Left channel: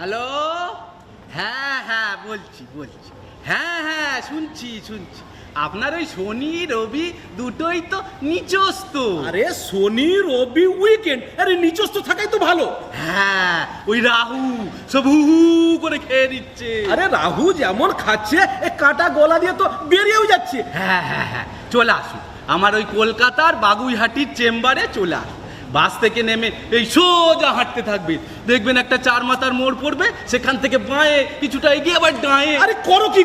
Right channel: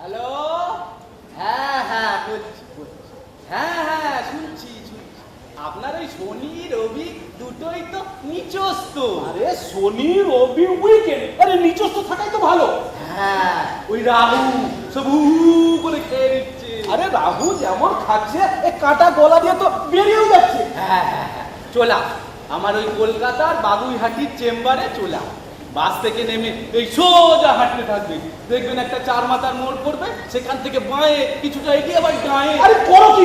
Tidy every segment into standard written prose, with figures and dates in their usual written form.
Hello, হ্যাঁ হ্যাঁ বলছি বলছি, হ্যাঁ হ্যাঁ শুনছি শুনছি। আপনার ওই শনি রবি দুটোই তো নিচস্ত। আরে শনি রবি উইকেন্ড, আরে নিচস্ত থাকাই তো ভালো। হ্যাঁ, ওই রাহু সব হু হু করে খেয়ে নিচ্ছে। আরে রাহু যেমন খাচ্ছে এ কাটা গলা দিয়ে তো বেরিয়েও যাচ্ছে। হ্যাঁ হ্যাঁ হ্যাঁ, চলে আসুন আমার ওই কলকাতার বাবুইহাটির চেম্বারে চলে আসুন। বাস থেকে নেমে এই সোজা হাঁটতে থাকবেন, দেখবেন একটা চার মাথার মোড় পড়বে, সেখান থেকে বাঁয়ে কিছুটা এগিয়ে আবার ডাঁয়ে। আরে করো কি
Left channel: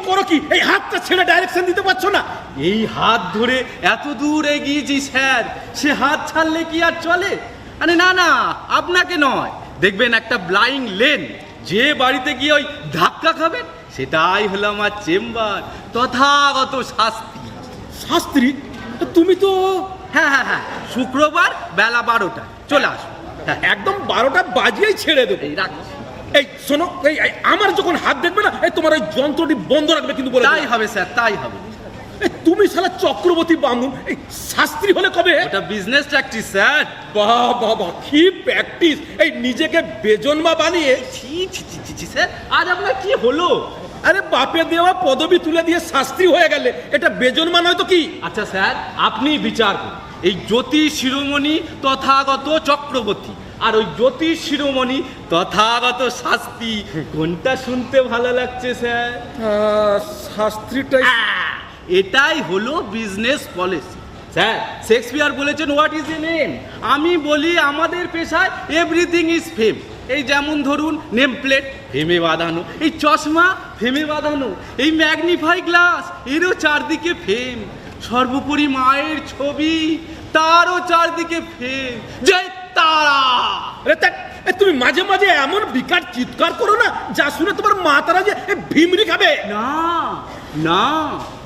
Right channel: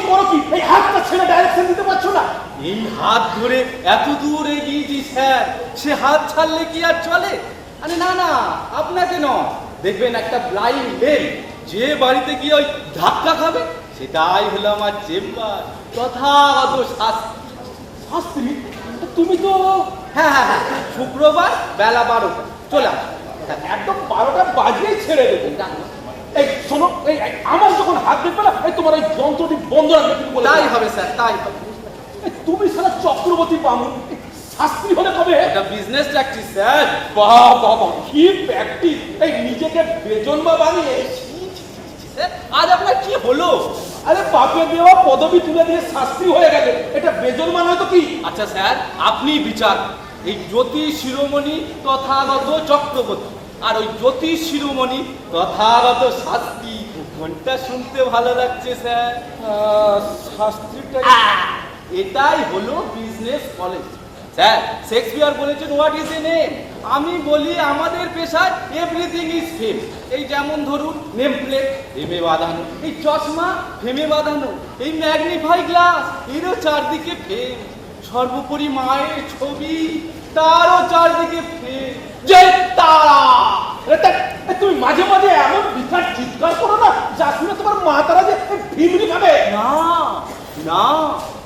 এই হাতটা ছেড়ে ডাইরেকশন দিতে পারছো না? এই হাত ধরে এত দূর এগিয়েছি স্যার, সে হাত ছাড়লে কি আর চলে? আরে না না, আপনাকে নয়, দেখবেন একটা ব্লাইন্ড লেন, যে বাড়িতে গিয়ে ওই ধাক্কা খাবে সেটাই হলো আমার চেম্বার, তথাগত শাস্তি। শাস্ত্রী, তুমি তো হ্যাঁ হ্যাঁ হ্যাঁ, শুক্রবার বেলা 12টা চলে আসো। হ্যাঁ, একদম 12টা বাজিয়েই ছেড়ে দেবে। রাখো। এই শোনো, এই আমার যখন হাত দেখবে না, এই তোমার ওই যন্ত্রটি বন্ধ রাখবে কিন্তু বলে। তাই হবে স্যার, তাই হবে। এই তুমি সারা চক্রবর্তী বামুন, এই শাস্ত্রী হলে কবে? এটা বিজনেস প্র্যাকটিস স্যার। বাহ বাহ বাহ, কি প্র্যাকটিস! এই নিজেকে বেজন্মা বানিয়ে। ছি ছি ছি ছি ছি, স্যার আজ আপনার কি হলো? আরে বাপে দেওয়া পদবি তুলে দিয়ে শাস্ত্রী হয়ে গেলে, এটা বেজন্মা নয় তো কি? আচ্ছা স্যার, আপনি বিচার করুন। এই জ্যোতিষ শিরোমণি তথাগত চক্রবর্তী আর ওই জ্যোতিষ শিরোমণি তথাগত শাস্তি, কোনটা শুনতে ভালো লাগছে স্যার? শাস্ত্রীটাই। এটাই হলো বিজনেস পলিসি স্যার। শেক্সপিয়ার বলেছেন হোয়াট ইজ এ নেম। আমি বলি আমাদের পেশায় এভরিথিং ইজ ফেম। এই যেমন ধরুন নেম প্লেট ফেমে বাঁধানো, এই চশমা ফেমে বাঁধানো, এই ম্যাগনিফাই গ্লাস এরও চারদিকে ফেম, সর্বোপরি মায়ের ছবি তারও চারদিকে ফেম। জয় তারা! তুমি মাঝে মাঝে এমন বিকট চিৎকার করো না, যা শুনে তোমার মা তারা যে ভিমরি খাবে। না না,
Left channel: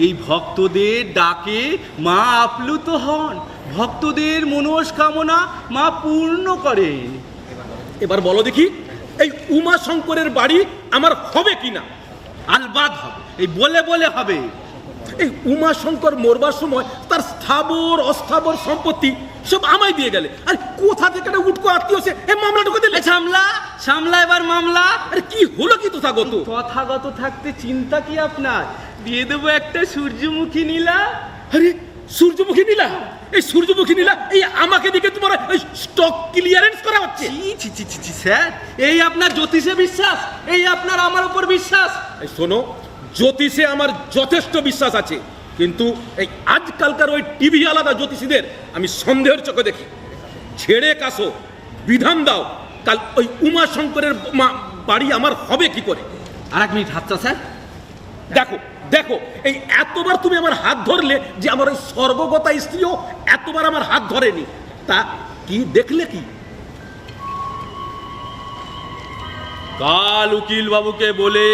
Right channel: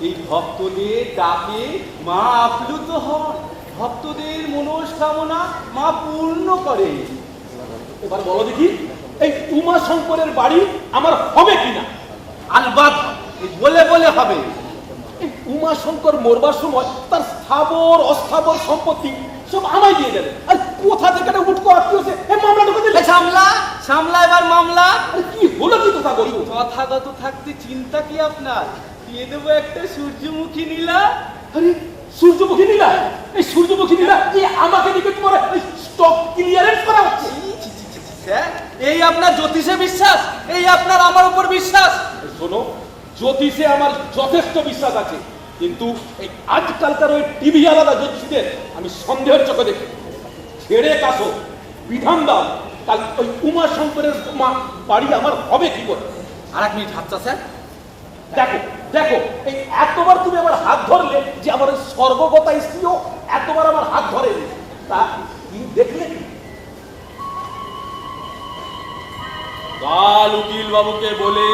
এই ভক্তদের ডাকে মা আপ্লুত হন, ভক্তদের মনস্কামনা মা পূর্ণ করেন। এবার বলো দেখি, এই উমা শঙ্করের বাড়ি আমার হবে কিনা? আলবাত এই বলে বলে হবে। এই উমা শঙ্কর মরবার সময় তার স্থাবর অস্থাবর সম্পত্তি সব আমায় দিয়ে গেলে, আর কোথা থেকে একটা উটকো আত্মীয় সে এই মামলা ঢুকে দিলে। সামলা সামলা এবার মামলা। আরে কি হলো কি তথাগত? তথাগত থাকতে চিন্তা কি আপনার? দিয়ে দেবো একটা সূর্যমুখী নীলা। আরে সূর্যমুখী নীলা, এই সূর্যমুখী নীলা এই আমাকে দেখে তোমার এই স্টক ক্লিয়ারেন্স করা হচ্ছে। ছি ছি ছি ছি স্যার, এই আপনার জ্যোতিষে বিশ্বাস, এই আপনার আমার উপর বিশ্বাস। এই শোনো, জ্যোতিষে আমার যথেষ্ট বিশ্বাস আছে, কিন্তু এই আজকালকার ওই টিভি আলাদা জ্যোতিষীদের আমি সন্দেহের চোখে দেখি। ছেড়ে কাছো, বিধান দাও, কাল ওই উমা শঙ্করের বাড়ি আমার হবে কি করে? আর এক মিনিট হাতটা স্যার। দেখো দেখো, এই এতবার তুমি আমার হাত ধরলে যে আমার ওই স্বর্গগতা স্ত্রীও এতবার আমার হাত ধরেনি, তা কি দেখলে কি? কাল উকিল বাবুকে বলে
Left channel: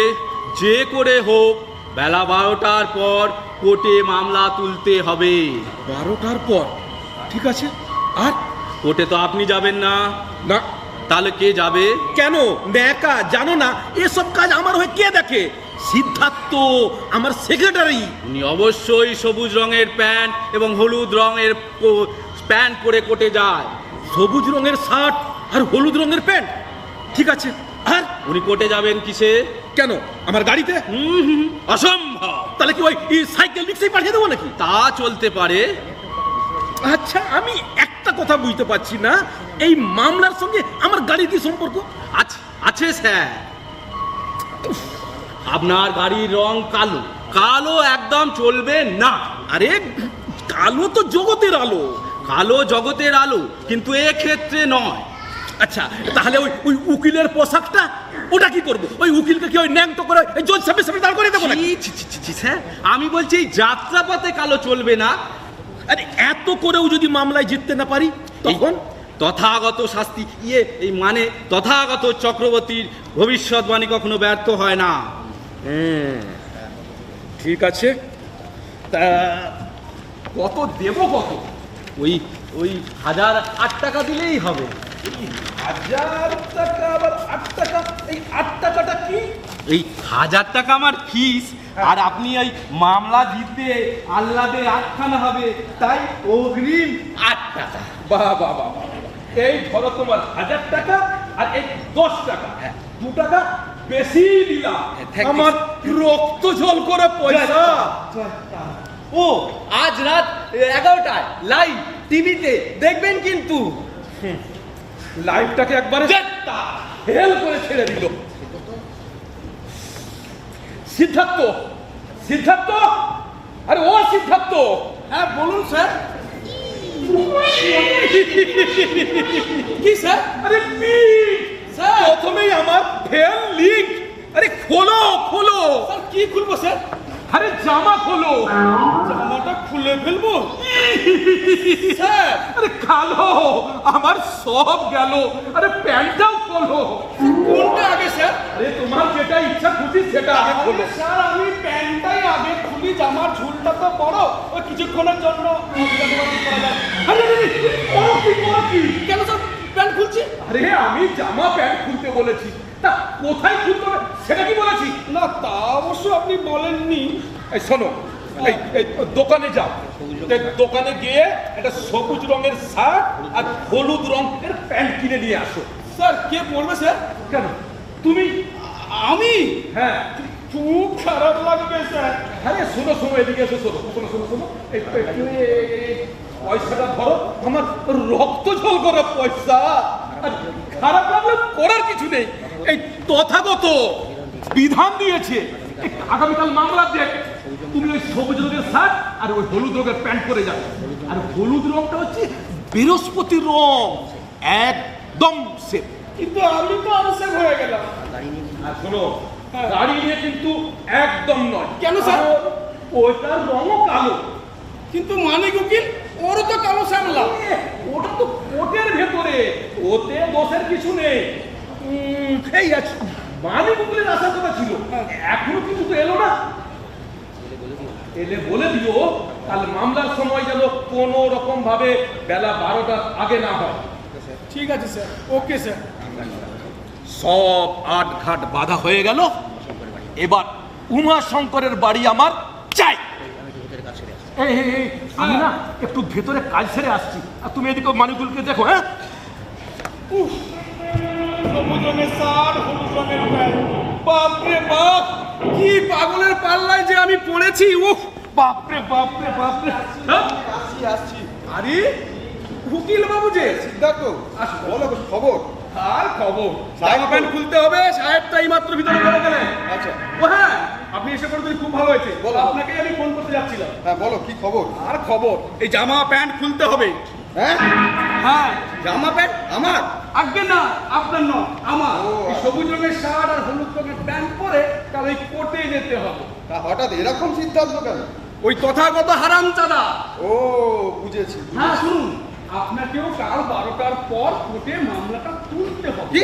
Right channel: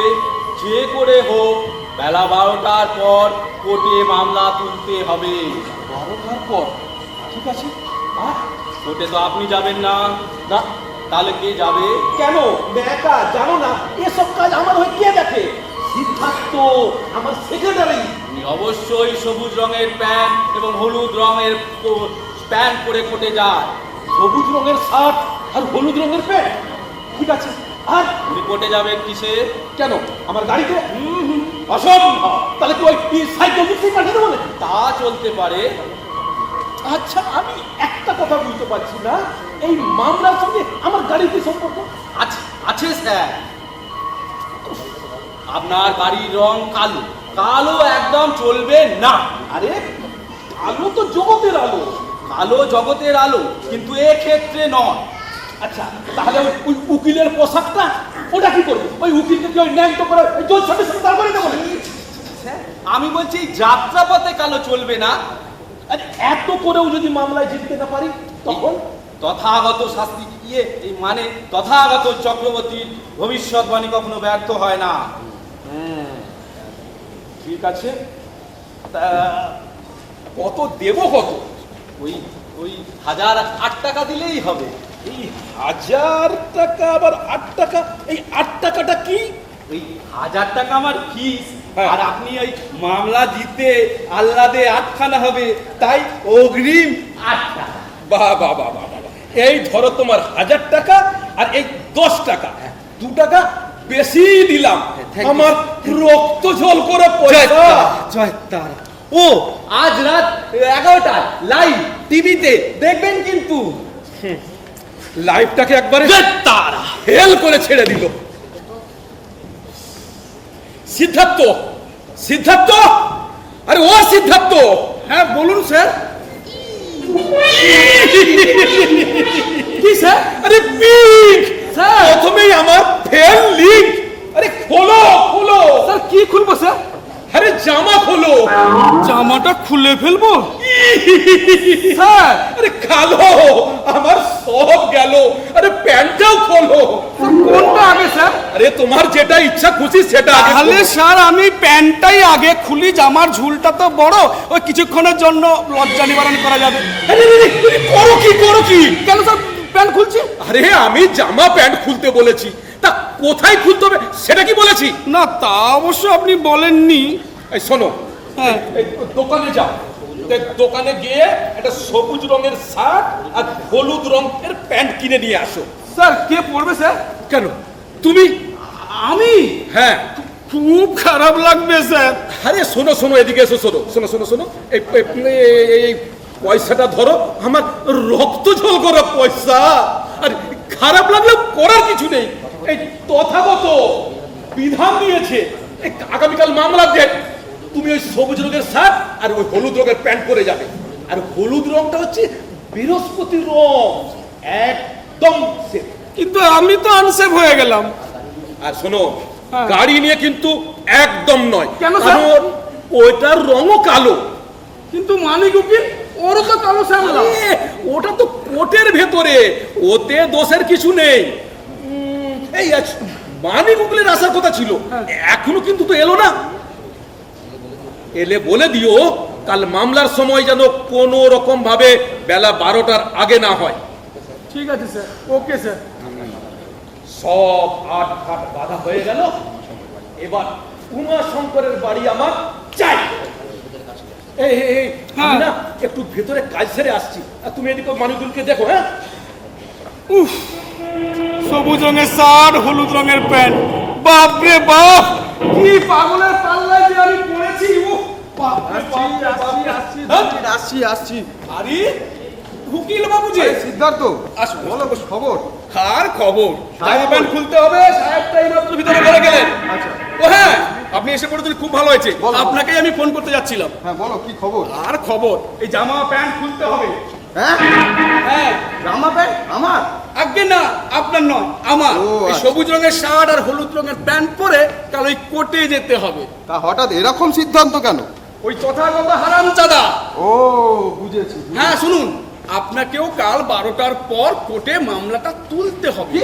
যে করে হোক বেলা 12টার পর কোর্টে মামলা তুলতে হবে। 12টার পর? ঠিক আছে। আর কোর্টে তো আপনি যাবেন না, না। তাহলে কে যাবে? কেন একা জানো না এসব কাজ আমার হয়ে কে দেখে? সিদ্ধার্থ আমার সেক্রেটারি। উনি অবশ্যই সবুজ রঙের প্যান্ট এবং হলুদ রঙের প্যান্ট পরে কোর্টে যায়। সবুজ রঙের শার্ট আর হলুদ রঙের প্যান্ট, ঠিক আছে। আর উনি কোর্টে যাবেন কিসে? কেন আমার গাড়িতে? অসম্ভব। তাহলে কি ওই সাইকেল বুঝতেই পাঠিয়ে দেবো নাকি? তা চলতে পারে। আচ্ছা, আমি একটা কথা বুঝতে পারছি না, এই মামলার সঙ্গে আমার গাড়ির কি সম্পর্ক? আছে আছে স্যার, আপনার গাড়ির রং কালো, কালো একদম চলবে না। আরে কালো তো জগতের আলো। কালো জগতের আলো, কিন্তু এক্ষেত্রে নয়। আচ্ছা, তাহলে ওই ওই উকিলের পোশাকটা ওটা কি করবো? ওই উকিলকে কি ওই ন্যাংটো করে ওই জল সামনে সামনে দাঁড় করে দেবো নাকি? ছি, ছি, ছি, ছি, স্যার, আমি বলছি যাত্রাপথে কালো চলবে না। আরে এত করেও যদি মামলায় জিততে না পারি তখন? তথাগত শাস্তি এই মানে তথাগত চক্রবর্তীর ভবিষ্যৎবাণী কখনো ব্যর্থ হয় না। ঠিক আছে, তা কত দেবো? কত? ওই ওই 1008 টাকা দিলেই হবে। এই 1000 টাকা আবার 8 টাকা? এই 8 টাকাটা কি? এই 1000 টাকা আমার ফিস, আর আপনি এই মামলা জিতে আল্লাদে 8খানা হবে, তাই অগ্রিম 8 টাকা। বাহ বাহ বাহ বাহ, এই ধরো তোমার 1000 টাকা আর এই 10 টাকা। 2 টাকা বেশি দিলাম, thank you. আমার রক্ত জল করে পয়সা। জয় তারা। ও আজ রাত 11টা লাইভ টিভিতে দেখবেন কিন্তু। লাইফটাকে একবারে তারা হেল করে ছেড়ে দিল। সিদ্ধার্থ, সিদ্ধার্থ, আরে ও সিদ্ধার্থ, হ্যাঁ বলুন স্যার। কি স্যার? আরে পিক স্যার। প্রথমেই আমার ফেল লিঙ্ক। আরে খোলো খোলো, স্যার কি খুলবো স্যার? আরে জামা খোলো। জামাটা খুলে ফেলবো স্যার? আরে খালো, আমার সব গেল। আরে প্যান্টটাও খোলো। কোনটা আগে স্যার? আরে তোমার যেটা ইচ্ছা খুশি সেটা আগে তাহলে খোলো। স্যার আমি প্যান্টটাই আগে খুলি, জামার ঝুলটা তো বড়, ওই কিছুক্ষণের জন্য লজ্জা নিবারণ করা যাবে। আরে আরে, আরে, করো কি করো কি? কেন স্যার প্যান্ট খুলছি? আরে আমি জামা প্যান্ট খুলতে বলেছি, তা কোথায় খুলতে হবে সেটা কি বলেছি? না তা অবশ্য আপনি বলেননি। এই শোনো, হ্যাঁ। এই দোকানে যাও, দেখ দোকানে গিয়ে একটা সবুজ রঙের শার্ট আর হলুদ রঙের প্যান্ট কিনে নিয়ে আসো। স্যার কে পড়বে স্যার? কেন তুমি? আমি? হ্যাঁ। খুব খারাপ লাগবে স্যার। আরে শোনো শোনো, এদিকে এসো, শোনো শোনো শোনো শোনো, এই পয়সাটা ধরো, আমার রক্ত ঝল করা পয়সা। আর খারাপ লাগলে করার কিছু নেই, এই তথাগত বিধান দিয়েছে এই আগামীকাল মামলার ডেট, তুমি ওই সবুজ রঙের শার্ট আর ওই হলুদ রঙের প্যান্ট পরে যাবে। আর হলুদ রংটা হচ্ছে বৃহস্পতি রং, একদম সেফ। কিন্তু আমি তো আনসেফ হয়ে গেলাম। আর শোনো, হ্যাঁ। গাড়ি নিয়ে কিন্তু একদম নয়। কেন স্যার? কারণ ওইটার রঙও কালো। কিন্তু মানিক উকিল ওরও তো কালো শ্যামলা। এ, ওটা তো কোটের ভেতরে, ওতে দোষের কিছু নেই। এই মানিক উকিলের আসার কথা ছিল, এখনো কিন্তু তো এলো না। এলে বলে দিও কাল মামলার সময় যেন কোনো রকম ভাবে বেলা 12টার আগে না হয়। ঠিক আছে স্যার, ওকে স্যার। সব আট ঘাট বাধা হয়ে গেল। এবার উমা শঙ্করের বাড়ি আমার চাই। এই, এই, এই, আমি না একটু ভেতরে কাজ সেরে আসছি, আর তুমি এদিকে মানিকুলকে দেখো। হ্যাঁ, উফ, সবুজ রঙের শার্ট, হলুদ রঙের প্যান্ট, বাপ রে বাপ, কি পাগলের পাল্লায় যে আমি পড়েছি। উফ, বাপ রে বাপ রে বাপ রে। আসছি আসছি। আরে উকিল বাবু যে। সিদ্ধার্থ, আসুন। বলো খবর। আর খবর, সাহেব জামা প্যান্ট খুলতে হবে, সাহেবটাই মাত্র ভিতরে বেড়ে গেলেন। আচ্ছা, ও হ্যাঁ, আপনি এসে পড়েছেন, খুব ভালো হয়েছে। বলো। আপনাকেই আমি ফোন করতে যাচ্ছিলাম। হ্যাঁ বলো কি খবর। আর খবর, এই জামা প্যান্ট খুলতে হবে। হ্যাঁ, হ্যাঁ, জামা প্যান্ট আমার। আগে না, আপনার নয়, আমার। ও, এই আচ্ছা। সবুজ রঙের শার্ট আর হলুদ রঙের প্যান্ট পরে কাল ওই কোর্টে যেতে হবে। তা হঠাৎ এরকম সিদ্ধান্ত কেন? ওই তথাগত হারামজাদা। ও বুঝেছি। হ্যাঁ শুনুন, আপনাকেও কাল 12টার পর কোর্টে মামলাটা তুলতে হবে। কি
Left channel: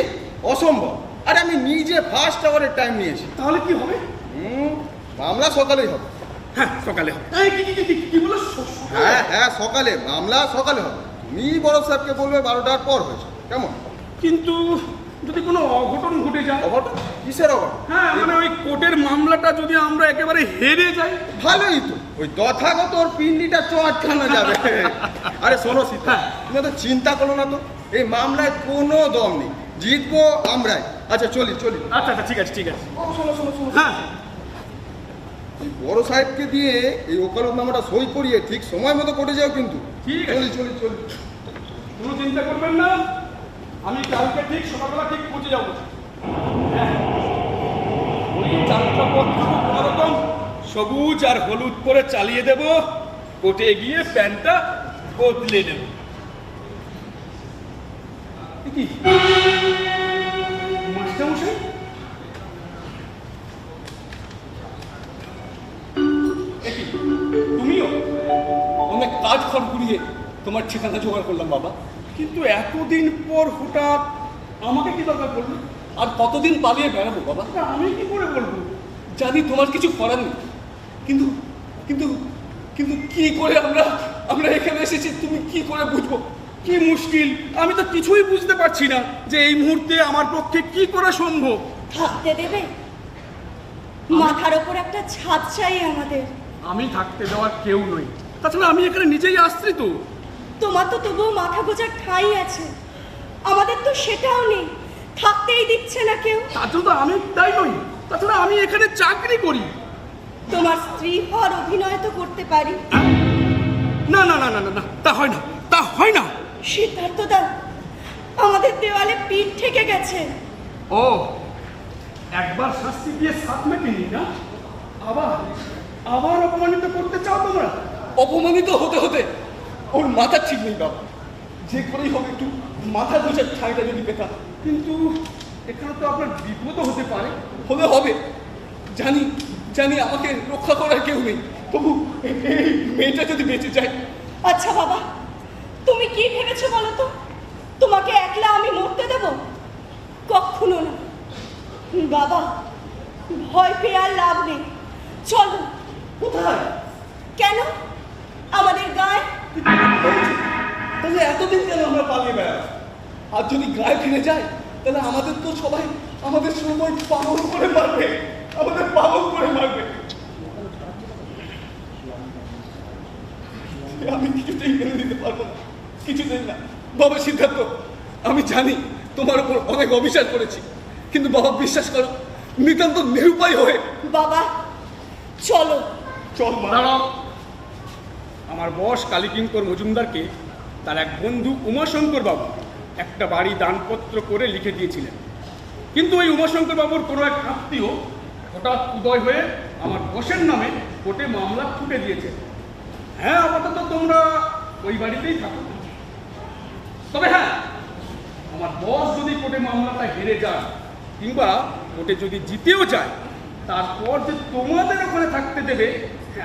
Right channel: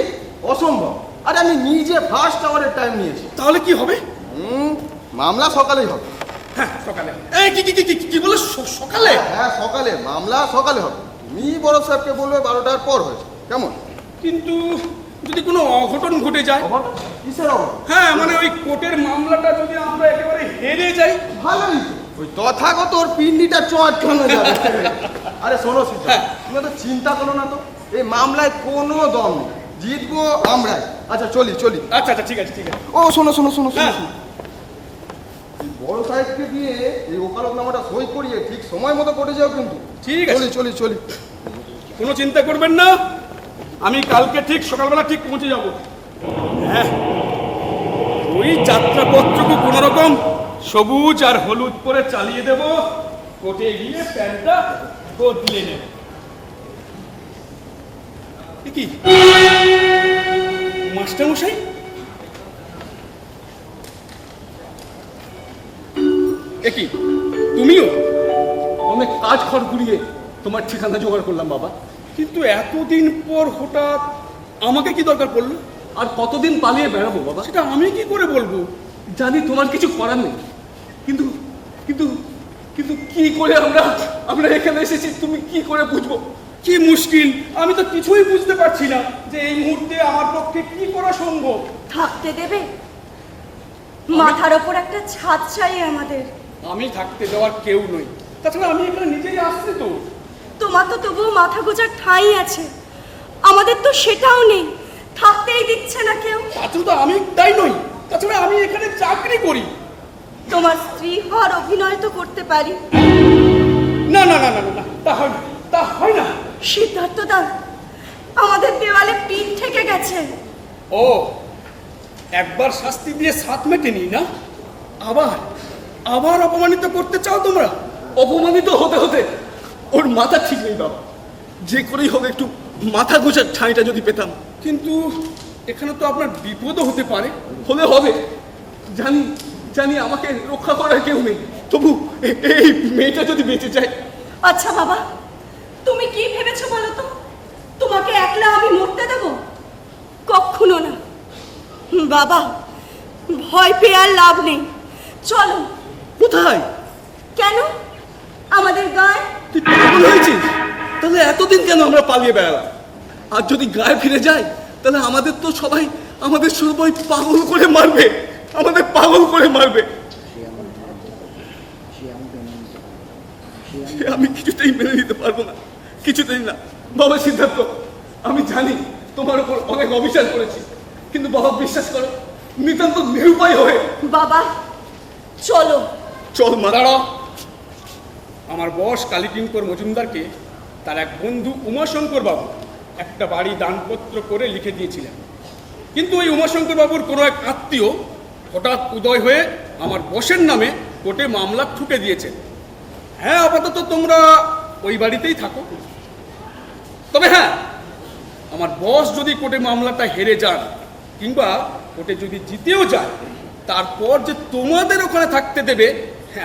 অসম্ভব। আরে আমি নিজে ফার্স্ট আওয়ারের টাইম নিয়েছি। তাহলে কি হবে? মামলা সকালেই হবে। হ্যাঁ সকালে হবে। এই কি কি কি কি কি বলো, সকালে? হ্যাঁ হ্যাঁ সকালে, মামলা সকালে হবে। তুমি বড় সাহেবকে বলবে 12টার পর হয়েছে, কেমন? কিন্তু যদি কোনো অঘটন ঘটে যায়? অঘটন? কিসের অঘটন? হ্যাঁ মানে ওই কোর্টের মামলাটা যদি আমরা একেবারে হেরে যাই? ভালোই তো, ওই তথাগত ওর পিন্ডিটা চটকানো যাবে। আরে শোনো সিদ্ধার্থ, তুমি তো চিন্তা করো না তো, এই মামলায় কোনো দম নেই, জিতবো আমরাই। আচ্ছা চলি চলি। আচ্ছা আচ্ছা ঠিক আছে ঠিক আছে। ও শোনো শোনো শোনো হ্যাঁ। শোনো, বড় সাহেবকে দিয়ে এই ওকালতনামাটা সই করিয়ে ঠিক সময় মতো কোর্টে যাও কিন্তু। ঠিক আছে। চলি চলি চলি। কোনো চিন্তা করবেন না, আমি কালকে ঠিক সকালবেলা ঠিক পৌঁছে যাব। হ্যাঁ, ওই যাত্রাপত্রকে কোনো রকম সবুজ আর হলুদ করে চালিয়ে দেব, কোর্টে গিয়ে প্যান্টটা বদলে নেব। এ কি মাস্টারমশাই? এ কি তুমিও? অনেক কাজ খড় কুড়িয়ে তোমার ঠিকানা জোগাড় করলাম বাবা। কিন্তু এতদিন পর হঠাৎ আমাকে কি দরকার পড়লো? আর কতদিন পালিয়ে বেড়াবো বাবা? সেটা আমি কি করে বলবো? জানি তোমার কিছু করার নেই, কিন্তু কিন্তু কিন্তু কি করে আমরা এখানে এসেছি তুমি কি করে বুঝবো? কি মুশকিল, আমি তো কিছুই বুঝতে পারছি না যে এই মুহূর্তে আমার পক্ষে কি করা সম্ভব। থাকতে দেবে? মাথার ওপর একটা ছাদ চাই আমাদের। আমি থাকতে দেওয়ার কেউ নই, তাছাড়া আমি এখানে নিজেই আসছি তো। তোমার তো তবুও মাথা গোজার ঠাঁই আছে, আমাদের তো সেটাও নেই থাকতেই দিচ্ছে না কেউ। তাছাড়া তো আমি তাই নই, তাছাড়া আমি এখানে চাকরি করি। তোমার স্ত্রী হওয়ার অভিনয় তো করতে পারি। না না না না না, তা হয় না, তা হয় না। সিদ্ধার্থ দা, আমাদের দেওয়ালে পিঠ থেকে গেছে। ও, একবার শাস্তি দিয়ে সাত মেটেনি না, আবার আবার অপমানিত করতে চাও তোমরা? অপমানিত হতে হতে ওর মাথা ঠিক নেই বাবা। যে করেই হোক একটু মাথা গোছার ঠাঁইটা যদি পেতাম। কিন্তু এখানে তো আপনার বিপদও হতে পারে। হলে হবে, জানি জানি আমাকে রক্ষা করার কেউ নেই, তবু এই মেয়েটা যদি বেঁচে যায়। আচ্ছা বাবা, তুমি কি ভেবেছো বলো তো? তোমাকে একলা আমি মরতে দেব? কখনো না বাবা, ভয় পেয়ে আর লাভ নেই। চলো। কোথায়? কেন? আমাদের গায়ে। তুই পাগল হয়েছিস? তাহলে এতদিন কেন আমরা পালিয়ে বেড়ালাম? আর যদি গায়ে ফিরে যাই তাহলে আমাদের তো সবাই পাগল করে মারবে, আমাদের পাগল করে মারবে। সে আমি কিছুতেই মেনে নিতে পারবো না, কিছুতেই না। বাবা সিদ্ধার্থ, আমি জানি তোমার উপর অনেক অবিচার করেছি, কিন্তু বাবা বিশ্বাস করো, নিতান্ত নিরুপায় হয়ে। বাবা চলো। চল মা। দাঁড়াও। আমার বস কালীকিঙ্কর মজুমদারকে তার এক বন্ধু উমাশঙ্কর বাবু একটা বাড়ি দানপত্র করে লিখে দিয়েছিলেন, কিন্তু ওই উমাশঙ্কর বাবুর কোনো এক আত্মীয় হঠাৎ উদয় হয়ে আমার বসের নামে কোর্টে মামলা ঠুকে দিয়েছেন। হ্যাঁ, আপাতত তোমরা ওই বাড়িতেই থাকো। তবে হ্যাঁ, আমার বস যদি কোর্টে মামলাটা হেরে যান কিংবা কোর্টে যদি জিতেও যায়, তারপর যে তোমাদের ওখানে থাকতে দেবে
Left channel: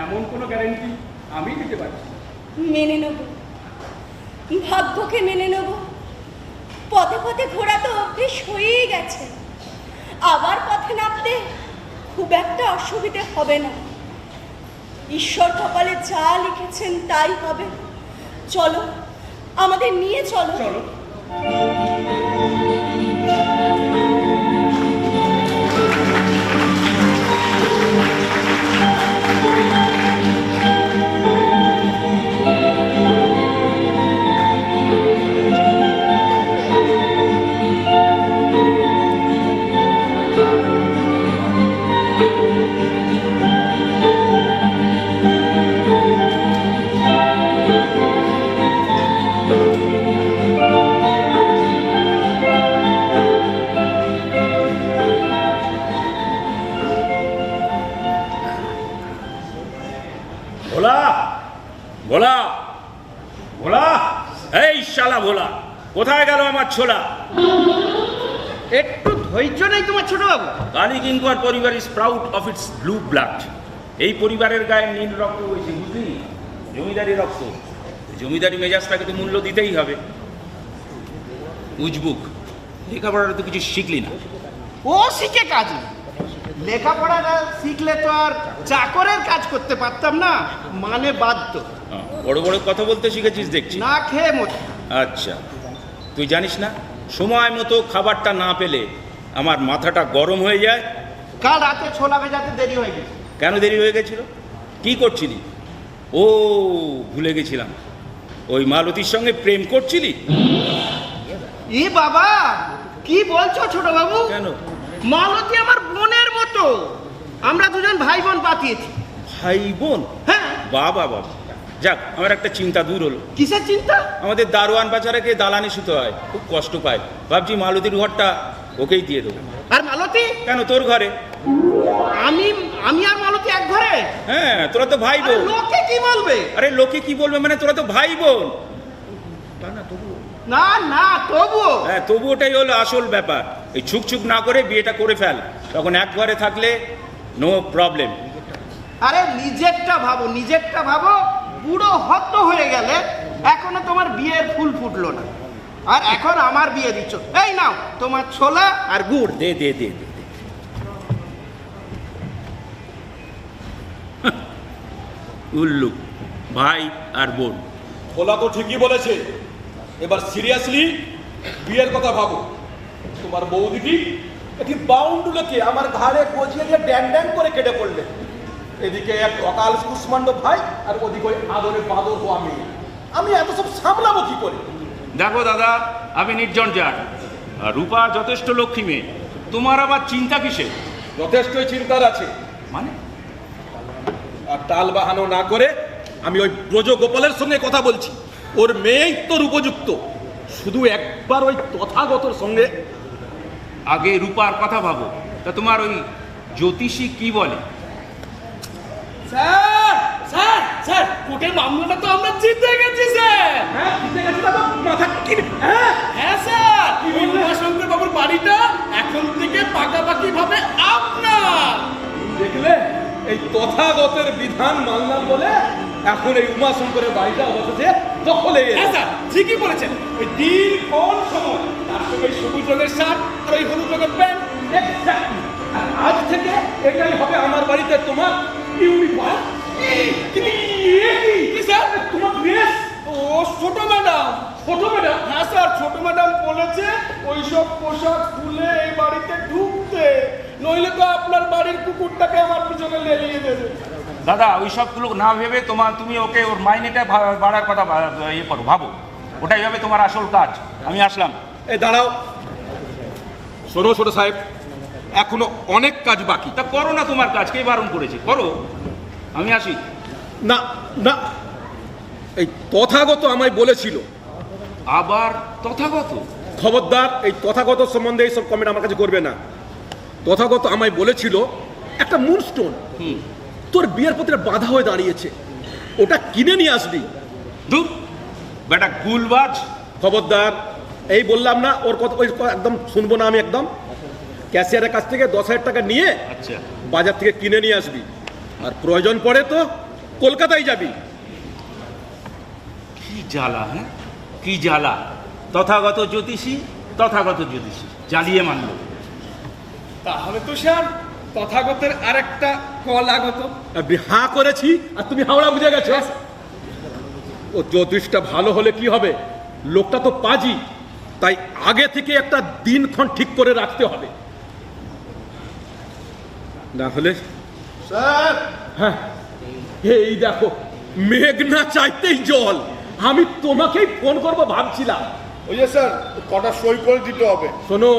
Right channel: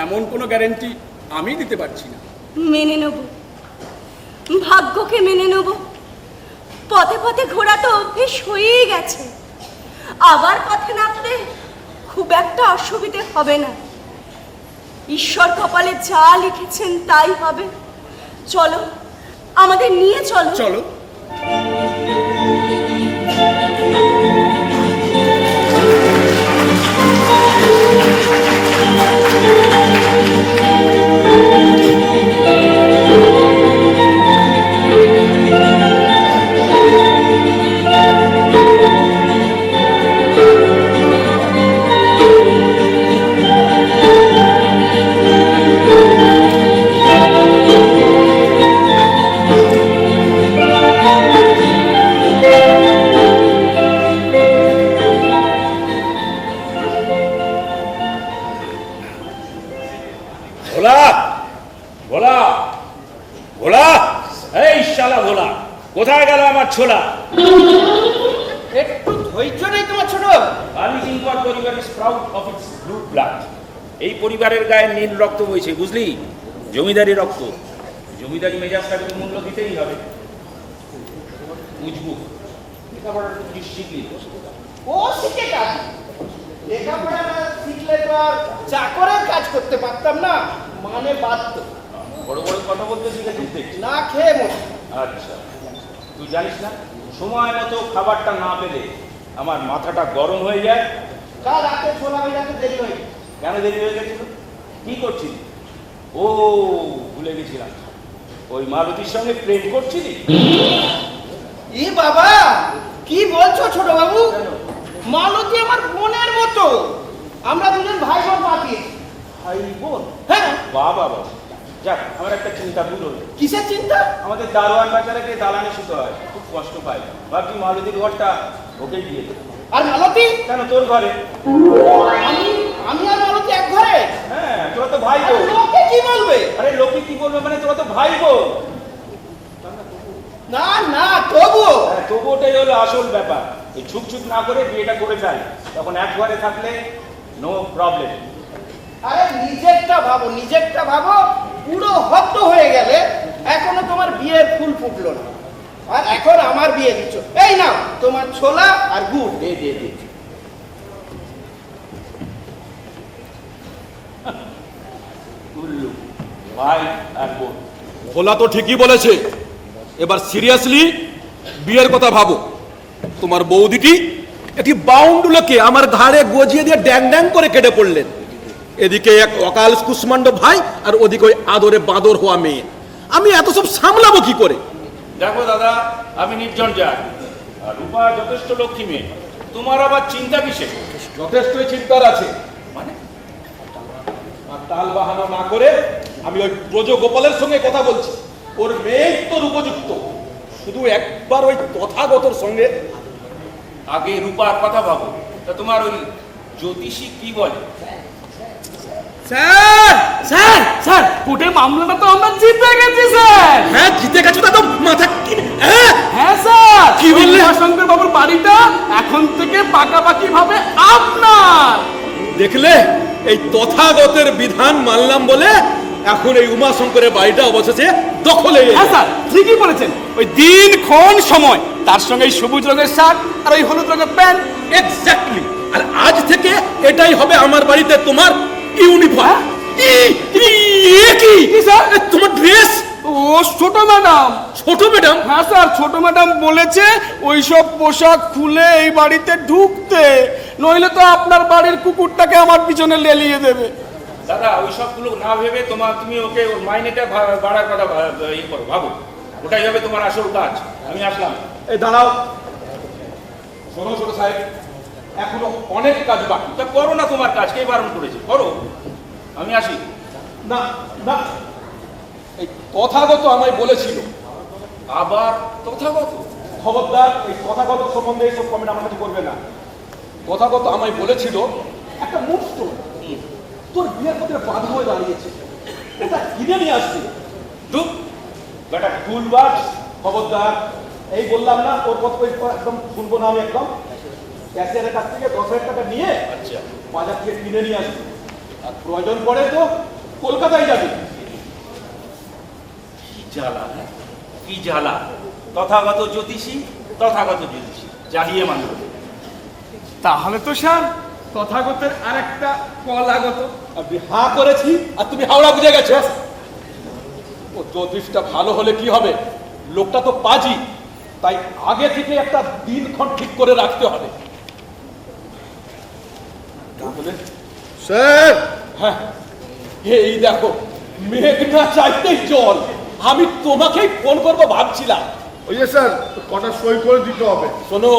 এমন কোনো গ্যারান্টি আমি দিতে পারছি না। মেনে নেব, ভাগ্যকে মেনে নেব। পথে পথে ঘোরা তো অভ্যেস হয়েই গেছে, আবার পথে নামতে খুব একটা অসুবিধে হবে না। ঈশ্বর কপালে যা লিখেছেন তাই হবে। চলো, আমাদের নিয়ে চলো। চলো। ভোলা, ভোলা, ভোলা, এই শালা ভোলা, কোথায় গেল আমার ছোলা? একটু ধৈর্য নেই তোমার ছোট। কালীকিঙ্কর পরিবার is proud of its blue blood. এই পরিবারের গায়ে নীল রক্ত হয়েছে, বুঝলি? জমিদারি রক্ত। জমিদারি মেজাজটাকে তো মূল্য দিতেই হবে। উজবুক, লেখাপড়ার তো কিছু শিখলি না। ও শিখে কাজ, লেখাপড়া না শিখলে তো আর চাকরের কাজ করতে পারতাম না, মানে বাধ্য। বড় বড় কথা বলতে শিখেছিস দেখছি। না খেয়ে মরে। আচ্ছা, তুই জানিস না সময় মতো খাবারটা না পেলে আমার মাথাটা গরম হয়ে যায়। কাল রাতে ছোলা ভেজাতে দেরি হয়ে গেছে। কেন দেরি হয়ে গেছিল? কি করছিলি? ও, ভুলে গেছিলাম, ওই মালতীর সঙ্গে প্রেম করছিলি। ই বাবা, কি বলছো ছোট বাবু? কেন? মালতী আমার বোনের মতো, আমরা দুজন ভাই বোন পাকিয়েছি। ভাই বোন? হ্যাঁ। বাবা বাবা, যাক, আমার একটা চিন্তা দূর হলো। কিসের চিন্তা? আমাদের দারোয়ান বাজারে গিয়ে দালানি শুতে হয়, খুব কষ্ট পায়। ভাবছি মালতীর ঘরটা ওকেই দিয়ে দেবো। আর মালতী? কেন, তোর ঘরে। আমি আমি আর মালতী এক ঘরে? হ্যাঁ, তোরা তো ভাই আর বোন। লোকে কি বলবে? আরে লোকে কি বলবে মানে, তোরা তো ভাই বোন। না না, তবুও। হ্যাঁ, তবু ওটাই হলো আসল ব্যাপার। এই ছুক ছুক না করে বিয়েটা করে ফেল, তখন এক ঘরে থাকলে নো প্রবলেম। আরে নিজেরটা ভাবো, নিজেরটা ভাবো। পুরো হত হয়ে গেলে এখনো তোমার বিয়ের ফুল ফুটলো না, আর এখন আমার বিয়ে দিচ্ছ। এই নাও তোমার ছোলা আর গুড়। দে দে দে। উল্লু, ভাই আর বোন। ভোলা তো ঠিকই বলেছে। এবার সিরিয়াসলি বিয়ের কথা ভাবো। তোমার বৌদিটি একটি বাউন্ডুলোকে আমার ঘাড়ে গজিয়ে দিয়ে ড্যাং ড্যাং করে কেটে পড়লেন। এদিকে এক অকাল কুষ্মাণ্ড ভাই, আর ওদিকে ওই আদরে বাদর হওয়া মেয়ে। আমি এত সব সামলাবো কি করে? দেখো দাদা, আমি নির্জন যাই, আর রূপা যথেষ্ট লক্ষ্মী মেয়ে, তোমার আবার চিন্তা কিসে? যথেষ্ট চিন্তার আছে। মানে আর টাল বাহানো না করে আমি ওই ব্রজ গোপালের সঙ্গে কথা বলছি। ওর মেয়েই তোর উপযুক্ত, শুধু একবার ওই তথাগতর সঙ্গে। আগে রূপার কথা ভাবো। তা তোমার ওই জ্যোতিষী কি বলে? স্যার স্যার স্যার কোর্টে মামলাটা তো আমরা জিতে গেছি স্যার। হ্যাঁ জিতে গেছো, তা তো মাথা হ্যাঁ স্যার, কি বললে? শঙ্কর বাবুর বাড়িটা এখন থেকে পাকাপাকি ভাবে আপনার। দেখলে, এই তথাগতের বিধান মানলাম বলে এখন এই উমাশঙ্করের বাড়িটা অবশেষে দখলে এলো। হ্যাঁ স্যার, ঠিকই বলেছেন। ওই দিনক্ষণ সময়, তার সঙ্গে এই সবুজ রঙের শার্ট আর ওই হলুদ রঙের প্যান্ট। এক্স্যাক্টলি। আর আজ থেকে এটাই হবে আমার বাড়িতে তোমার ইউনিফর্ম। কি স্যার, তোমার ড্রেস? ও ছোট ম্যাডাম। ছোট ম্যাডাম? হ্যাঁ স্যার, ছোট ম্যাডাম বলেছে ওইসব পোশাক খুলে এই বাড়িতে ঢুকতে, নইলে তো আপনার বাড়ির কুকুরটাকে আমার পিছনে লেলিয়ে দেবে। দাদা ওইসব গুলো না ভেবে তুমি ওকে ওর মাইনেটা বাড়ার কথা ইয়ে করো, ভাবো। ওটাই হবে তোমার আসল কাজ। আমি আসলাম। এই দাঁড়াও, শোনো ছোট সাহেব, এখনো অনেক কাজ বাকি। তা করো না তোমার কাজ, কে বারণ করেছে? করো, আমি আসি। না না, এই তথাগত আমায় বলেছিল। আবার তথাগত? খবরদার, এই তথাগত সম্বন্ধে এইসব কমেন্ট আমার কাছে করবে না। তথাগত আমায় বলেছিল একটা মুনস্টোন তোর বিয়ের পত্রে বাধা হয়ে দাঁড়িয়েছে, ওটা কিনে নিয়ে আসবি। দুঃখ বেটা গুলবাজ। খবরদার, এই বললাম না, ওর কথা একদম শুনবো না আমি একদম। ক্যাশিয়ারের কাছ থেকে 10,000 টাকা নিয়ে আচ্ছা, বাজার থেকে কিনে নিয়ে আসবি। আর প্রয়োজন পড়ে তো কলকাতায় যাবি। কি জ্বালা, হ্যাঁ কি জ্বালা। তথাগত জ্যোতিষী, তথাগত জ্যোতিষী জ্বালিয়ে মানল। তাহলে তো স্যার তথাগতের আর একটা কল আগত। আমি হাঁ করেছি আর তুমি হাওড়া বুঝে গেছো। ও জ্যোতিষটা ভালো হলে কি হবে, লোকটা তো পাজি, তাই আগে থেকে একটা দিনক্ষণ ঠিক করে রাখতে হবে, না হলে। স্যার, হ্যাঁ, এই দেখো, মেঘ না চাইতেই জল। আমি তোমাকেই ফোন করবো ভাবছিলাম। ওই যে স্যার, কটা সই করে দিতে হবে। শোনো,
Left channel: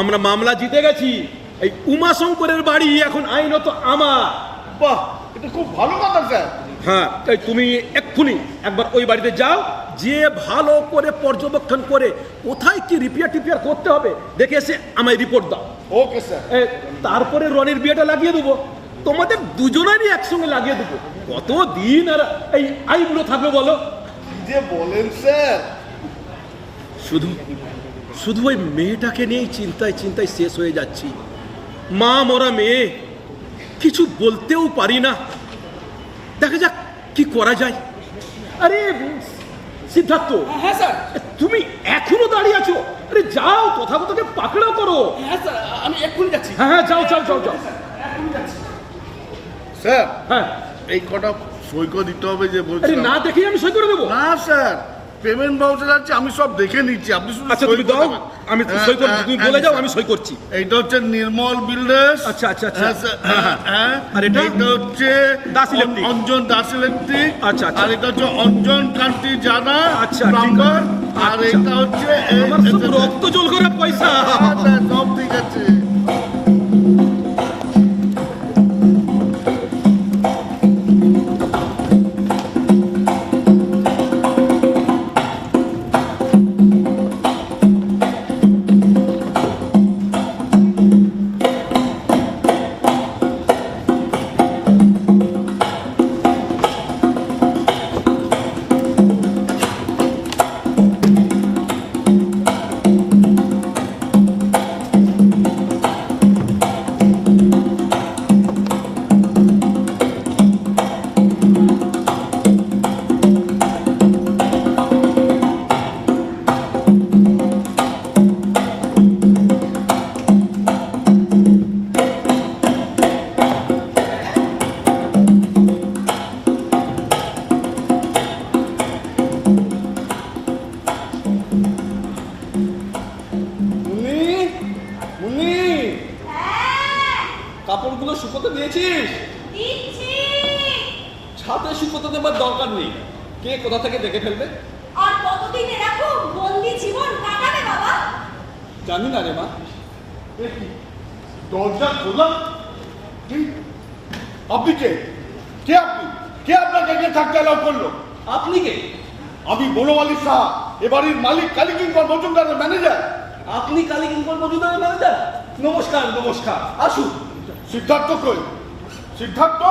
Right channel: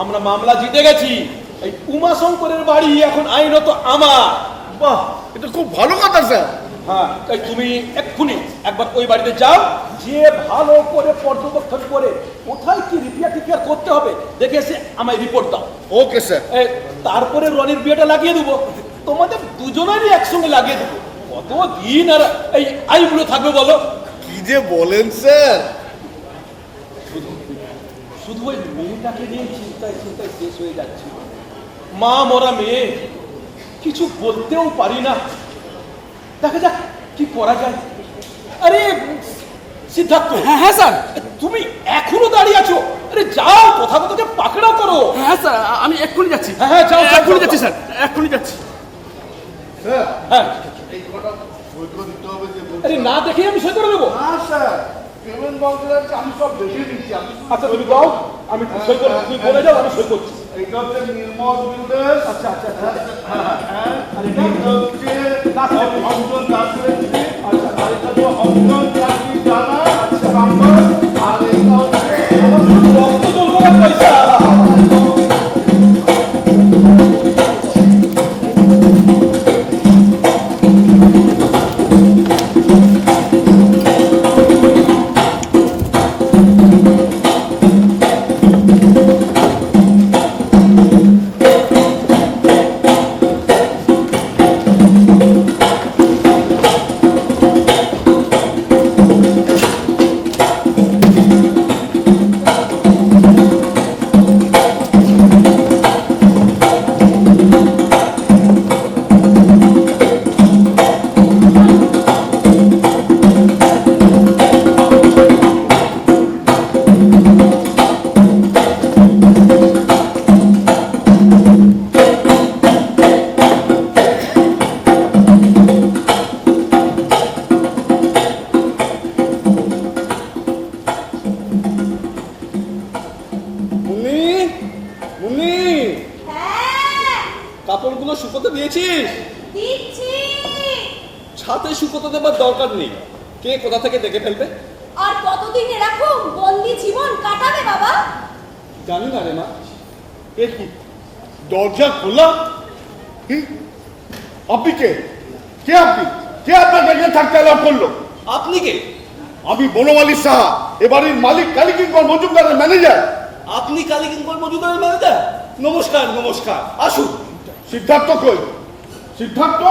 আমরা মামলা জিতে গেছি। এই উমাশঙ্করের বাড়ি এখন আইনত আমার। বাহ, এটা খুব ভালো কথা স্যার। হ্যাঁ, তাই তুমি এক্ষুনি একবার ওই বাড়িতে যাও, যে ভালো করে পর্যবেক্ষণ করে কোথায় কি রিপেয়ার করতে হবে দেখে এসে আমায় রিপোর্ট দাও। Okay sir. তারপরে রনির বিয়েটা লাগিয়ে দেবো, তোমাদের দুজনেরই একসঙ্গে লাগিয়ে দেবো। কতদিন আর এই আইবুড়ো থাকবে বলো? কি যে বলেন স্যার। শুধু শুধু ওই মেয়েটাকে নিয়ে চিন্তায় চিন্তায় শেষ হয়ে যাচ্ছি। মা মরা মেয়ে, কিছু বলতেও পারি না। দেখা যাক কি করা যায়। আরে সিদ্ধার্থ, হ্যাঁ হ্যাঁ স্যার। তুমি এখনো দাঁড়িয়ে আছো? আরে যাও, কথা কথাকে পাকড়াও করো। হ্যাঁ স্যার, আমি এক্ষুনি যাচ্ছি। হ্যাঁ, হ্যাঁ, যাও, যাও, এক্ষুনি যাও, যাচ্ছি যাও। স্যার, এক্ষুনি যাচ্ছি। স্যার, হ্যাঁ, এই কটা সই করে দিতে হবে যে আরে বলছেন। না দেখে আমি সই করে দেবো? না স্যার, পেমেন্ট বাউচার আছে, আমি সব দেখে নিচ্ছি। আপনি শুধু আচ্ছা, সই তুমি দাও, করবেন। আমি সই করছি। তুমি বলে যাও, আমি সই করছি। এইটা হচ্ছে নির্মল বিল্ডার্স। আচ্ছা, আচ্ছা, আচ্ছা। হ্যাঁ, স্যার, হ্যাঁ। আর এটা? এটা হচ্ছে দাস ইলেকট্রিক। অঞ্জন দাস ইলেকট্রিক। আচ্ছা, আচ্ছা। আর এটা হচ্ছে অঞ্জন কান্তি জানা। আচ্ছা, নাম্বার। আর এটা হচ্ছে রক্ত জল করার পয়সা। কাপড়গুলো শুকোতে দিয়েছিস? দিচ্ছি। ছাদে শুকোতে দেবার দরকার নেই, কে কোথা থেকে দেখে ফেলবে। আর কতদিন এরকম বন্দি জীবন কাটাবে বাবা? জানি না রে মা। এ কি? দরজা খোলা? কি? আপনি কে? কে আপনি? কে আপনাকে এখানে থাকতে অ্যালাউ করলো? আপনি কে? আমি বনমালী সাহা, এ বাড়ির মালিক কালীকিঙ্কর মজুমদারের ম্যানেজার। আপনি কালীকিঙ্কর মজুমদারের ম্যানেজার? নমস্কার নমস্কার, আসুন। সিদ্ধার্থ কই? সিদ্ধার্থ?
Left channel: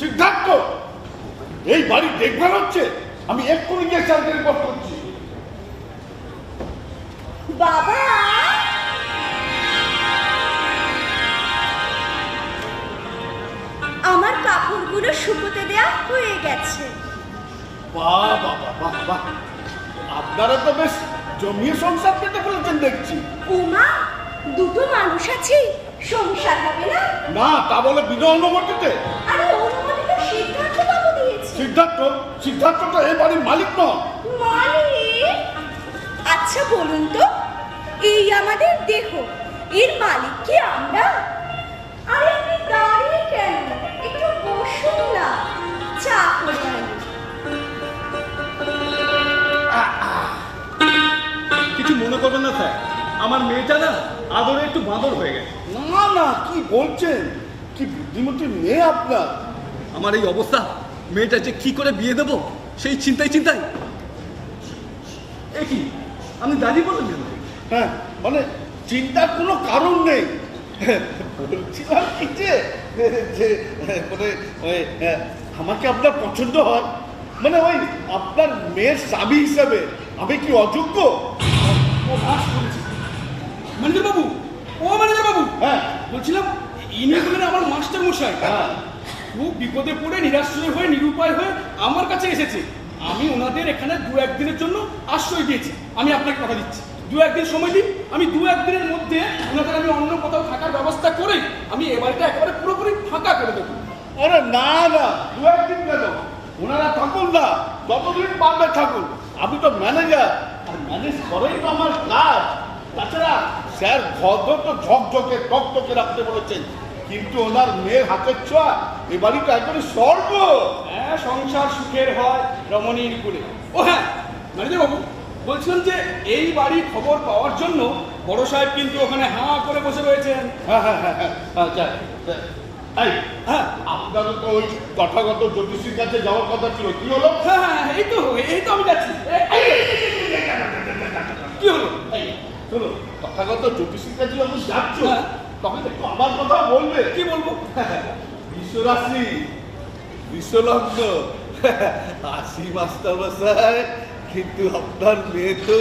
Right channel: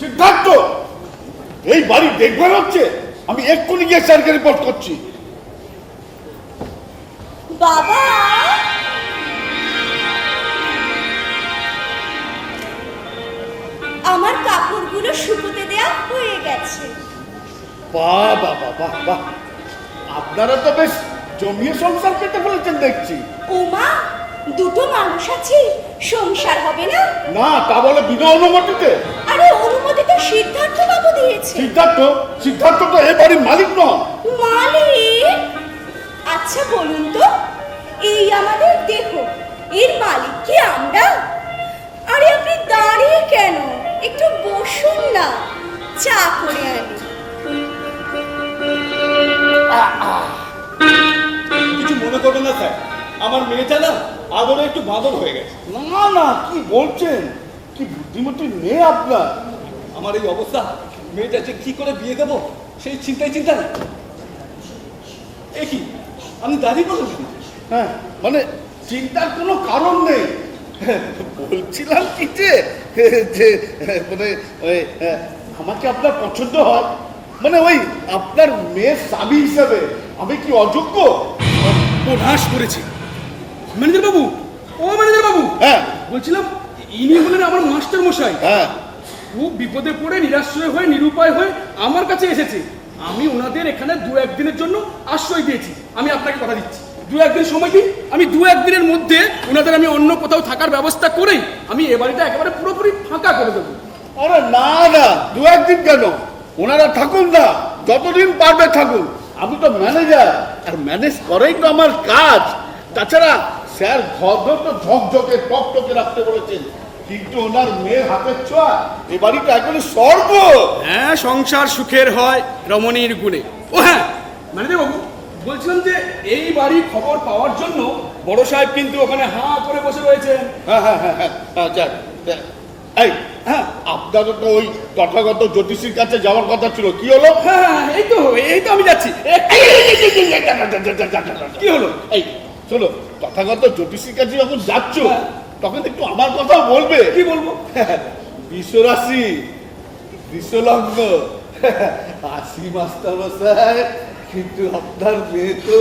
সিদ্ধার্থ! এই বাড়ি দেখবে হচ্ছে? আমি এক্ষুনি গিয়ে স্যারকে রিপোর্ট করছি। বাবা, আমার কাপড়গুলো শুকোতে দেয়া হয়ে গেছে। বাহ বাহ বাহ বাহ বাহ, আপনারা তো বেশ জমিয়ে সংসার পেতে ফেলেছেন দেখছি। ও মা, দুটো মানুষ আছে, সংসার হবে না? না, তা বলে বিনা অনুমতিতে? আরে অনুমতি তো সিদ্ধার্থ বাবু দিয়েছে। সিদ্ধার্থ? সিদ্ধার্থ তো এ বাড়ির মালিক নয়। মালিক? আচ্ছা বলুন তো, এই আমাদের দেহ, এর মালিক কি আমরা? আরে আপনি দাঁড়িয়ে কেন? একটু বসুন না, চা করে আনি। কিছু মনে করবেন না স্যার, আমার মেয়েটা না আদরে একটু বাদর হয়ে গেছে। না না, কি বলছেন? কি বুদ্ধিমতী মেয়ে আপনার। আমার এই অবস্থা, মেয়েটা যে কি করে বিয়ে দেবো সেই চিন্তায়। এ কি, আপনি দাঁড়িয়ে বলেন কেন? হ্যাঁ, মানে চিন্তার কোনো কারণ নেই। বলছিলাম কি যে মানে ওই আমাকে আপনার পছন্দ হয়, মানে ওই আপনার মেয়ের স্বামী হিসেবে আমি কি অযোগ্য? প্রভাস করেছি। ম্যানেজার বাবু, ও ম্যানেজার বাবু, হ্যাঁ বলছিলাম ইনি হলেন আমার মাস্টার মশাই। হ্যাঁ, খুব বিপদে পড়ে নিরাশ্রয় হয়ে নিরুপায় হয়ে আমার কাছে এসেছে। আমি ওনাদের এখানে 2-1 দিনের জন্য আশ্রয় দিয়েছি। আমি আপনাকে কথা দিচ্ছি, 2-1 দিন সময় দিন। আমি 2-1 দিনের মধ্যে ওনাদের আমি অন্য কোথাও থাকার ব্যবস্থা করেই আমি এ বাড়িটা একেবারে পুরোপুরি ফাঁকা করে দেবো। আরে না না, 2-1 দিন কেন? ওনারা থাকুন না, যতদিন পারবে থাকুন। আমি তো ম্যানেজার, আর ম্যানেজ করেই তো আমার কাজ। তাছাড়া স্যার ঘর তো ঝকঝকে টকটকে রাখতে বলেছেন, কিন্তু ওনার মেয়ের হাতের ছোঁয়া এ বাড়িটা এখন স্বর্গ। হ্যাঁ, সংসার সুখের হয় রমণীর গুণে। ও হ্যাঁ ম্যানেজার বাবু, বলছিলাম যে এই বাড়ির খবর পাওয়ার জন্য বড় সাহেব কিন্তু ওখানে হাঁ করে বসে রয়েছেন। হ্যাঁ হ্যাঁ হ্যাঁ হ্যাঁ, আচ্ছা, এই হ্যাঁ, আপনারও তো ওই তথাগত জ্যোতিষীর কাছে যাওয়ার কথা ছিল, কি হলো? হ্যাঁ, এই তো আমি যাচ্ছি। কি হলো? এই শোনো, তথাগত জ্যোতিষীর কাছে যখন যাচ্ছ তখন একটু আমার কথা বলবে। কি বলবো? বিশ্বরাশি, বিশ্বলগ্ন, আসি মাস্টার মশাই, কিন্তু আপনার মেয়ে তো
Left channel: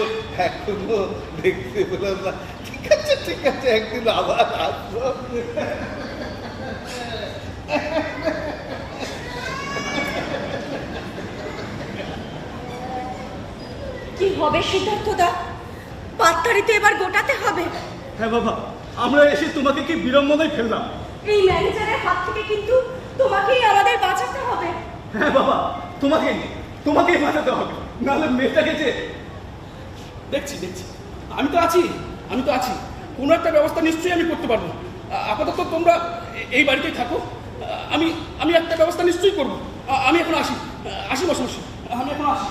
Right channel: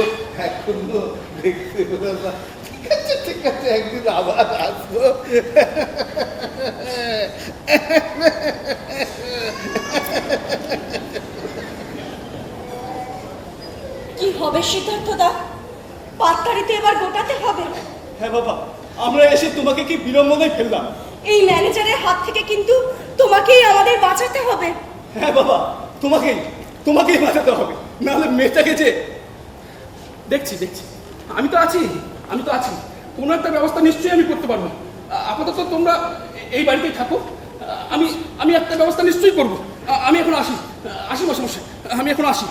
এখনো দেখতে পেলাম না। ঠিক আছে ঠিক আছে, একদিন আবার আসবো। কি হবে সিদ্ধার্থ দা? পাত্তারিতে এবার গোটাতে হবে। হ্যাঁ বাবা, আমরা এসে তোমাকে কি বিড়ম্বনায় ফেললাম? এই ম্যানেজারের হাত থেকে কিন্তু তোমাকেই আমাদের বাঁচাতে হবে। হ্যাঁ বাবা, তোমাকেই বাঁচাতে হবে, নাহলে মেয়েটাকে যে। দেখছি, আমি তো আছি। কোনো একটা ব্যবস্থা নিশ্চয়ই আমি করতে পারবো। আপাতত তোমরা এই বাড়িতেই থাকো। আমি একটা ব্যবস্থা নিশ্চয়ই করবো। আমি এখন আসি মশাই, আমি এখন আসি।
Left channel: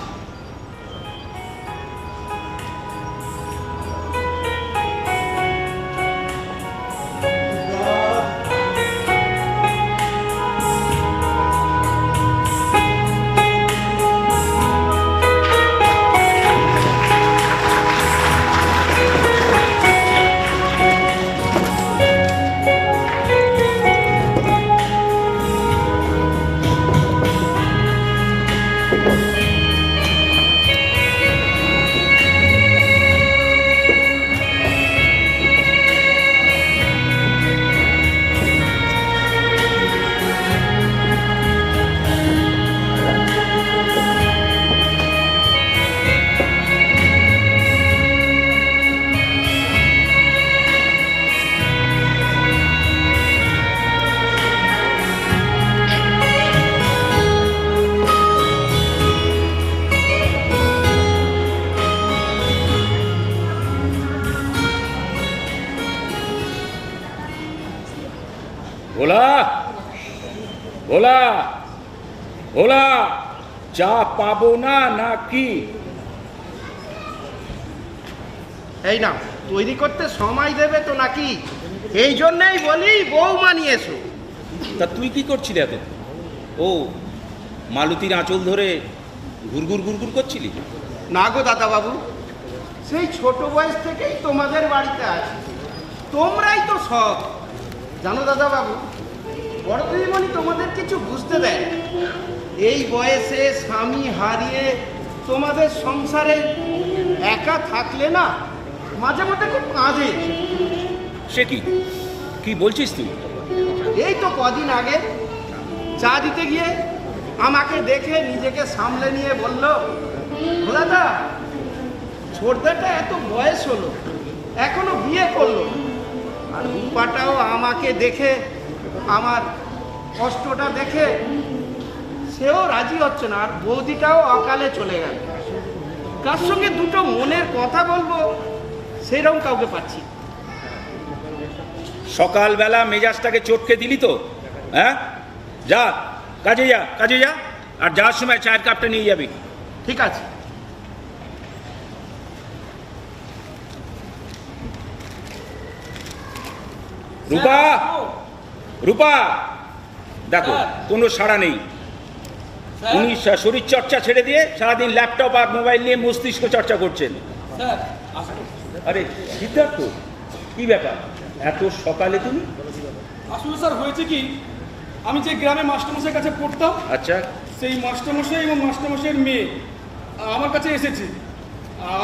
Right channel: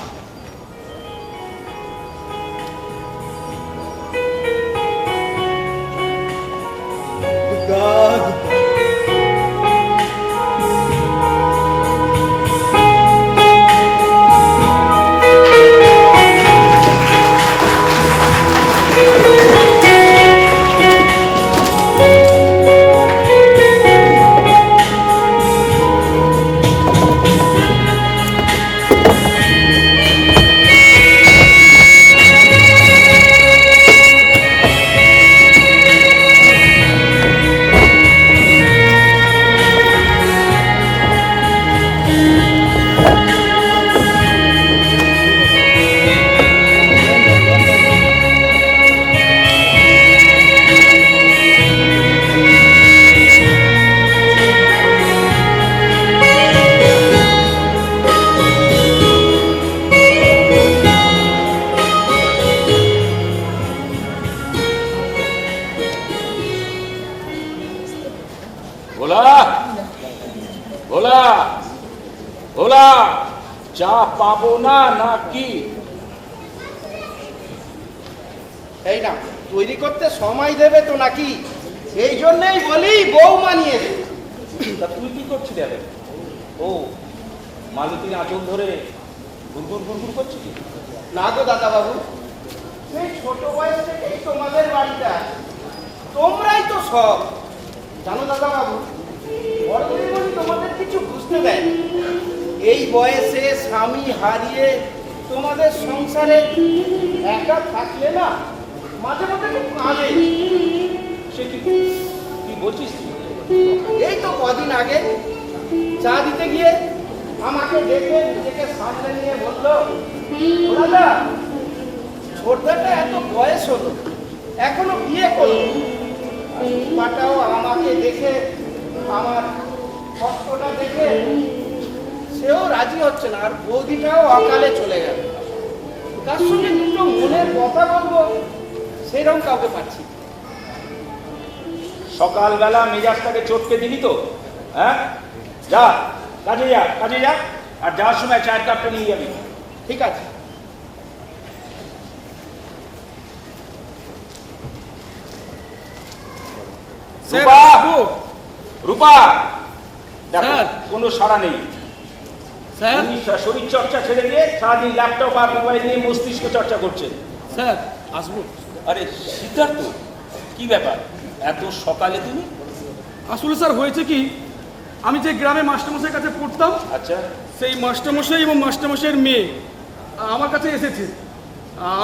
ভোলা, চা পাবো না নাকি? এই না, তৈরি করতে সময় দেবে তো নাকি? এই জন্যই বলি বৌমা নিয়ে এসো। তা তুই কি করছিলি এত? ও মালতীর আঁচল ধরে ঘুরঘুর ঘুরঘুর করছিলি? না গো দাদা বাবু, সেই ছোট বয়স থেকেই তোমাদের বাড়িতে আছে, তোমরাই তো সব জানো দাদা বাবু। বড় দিদিমণি তোমাদের কিছু বুঝতে দেয় না। এই বয়সে স্বামী হারিয়ে তোমাদের সংসারে একা থাকলে না মাঝে মাঝে খুব কাঁদে। সে কি কি বলছিস তুই? এই তো কদিন আগে চা দিতে গিয়ে আমাকে দেখে নিজেকে সামলে নিয়ে বললো, দাদা ছোটটা এত বয়স হলো এখনো বিয়ে করলো। আর রূপাটাও আমাকে দেখে, আমার কষ্টটা দেখে সেও রাজি হচ্ছে না, আর বৌদিটাও অকালে চলে গেল। কার সঙ্গে দুটো মনের কথা বলবো সেরকম কাউকে পাচ্ছি। সকালবেলা মেজাজটাকে চটকে দিলি তো? হ্যাঁ, যা কাজে যা, কাজে যা, আর যাওয়ার সময় চায়ের কাপটা নিয়ে যাবি। ঠিক আছে। রূপা, স্যার, রূপা, দেখো স্যার। কোনো সাড়া নেই। স্যার উনি শরীর চর্চা ছেড়ে দিয়ে সারাদিন ল্যাপটপ আর মোবাইল নিয়ে মস্তিষ্ক চর্চা করছেন। স্যার আসবো? আরে সিদ্ধার্থ, কি ব্যাপার এত সকালে তুমি? আসলে স্যার হয়েছে কি, আমি যে গ্রামে মাস্টারমশাইয়ের কাছে পড়তাম, আচ্ছা, সেই মাস্টারমশাই এবং মাস্টারমশাইয়ের মেয়ে আমার কাছে এসেছে।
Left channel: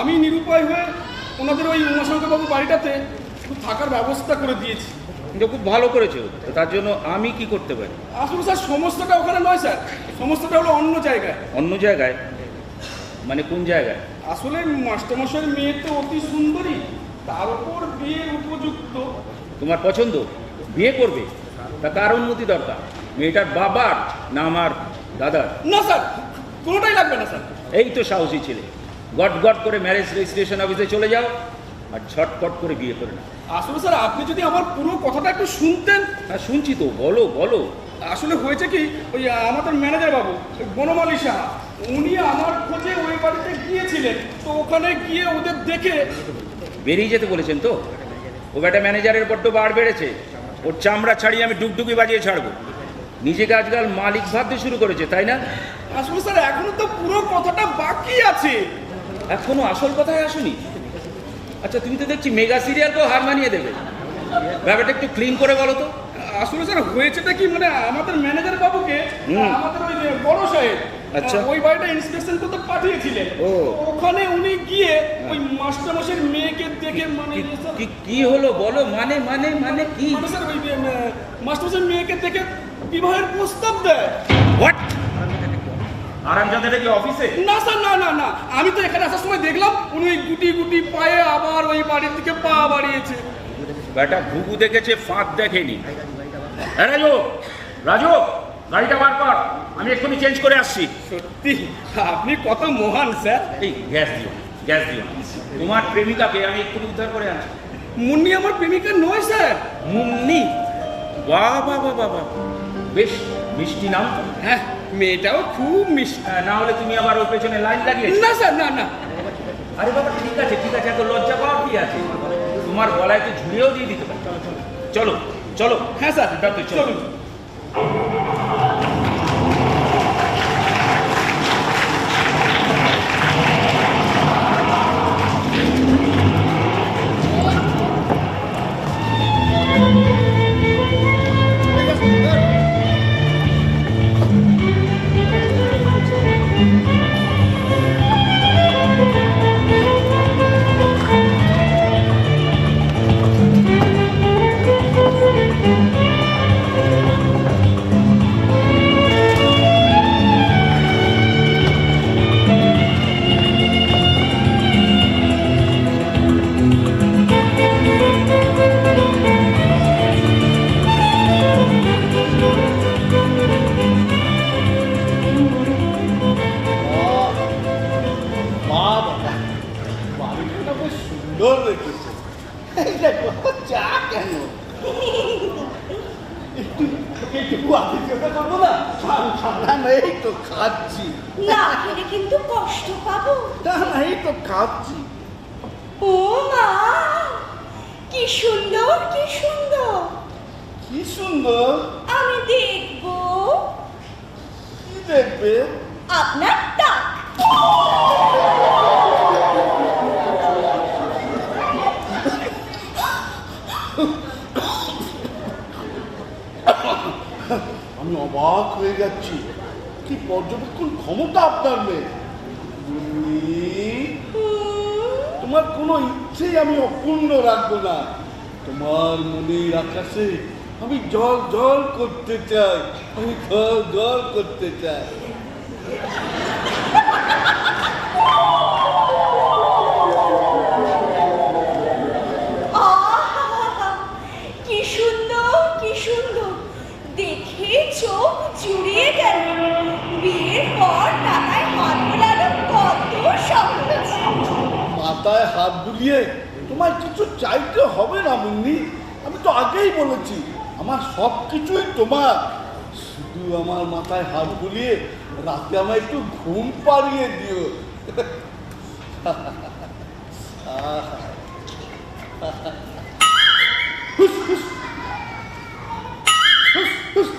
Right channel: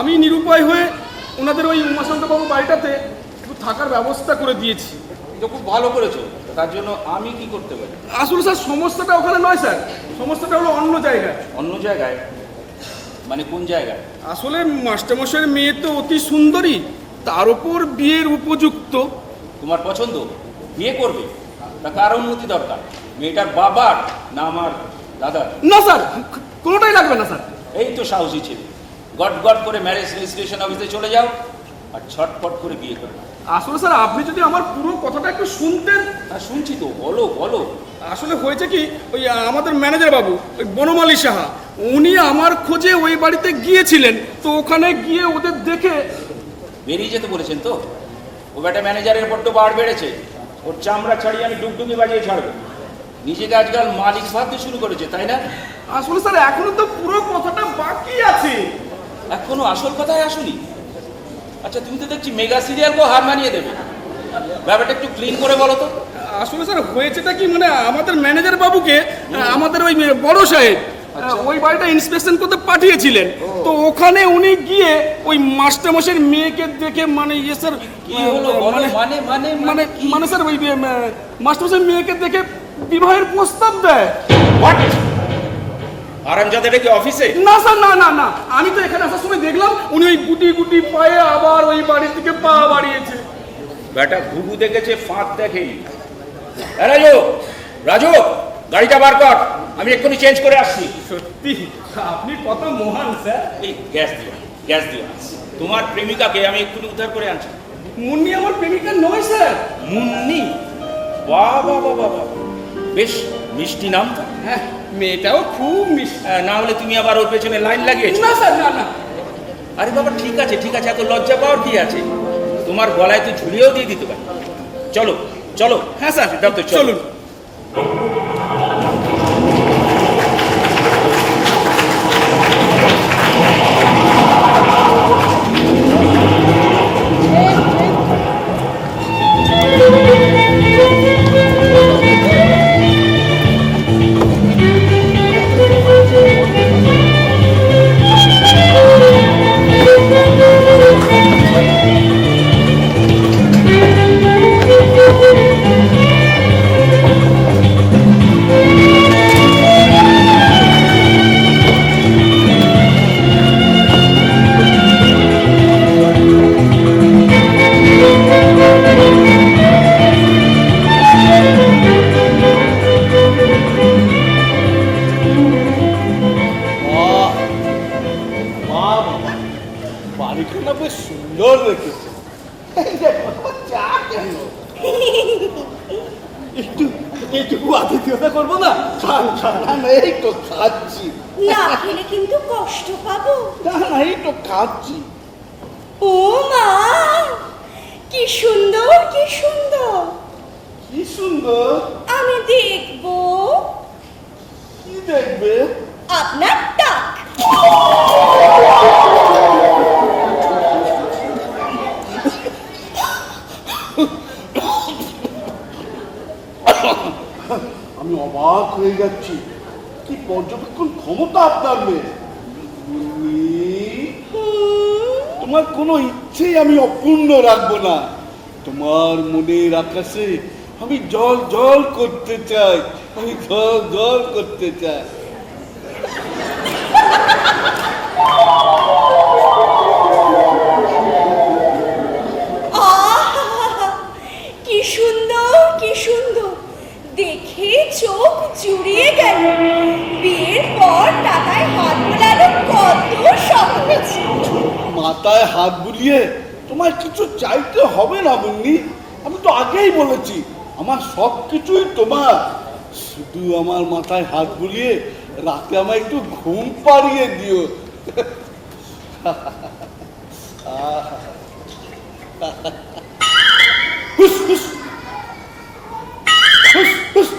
আমি নিরুপায় হয়ে ওনাদের ওই উমাশঙ্করবাবু বাড়িটাতে একটু থাকার ব্যবস্থা করে দিয়েছি। এটা খুব ভালো করেছো। তো তার জন্য আমি কি করতে পারি? আসলে স্যার সমস্যাটা ওখানে নয় স্যার, সমস্যাটা হলো অন্য জায়গায়। অন্য জায়গায় মানে কোন জায়গায়? আসলে মাস্টারমশাইয়ের মেয়ে তো অতি সুন্দরী, তার উপর বিয়ের উপযুক্ত। তোমার পছন্দ? বিয়ে করবে? তা কার অনুমতি দরকার? মেয়েটার বাবার না আমার দাদার? না স্যার, কোনোটাই লাগবে না স্যার। এই তো সাহসী ছেলে, গট গট করে ম্যারেজ রেজিস্ট্রেশন অফিসে চলে যাও আর ছটপট করে বিয়ে করে নাও। আসলে স্যার আপনি যদি আমার পুরো কথাটা একটু শুনতেন। হ্যাঁ শুনছি তো, বলো বলো। আসলে হয়েছে কি, ওই আমাদের ম্যানেজার বাবু ওই বনমালী সাহা, উনি আমার খোঁজে ওই বাড়িতে গিয়েছিলেন। তো ওখানে গিয়ে ওদের দেখে বেরিয়ে যেতে বলেছেন তো? ও বেটা ম্যানেজারের বড্ড বার বেড়েছে, ওর চামড়া ছাড়িয়ে আমি ডুগডুগি বাজিয়ে ছাড়বো। নিজেকে আজকাল মালিক ভাবতে শুরু করেছে, তাই না? আসলে স্যার এখনো তো পুরো কথাটা বাকি আছে। এখনো আসল কথায় আসুনি? আচ্ছা, তুমি তো দেখছি মেগা সিরিয়ালকেও হার মানিয়ে দেবে। ব্যাপারটা একটু ক্লিন করে বলো তো। আসলে স্যার হয়েছেটা কি, মানে আমাদের ম্যানেজার বাবুকে আমাদের ওই বড় সাহেব আচ্ছা। ওই বাড়িটা ইন্সপেকশন করতে পাঠিয়েছিলেন। তো ওখানে উনি গিয়ে ওই মাস্টারমশাইয়ের মেয়েকে দেখে, মানে ইয়ে স্যার কি হলো বলো? মানে মানে মানে কি? মানে স্যার ওই মাস্টারমশাইয়ের মেয়েকে দেখে বিবাহের প্রস্তাব দেয়। হোয়াট? আরামজাদাটা কি অফিসে? না স্যার, না না না, আমি তো এখানে আসার সময় দেখলাম উনি ওই গুটি গুটি পায়ে আবার ওই বাড়ির থেকে পা বাড়িয়েছে। বেটা ঘুঘু দেখেছে, ফাঁদ দেখেনি। হ্যাঁ রাজু, রাজু গাড়িটা বার কর, আমি এক্ষুনি চেঞ্জ করে আসছি। সত্যি আপনি কত মহান স্যার। এই গ্যাস দিও, গ্যাস দিও। তোমার প্রেমিকাকে আমি এক্ষুনি উদ্ধার করে আনছি। মুন্নি আমার প্রেমিকা নয় স্যার। মুন্নি? বাহ বাহ বাহ বাহ বাহ, বেশ মিষ্টি নাম তো। হ্যাঁ, মেয়েটাও খুব মিষ্টি। না হলে তুমি আবার ওর পেছনে লাইন লাগিয়েছো। না স্যার, না না। আরে বাবা ঠিক আছে ঠিক আছে, এত লজ্জা পাওয়ার কি আছে? তোমার গলায় তো ঝুলিয়েও দিয়ে দিতে পারে। চলো চলো। হ্যাঁ স্যার, সিদ্ধার্থ চলুন। বাড়িটা না বেশ সুন্দর রেখেছে। এই দেখো, চা কেন একটু একটু আতিথ্যতা করবো না? না, এই তো খাচ্ছি। না খেলে কিন্তু কষ্ট পাবো। না না, এই তো খাচ্ছি। ও মা, কি সুন্দর, কি সুন্দর। কি সুন্দর। আমি দেখবো। কি দেখবে? আপনার টাক। আমি অবাক হয়ে যাচ্ছি, কি পর্যবেক্ষণ ক্ষমতা আপনার মেয়ে। তোমার কোনো ইচ্ছেই আমি অপূর্ণ রাখবো না। তোমার মনের আকাশে আমি জল জল করতে চাই, আমি জল জল করতে চাই। আহা, কি সুন্দর, কি সুন্দর। দেখে চোখ জুড়িয়ে গেল। বিয়ের পর টাকায় হাত বোলানো কত সহজ। মাথায় হাত বুলিয়ে তোমার কিছু চাইতে হবে না বন্নি। আমি তো আগেই বলেছি আমার সব কিছুই তোমার। শুধু আমার মাথায় হাত বুলিয়ে রাতে আমায় একটু ঘুম পাড়িয়ে দিও। হুস, হুস। হুস, হুস।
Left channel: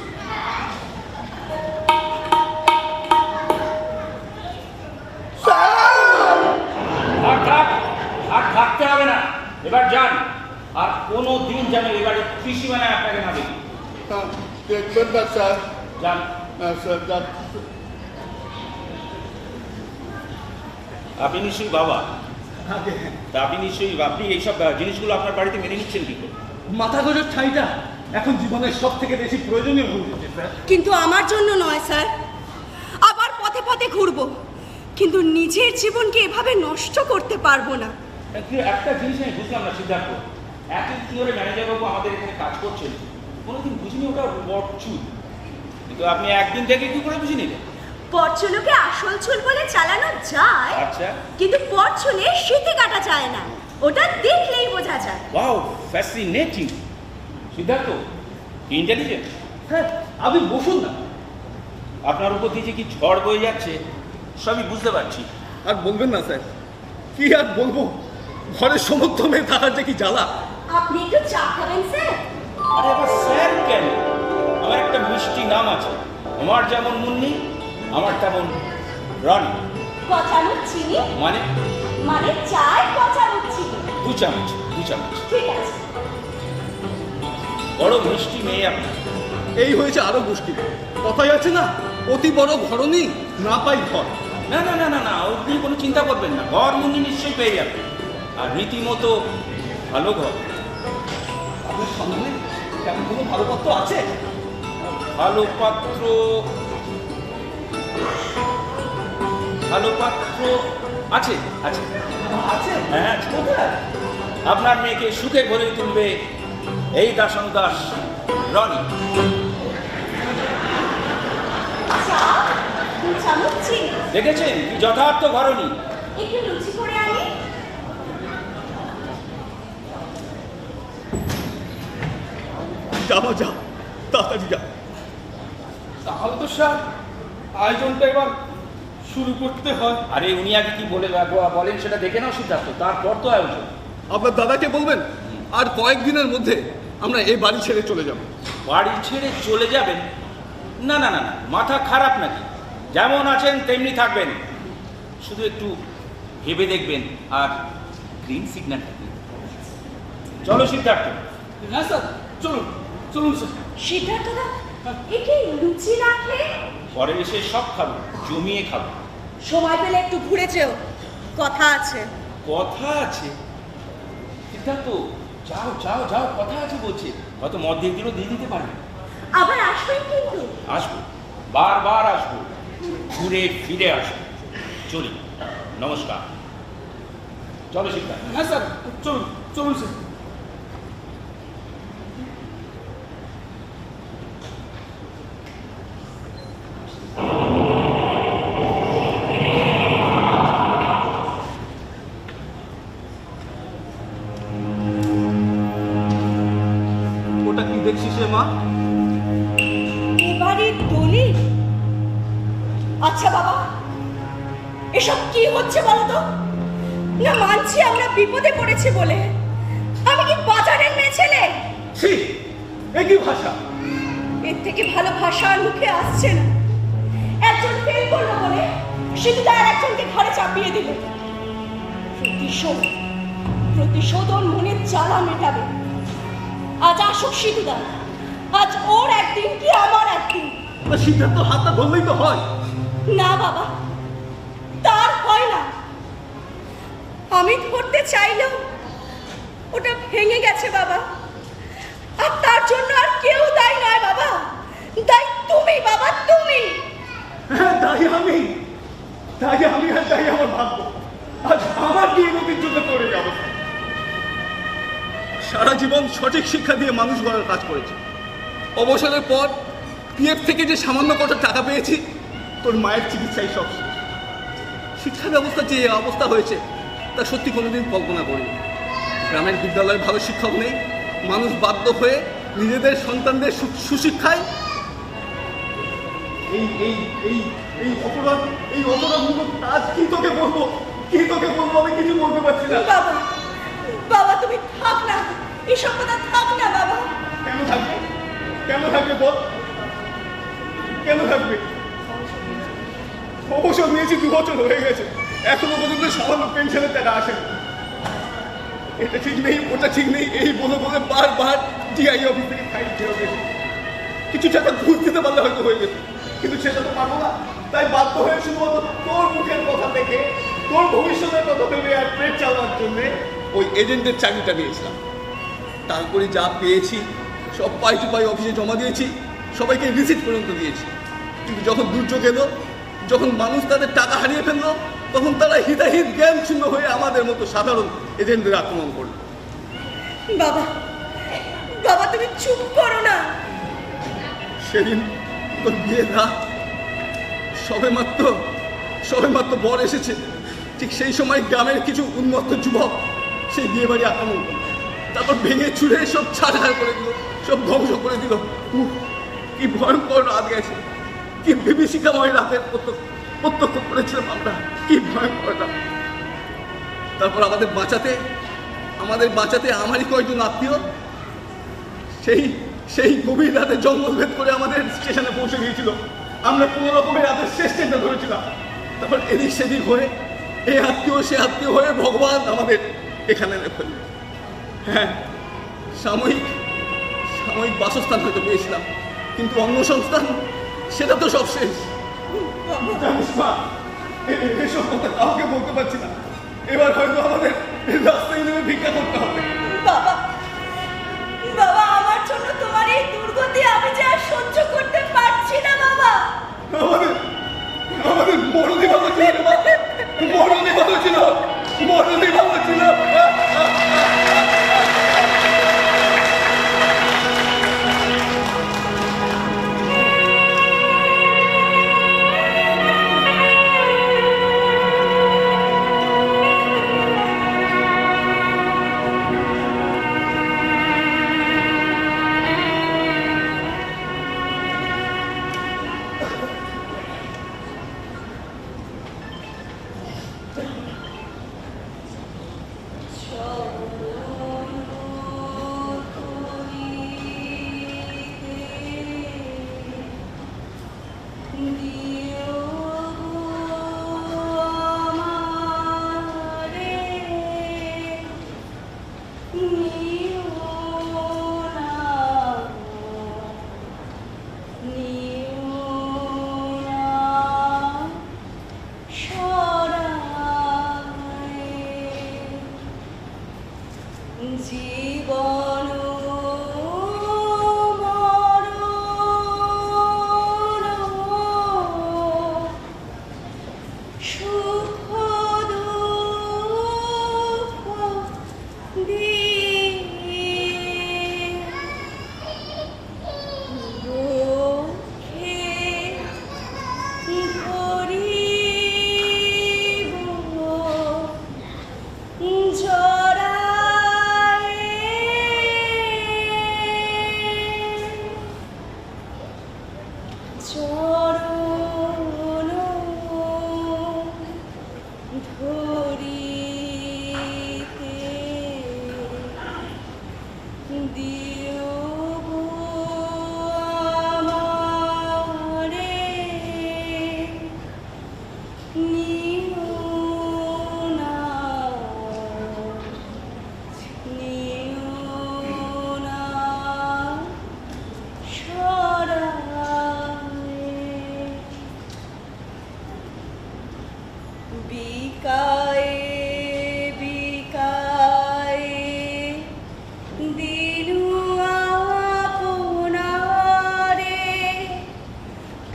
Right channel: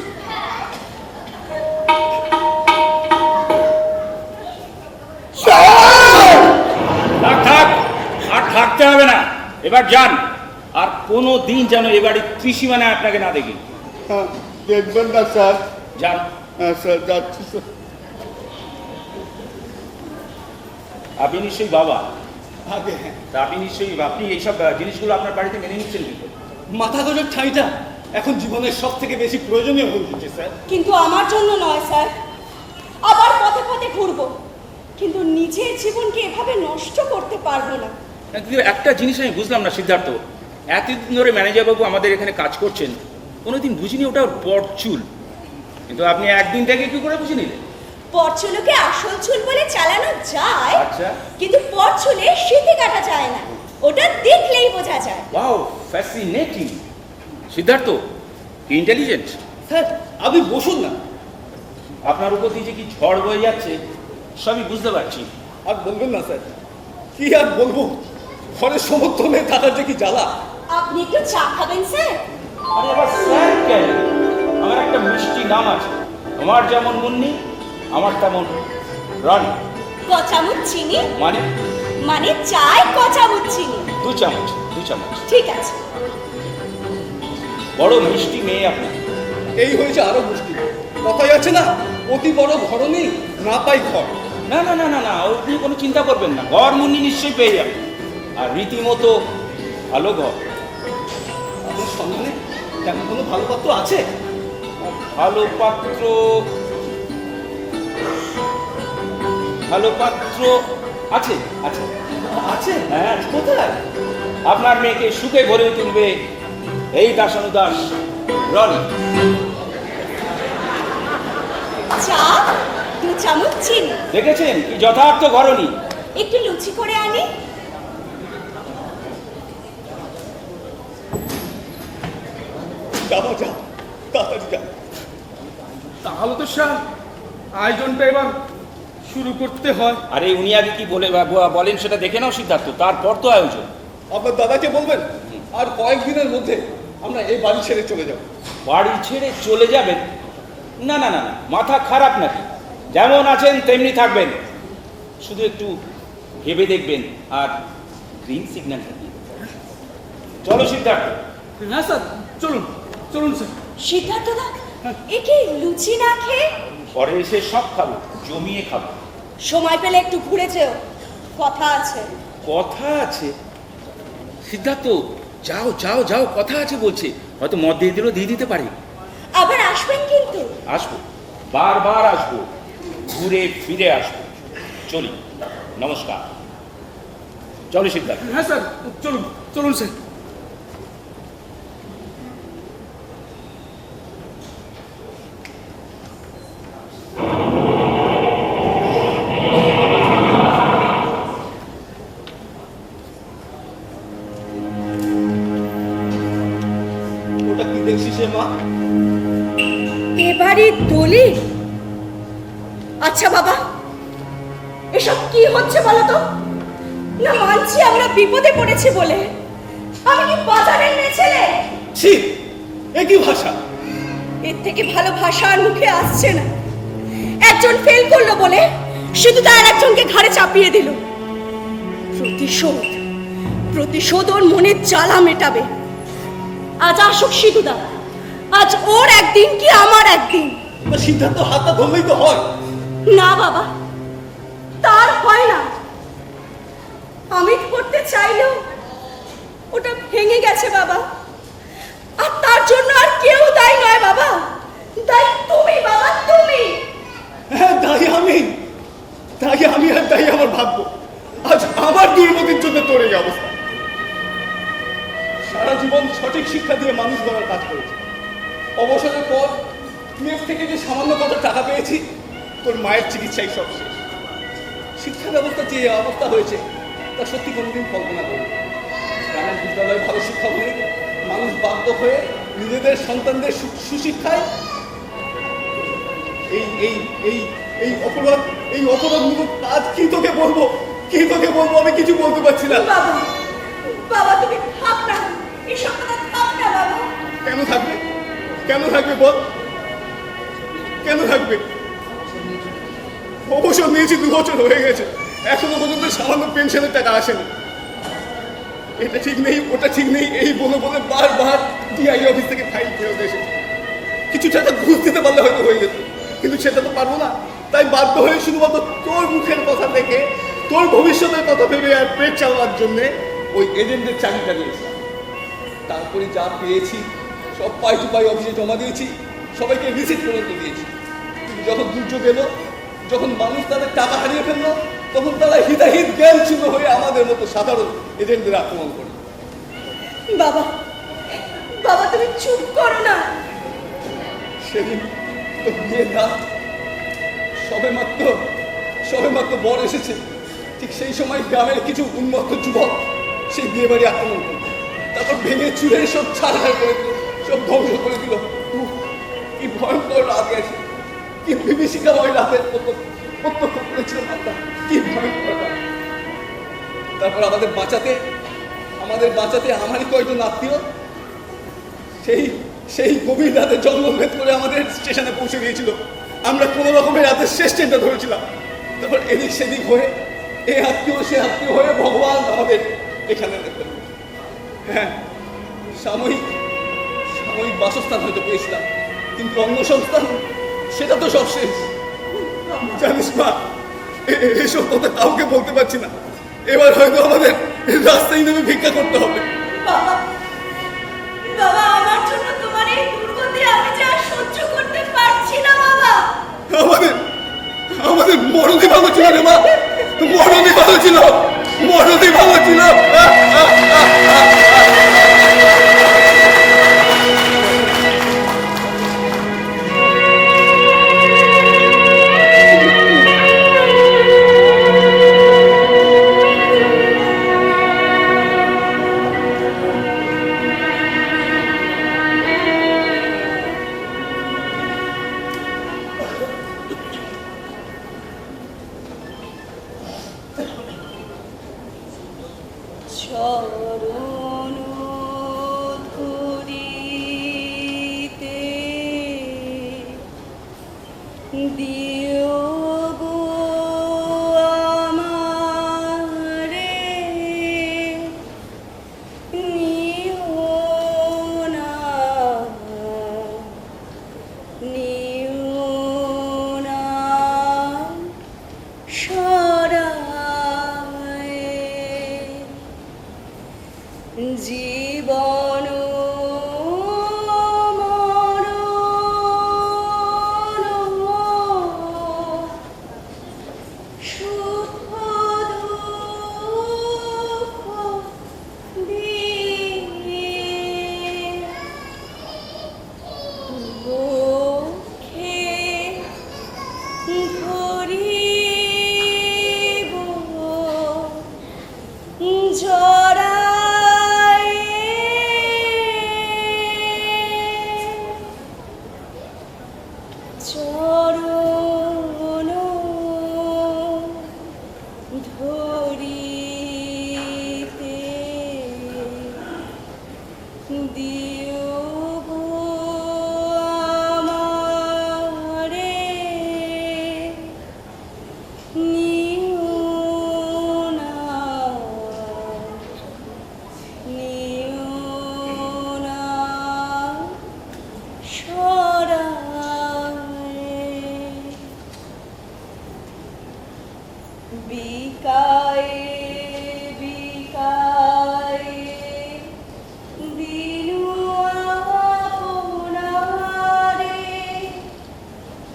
থাক থাক, আর থাকতে হবে না, এবার যান। আর কোনো দিন যেন এবারে ত্রিসীমানা আপনাকে না দেখি। হ্যাঁ, দেখবেন না স্যার। যান। হ্যাঁ স্যার, যাচ্ছি স্যার। আপনি নিশ্চয়ই বাবা, তা আপনি নিশ্চয়ই আপনি এইসব জিনিসগুলো আপনার বাড়িতে মেনে নিচ্ছেন কি? মাথা গোজার ঠাঁইটা এখন জীবনের সব থেকে বেশি প্রয়োজনীয় হয়ে উঠেছে স্যার। কিন্তু আমার জন্য নয় স্যার। আবার পথে পথে ঘুরবো, কিন্তু নিজের জীবনকে এভাবে নষ্ট করতে পারবো না। কিন্তু একটা জিনিস আমি বুঝলাম না সিদ্ধার্থ, এতদিন ধরে ম্যানেজার বাবু আমাদের এখানে কাজ করছেন, কোনোদিন বুঝিনি ওটা পরচুল, কিন্তু আপনি একদিন থেকে কি করে বুঝে নিলেন? পরচুলোকে আসল চুল বলে চালানো যায়, আচ্ছা। কিন্তু পরচুলে শীতে কাটা যায় না, ওটা দেখলেই বোঝা যায়। Wow, fascinating. Siddharth intelligent. Sir আপনি বসুন না। আপনার উপর দিয়ে যে কি ঝড় বয়ে যাচ্ছে সবই বুঝতে পারছি। আর বলবেন না স্যার, কি আর বলবো, ঘরের সমস্ত মেয়ে থাকার যে কি জ্বালা। আপনি একটু চা খাবেন স্যার? আরে এবার স্যার কেন? আমার একটা মিষ্টি নাম আছে, আমার যেমন মুন্নি আমার তেমন রনি। ক চামচ চিনি? মানে মানে চাই ক চামচ চিনি। 2 চামচ 2 চামচ। ঠিক আছে। বড় মিষ্টি মেয়ে আপনার। এই হয়েছে আরো মুশকিল। কথাই আছে না, অতি বড় ঘরনি না পাই ঘর। না না না না না, আপনি কোনো চিন্তা করবেন না, ঘর মুন্নি নিশ্চয়ই পেয়ে যাবেন, আর রীতিমতো ভালো ঘর। আপনার সন্ধানে তেমন কোনো ভালো পাত্র আছে? ভালো পাত্র, ভালো পাত্র আছে আছে আছে? হ্যাঁ আছে। কোথায়? আপনার মেয়েকে সুখে ভরে তুলবে এই দাসানুদাস রনি। চা 2 চামচ চিনি। দেখেছেন কি যথার্থ ঘরনি। একটু লুচি করে আনি। যাও যাও, তাড়াতাড়ি যাও। তাহলে তো স্যার আয়োজনটা এবার শুরু করতে হয়। আরে উনি আগে কি বলেন সেটা দেখে নাও সিদ্ধার্থ, তারপর তো আয়োজন। আপনার দাদাকে বলবেন আর কয়েকদিনের মধ্যে আমরা এই বাড়ি ছেড়ে চলে যাব। বাড়ি ছেড়ে চলে যাবেন? না না না, মাথা খারাপ নাকি? যেমন আছেন তেমনি থাকবেন, শুধু একটু ভেবে দেখবেন আর গ্রিন সিগন্যাল থাকবেন। চলো সিদ্ধার্থ। হ্যাঁ স্যার, চলুন চলুন স্যার। সিদ্ধার্থ দা, একে লুচি না খেয়ে? পরে এসে সব খাবো, জমিয়ে খাবো। সময় পেলে একটু ঘুরে যেও, কথা আছে। কথা আছে? সিদ্ধার্থ যাও যাও যাও, কথা আছে বলছে, হয়তো মদ দিয়ে দিলেও দিয়ে দিতে পারি। আবার আসবেন কিন্তু? আসবো, বারবার আসবো, ঘুরে ফিরে আসবো। চলি, নমস্কার। চলো সিদ্ধার্থ। হ্যাঁ স্যার, চলুন চলুন স্যার। ওটা কি দেখছিস রে মা? এবারে দলিল? আচ্ছা বাবা, এসব কি হচ্ছে বলো তো? না মানছি আমরা বিপদে পড়েছি বলে। আমি কি বাজারের মেয়ে ছেলে? ছি, এ কি ভাষা? এর থেকে ভালো ভাষা আর মুখে আসছে না। একজন ফেল করলো বলে শুধু তার একজনকে ঘাড়ে চাপিয়ে দিল। প্রতিশোধ, প্রতিশোধ ওর মনের জ্বালা মেটাবে। আজ আসুক সিধুদা, আজ ওর একদিন কি আমার একদিন। সিদ্ধার্থ হাতটা ধরলেই তো হয়। না বাবা, তার হয় না। আমি ধরতে চাইলেও ওটা ভেঙে গেছে বাবা। আর তার জন্য আর কেউ দায়ী নয় বাবা, দায়ী তুমি বাবা, তুমি। হ্যাঁ, তাই আমি আর তাই আমার ভাগ্য। আজ আমার দুর্মতির জন্য তোর এই অবস্থা। সারা জীবন সঠিক শিক্ষা দিয়ে মানুষ গড়ার কাজ করেছে। অবসরের পর পিএফ থেকে যে সামান্য কত টাকা পেয়েছি, তোর মায়ের চিকিৎসায় সব শেষ। শিক্ষা ব্যবস্থা যে অবস্থা হয়েছে তা সত্যি কোনোদিন কল্পনা করিনি। গ্রামের বিদ্যালয়ে ভালো শিক্ষক নেই, মানুষ বাধ্য হয়ে নিজেদের সন্তানদের সুশিক্ষায় এই এই এই এই অপরাধ আজ কি তোকে বলবো আমি কিছু বলতে পারছি না। বাবা, বাবা তুমি থাক না, এসব কথা থাক না বাবা। কেন থাকবে বল? কেন থাকবে? অবসর নিয়েছি 2 বছর হয়ে গেছে, এখনো পর্যন্ত সামান্য পেনশনের টাকা আসেনি। এটা ঠিক নেই, ওটা ঠিক নেই, এই বলে বারবার টিআই অফিস থেকে ফাইল ফেরত এসে কিছু টাকা ঘুষ দিতে পারলে হয়তো হয়ে যেত, কিন্তু সেটা তো পারবো না। তাই বাধ্য হয়ে শুধুমাত্র তোর মুখের কথা থেকে, তোর ভবিষ্যতের কথা ভেবে আর পেট চালানোর জন্য ওই এজেন্টের চাকরিটা দিয়েছিলাম। তারপরে যা পেয়েছি সব পাই টু পাই অফিসে জমা দিয়েছি, সবাইকে রিসিট পর্যন্ত দিয়েছি। কিন্তু যখন দুর্যোগ এলো, যখন মানুষ তাদের টাকা হারিয়ে ফেললো, তখন তারা হিতাহিত জ্ঞান শূন্য হয়ে আমাদের মতো সাধারণ এজেন্টদের আক্রমণ করলো। বাবা, বাবা তুমি চুপ করো না। সেদিন তোর বিয়ের রাত, সবে মাত্র বর এসেছে, ঠিক সেই সময় গ্রামের কিছু উন্মত্ত যুবক সেই বিয়ে বাড়ি আক্রমণ করল। তারপর ভেঙে চুরে সব ছাড় করে দিল, সব ধ্বংস করে দিল। কি ভয়ঙ্কর রাত গেছে, কি বিভীষিকাময় রাতের প্রত্যক্ষ করেছিলাম আমরা, কি ভয়ঙ্কর রাত। তারপর আমাদের বাঁচাতে আমারই কয়েকজন আত্মীয় সেই গভীর রাতে জঙ্গল ভেদ করে আমাদের স্টেশনে পৌঁছে দিয়েছিল। আমরা কোনো রকমের রাতের শেষ ট্রেনটা ধরেছিলাম। তারপর এদিক সেদিক হয়ে এই আত্মীয় সে আত্মীয় হয়ে ভগবান আমাদের এখানে ফেলল। হ্যাঁ, সাময়িক বাসস্থান হয়তো পেয়েছিলাম, কিন্তু অন্য সংস্থান সেটা তো সব শেষ। জানিস মা, এসব কথা কাউকে বলতে পারছি না। এবার হয়তো আমাদের রাস্তায় নেমে ভিক্ষা করতে হবে। বাবা, বাবা আমার জন্য তোমার এই দুর্গতি আমি যা সহ্য করতে পারছি না বাবা। আমাদের মরণই ভালো ছিল রে মা, মরণই ভালো ছিল। চরণ ধরিতে দিও গো আমারে, নিও না সরায় জীবন সুখ দুঃখ চরণ দিও গো আমারে, নিও না, নিও না সরায়ে। বিকায়ে বিকায়ে দিনু আপনারে,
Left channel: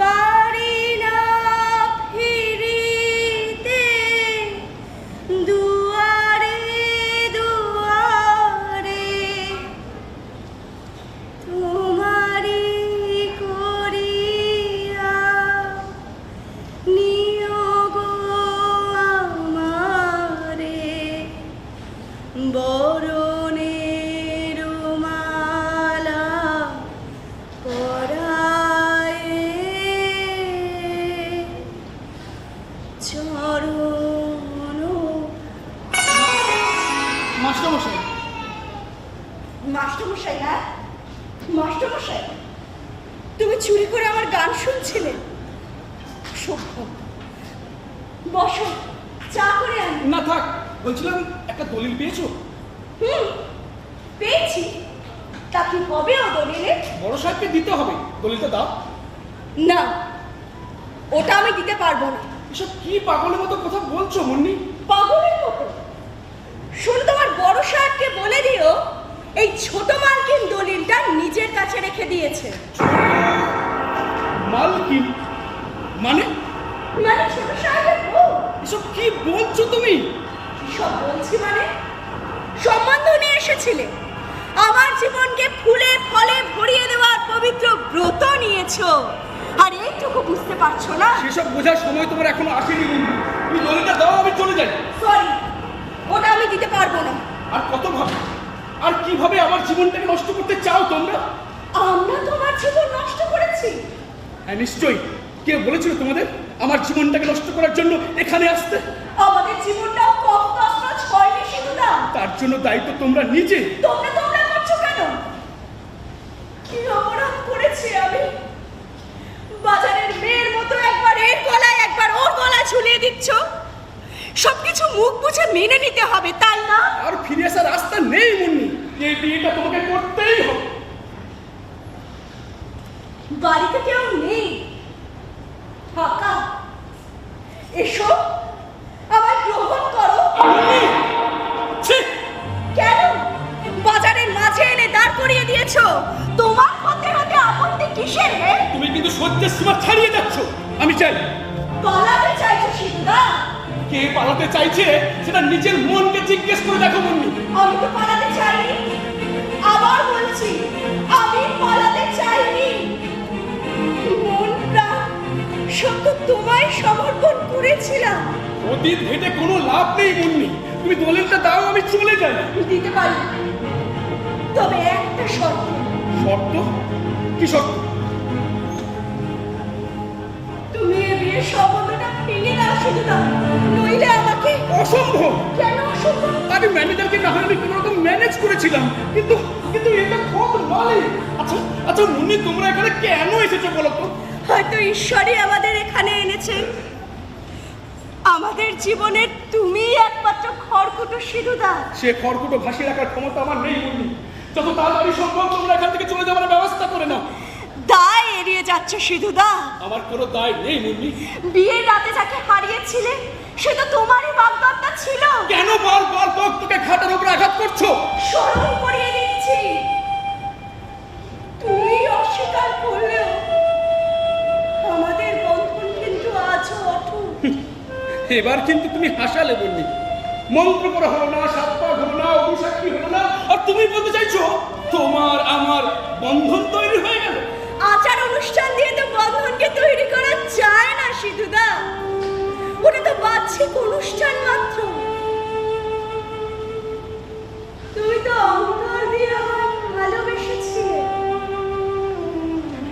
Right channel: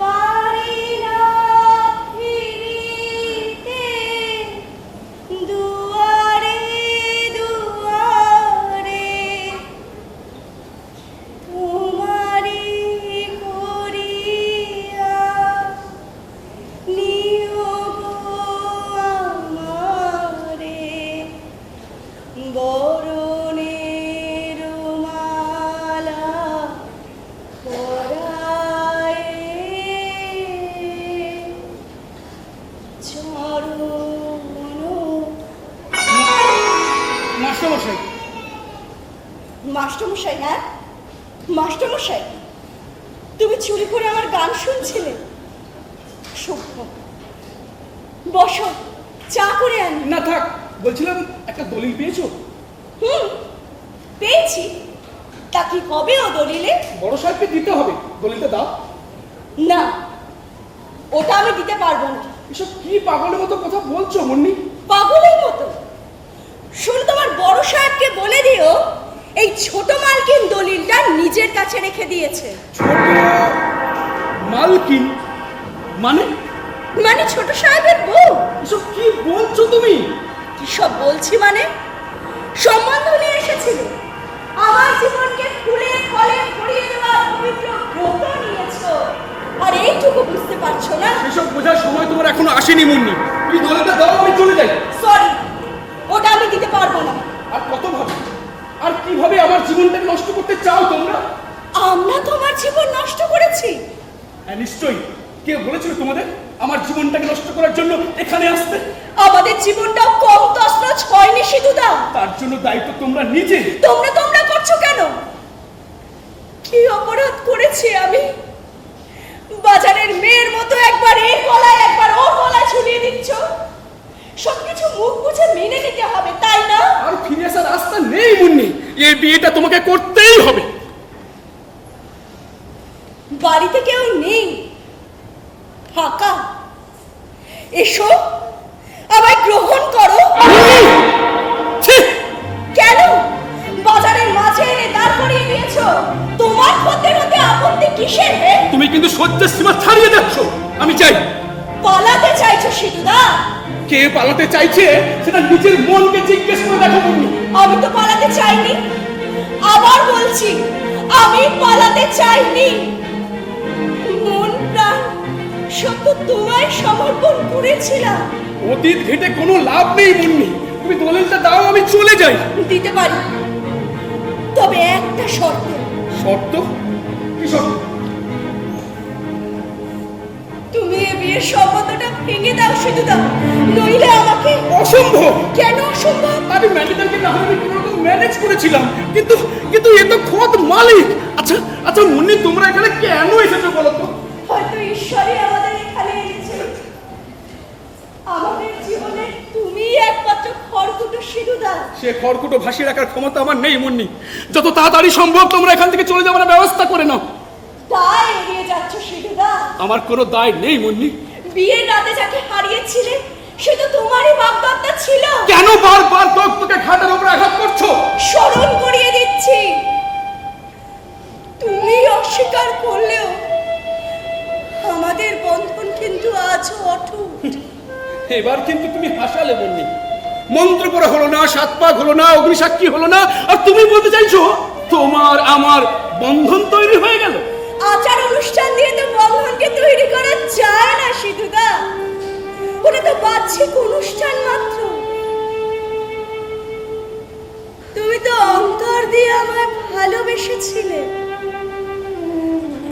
পারি না ফিরিতে দুয়ারে দুয়ারে, তোমারি করিয়া নিও গো আমারে, বরণের মালা পরায়ে, চরণ। মাস্টারমশাই, মাস্টারমশাই? হ্যাঁ মাস্টারমশাই, তুমি চুরি করে আমার গান শুনছিলে? সভ্য, বসো, চা করে আনি। না থাক, বলছিলাম একটা দলিল পেয়েছো? পেয়েছি। তা কি হবে ও দলিলে? বড় সাহেবকে দিতে হবে, দলিলটা দাও। না, ওটা আমি দিতে পারবো না। এসব কি পাগলের মতো কথা বলছো মুন্নি? পাগলের মতো? শুনে তোমার বড় সাহেবকে বলে দিও এই ছোট মালকিন দলিলটা নিজের কাছে রেখে দিয়েছে। মালকিন মানে? মানে ছোট সাহেবের বউ। এসব কি বলছো তুমি? সব বলছি মানে, সম্বন্ধ নিয়ে এসেছিলে, আমার জীবনকে ফুলে ফলে ভরিয়ে দেওয়ার পবিত্র ব্রত নিয়েছো, আর এইটুকু বুঝতে পারছো না? সেসব বোঝার সময় তোমার এখনো আসেনি মুন্নি। তুমি দলিলটা দাও, আমি চলে যাই। সরি, ওটা আমি দিতে পারবো না। আর কত ভাবে, আর কিভাবে আমার জীবনটাকে নষ্ট করতে চাও তোমরা? আমরা তোমার জীবন নষ্ট করেছি? হ্যাঁ নিশ্চয়ই। কে বলেছিল তোমাদের আমার জীবনটাকে নষ্ট করার জন্য এখানে আসতে? আমাদের জীবনটাও কম তছনছ হয়নি সিধুদা। তার জন্য দায়িত্ব তোমরা নিজে। তোমরা করছো কেন? কি অপরাধ করেছি আমি? বাজারের মেয়ের মতো একবার এর গলায় একবার ওর গলায় ঝুলিয়ে দিচ্ছ। সবকিছু মুখ বুঝে মেনে নিতে হবে, তাই না? আর ফিরে আসার রাস্তা নেই মুন্নি, এই বিয়েটা তোমাকে করতেই হবে। বাড়িতে কেউ নেই, ফাঁকা। এসো, আমায় গ্রহণ করো। ছি! কেন বাজারের মাঝে এনে দাঁড় করিয়ে দিয়েছো? তোমার হতে হতে আপত্তি কিসের? হে, তুমি কিন্তু সহ্যের সীমা ছাড়িয়ে যাচ্ছ। আমি চাই। পালাতে চাইছো সিধুদা? কে পালাতে চাইছে সেটা নিজের মনকে জিজ্ঞেস করে দেখো মুন্নি। আমি তো পালাতে চাইনি, আবার বলছি আমি পালাতে চাইনি। মন প্রাণ সত্য তোমায় সমর্পণ করেছিলাম। অতীত ঘেটে কোনো লাভ নেই মুন্নি, তুমি দলিলটা দাও, আমি চলে যাই। দিতে পারি, তবে একটা শর্ত। শর্ত? কি শর্ত? তুমি এই বিয়ের সম্বন্ধটা ভেঙে দাও সিধুদা, নইলে আমাকে। অসম্ভব। কেন অসম্ভব? আমি ম্যানেজারকে তাহলে কোনো রকম ম্যানেজ করেছিলাম, কিন্তু কিন্তু এ তো খোদ মালিক। আচ্ছা আচ্ছা মুন্নি, তোমরা এখানে কেন এসেছো বলো তো? হয়তো ঈশ্বরই আমাদের এখানে এনেছে। আমাদের জীবনের তুমি একমাত্র খড়কুটো সিধুদা। সে খড়কুটো ভাসিয়ে রাখার ক্ষমতা আমার নেই মুন্নি। যত তাড়াতাড়ি সম্ভব তোমরা এখান থেকে চলে যাওয়ার ব্যবস্থা করে নাও। দায় এড়িয়ে যাচ্ছে সিধুদা। আমার কোনো দায় নেই মুন্নি। বিয়ের রাতে যাকে হারিয়েছিলে সে তো তোমারই বাগদত্তা ছিল। কেন বারবার তোকে খাটের উপর আঘাত করছো? স্মরণ করিয়ে দিচ্ছি, তুমি অস্বীকার করলেও আমাদের বন্ধন কিন্তু আজও অটুট। এবার কিন্তু তুমি হাসালে মুন্নি। মন্ত্র পড়া হলো না, সাত পাক হলো না, অগ্নিসাক্ষী হলো না, আর তুমি বলতে চাইছো তোমার আমার বন্ধন তৈরি হয়ে গেল? আচার অনুষ্ঠান দিয়ে তো বন্ধনকে তৈরি করা যায় না সিধুদা, ওটা তো বাহ্যিক অনুষ্ঠান মাত্র। তুমি তো অন্তর দিয়ে আমায় ভালোবেসেছিলে,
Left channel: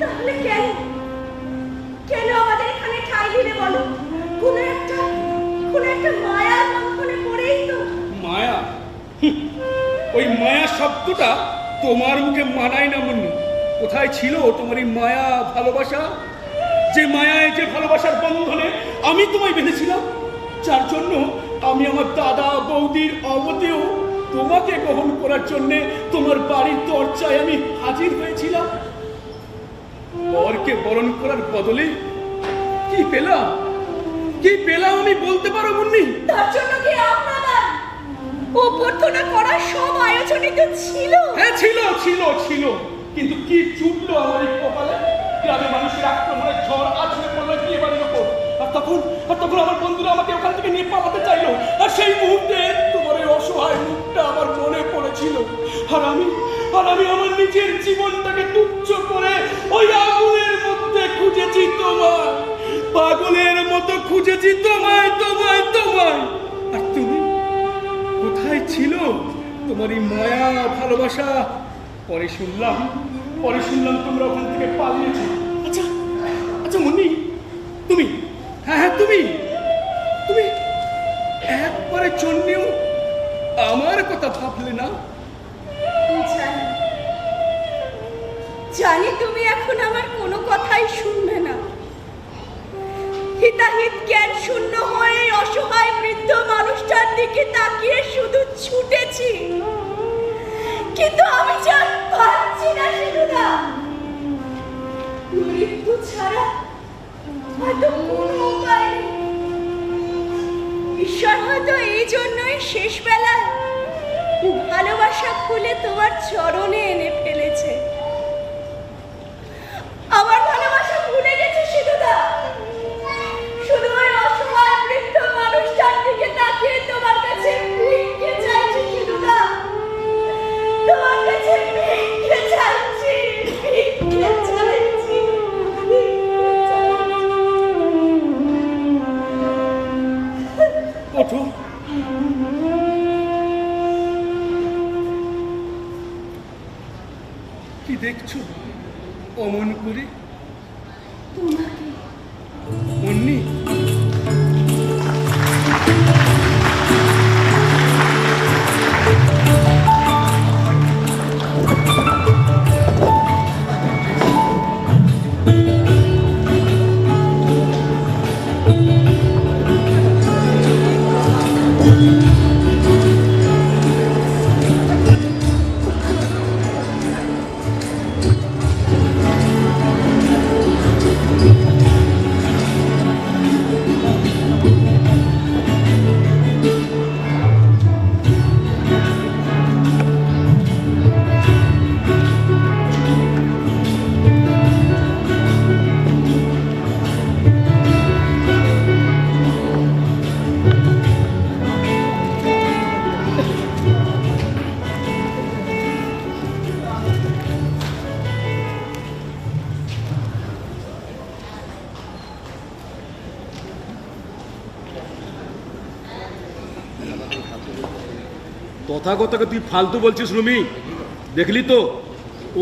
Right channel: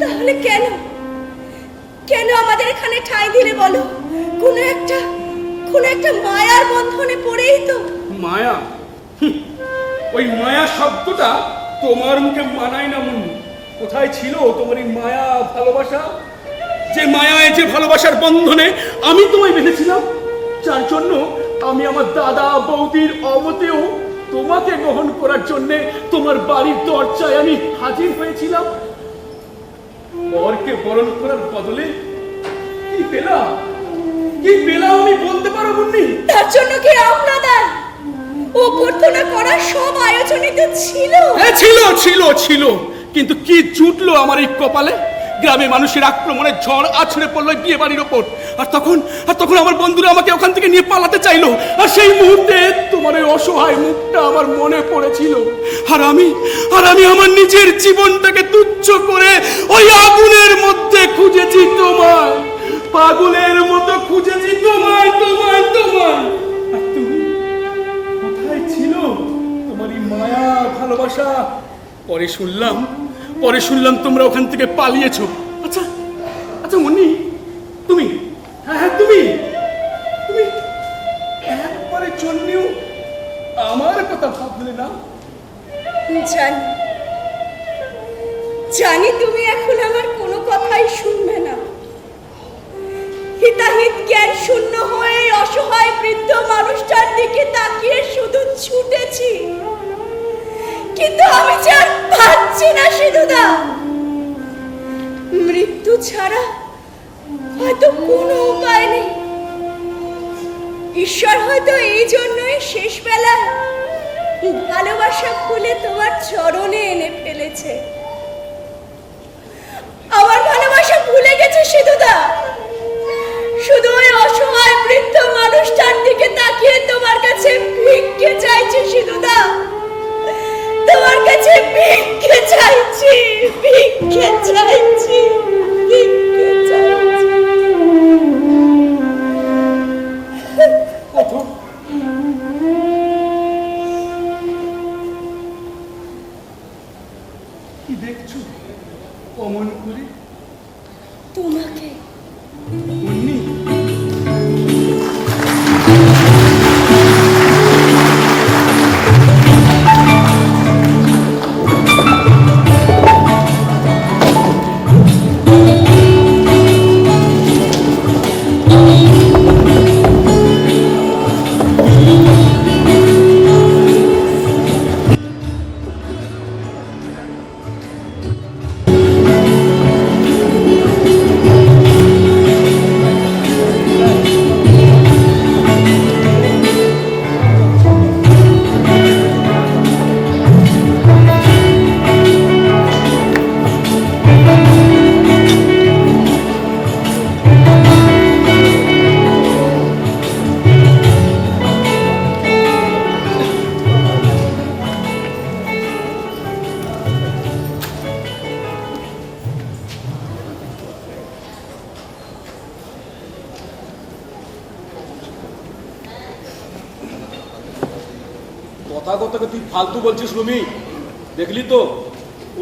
তাহলে কেন কেন আমাদের এখানে ঠাঁই দিলে বলো? কোন একটা মায়ার বন্ধনে পড়েই তো। মায়া? ওই মায়া শব্দটা তোমার মুখে মানায় না মুন্নি। কোথায় ছিল তোমার এই মায়া ভালোবাসা? যে মায়ায়, যে ভালোবাসার বন্ধনে আমি তোমায় বেঁধেছিলাম, যার জন্য আমি আমার দাদা বৌদির অবতেও তোমাকে গ্রহণ করার জন্য তোমার বাড়ির দরজায় আমি হাজির হয়েছিলাম। বরকে বরণ করার বদলে কি পেলাম, কি পেলাম আমি বলতে পারো মুন্নি? তার জন্য কি আপনাদের অভ্যর্থনা করার সব আয়োজনই তো ছিল। হ্যাঁ ছিল ছিল ছিল, কিন্তু কি জুটলো আমার এই কপালে? গ্রামে মানুষের আক্রমণে ঝড় আছড়ে পড়লো বিয়ে বাড়ির ওপর, আর তখন আমার বন্ধুরা আমাকে ওখান থেকে নিয়ে পালাতে চাইলো। আর সেই মুহূর্তে তোমার ওই অসহায় মুখটা আমার মনে পড়েছিল। আর আমি আমার নিজের জীবনটাকে তুচ্ছ করে ওই আগুনের মধ্যে খুঁজেছি তোমায়, পাগলের মতো খুঁজেছি তোমায় তোমায় তোমায়। আর তুমি কোথায় ছিল তোমার এই মায়া ভালোবাসা? পরে শুনলাম তোমরা ওখান থেকে পালিয়েছো। আচ্ছা আচ্ছা মুন্নি, তুমি তুমি একবারের জন্যেও আমার কথা ভাবলে না? জানি তুমি এখন আমার কোনো কথাই শুনবে না। হিতাহিত জ্ঞান শূন্য হয়ে অসহায় বৃদ্ধ মানুষটার দিকে তাকিয়ে শুধু ছুটেছি, কিন্তু আমি যে আর পাচ্ছি না সিধুদা। মৃত্যু ছাড়া হয়তো কোনো উপায় নেই। ঈশ্বর হয়তো এই জন্যই শেষ বেলায় ভালোবাসা খুলে তোমার চরণে এনে ফেলেছে। আমার ভালোবাসা ভুলে গেছে সিধুদা, শুধু ওই অসহায় বৃদ্ধ মানুষটার দিকে তাকিয়ে তোমার কাছে ভিক্ষে চাইছে সিধুদা, তোমার কাছে ভিক্ষে চাইছি, ভিক্ষে চাইছি, ভিক্ষে চাইছি। ওঠো, কি দেখছো অমন করে? তোমাকে মুন্নি, কথাকে তুই ফালতু বলছিস রুমি। দেখলি তো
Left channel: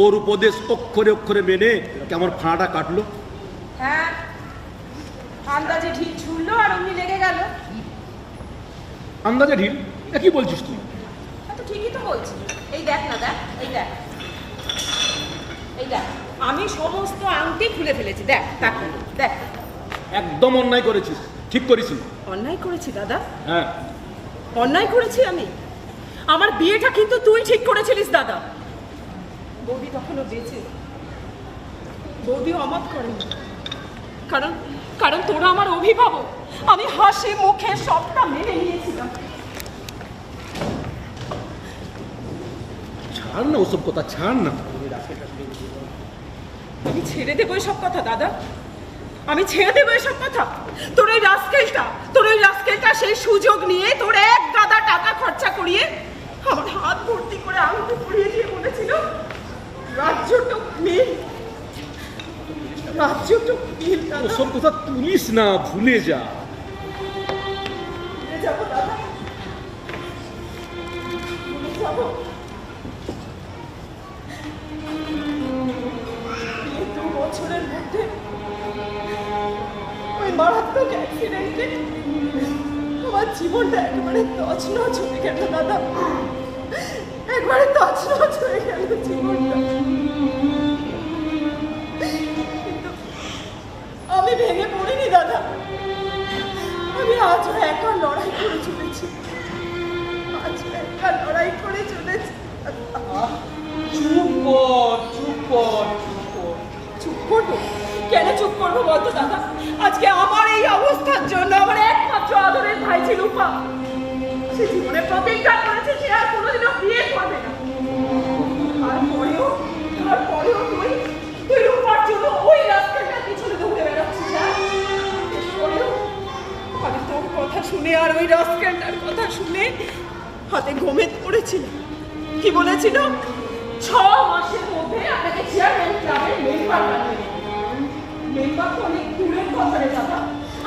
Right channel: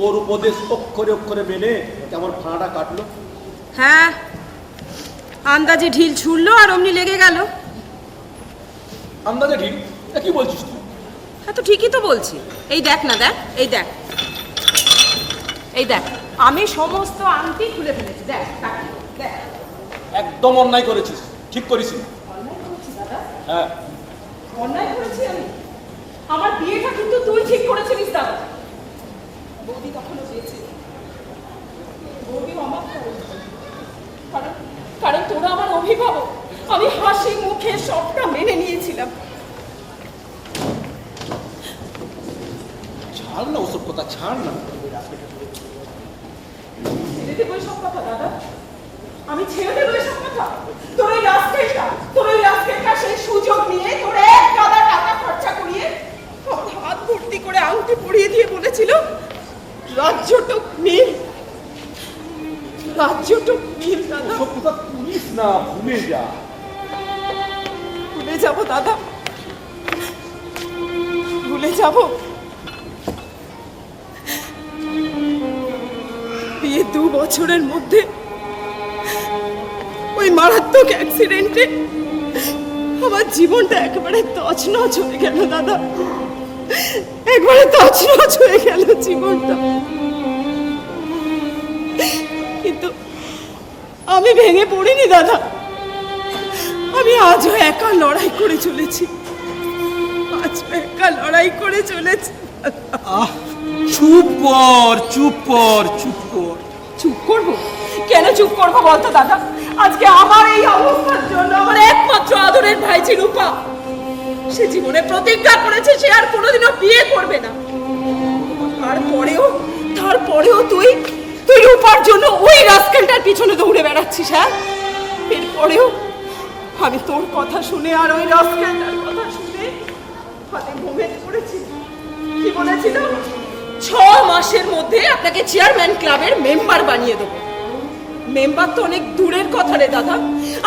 ওর উপদেশ অক্ষরে অক্ষরে মেনে কেমন ফাঁড়াটা কাটলো। হ্যাঁ, আন্দাজে ঢিল ছুড়লো আর অমনি লেগে গেল। আন্দাজে ঢিল? কি বলছিস তুই? হ্যাঁ তো ঠিকই তো বলছি। এই দেখ না, দেখ, এই দেখ, এই দেখ, আমি সমস্ত আংটি খুলে ফেলেছি। দেখ দেখ দেখ। একদম অন্যায় করেছিস, ঠিক করিস না। অন্যায় করেছি দাদা? হ্যাঁ অন্যায় করেছি আমি? আমার বিয়েটা কিন্তু তুই ঠিক করেছিলিস দাদা। বৌদি তখনও বেঁচে, বৌদি অমত করে, কারণ কারণ তোরা আমার অভিভাবক। আমি হাসি মুখে সবটা মেনে নিয়েছিলাম। ছাড় না ওসব কথা, ছাড় না। আমি ছেড়ে দেবো এসব কথা দাদা, আমি ছেড়ে দেবো এসব কথা। তোর ওই রাস্কেলটা সেই সুযোগ নিয়ে তোর এক গাদা টাকা খরচা করিয়ে আমার হাত ভর্তি করে আংটি পরিয়ে দিয়ে বলেছিল রাজ্যটুক মিল, রাজ্যটুক মিল। ওসব কথা তুলিস না, ভুলে যা। ভুলে যাবো দাদা, ভুলে যাবো। বিয়ে 2 বছরের মধ্যে ওই মারাত্মক অ্যাক্সিডেন্টে আমার জীবনটা একেবারে তছনছ হয়ে গেল দাদা। একবারে তছনছ হয়ে গেল জীবনটা। কিন্তু আমি ভেঙে পড়িনি দাদা, আমি আজও একা লড়াই করে চলেছি, আজও একা লড়াই করে চলেছি। চুপ কর, চুপ কর, চুপ কর। চুপ করবো? কেন চুপ করবো বলতো দাদা? আজকে আমার এই অবস্থার জন্য আমার একমাত্র আদরের ভাই ছিল রূপা, সে জীবনে প্রতিজ্ঞা করেছে সে আর কোনোদিনও বিয়ে করবে না। তারপরেও তুই রূপার জন্য ওই রাস্কেলটার পিছনে দৌড়ে বেড়াচ্ছিস। হ্যাঁ, এরপরেও আমি তোর কথা শুনে আর ওই রাস্কেলটার কথা শুনে হাতে ঘুমে পড়েছিল। কি বলেছিল? 6 মাসের মধ্যে আপনাকে চেয়ারম্যান ক্লাবের মেম্বার বানিয়ে দেবো। মেম্বার তো অনেক দূরের কথা রে দাদা,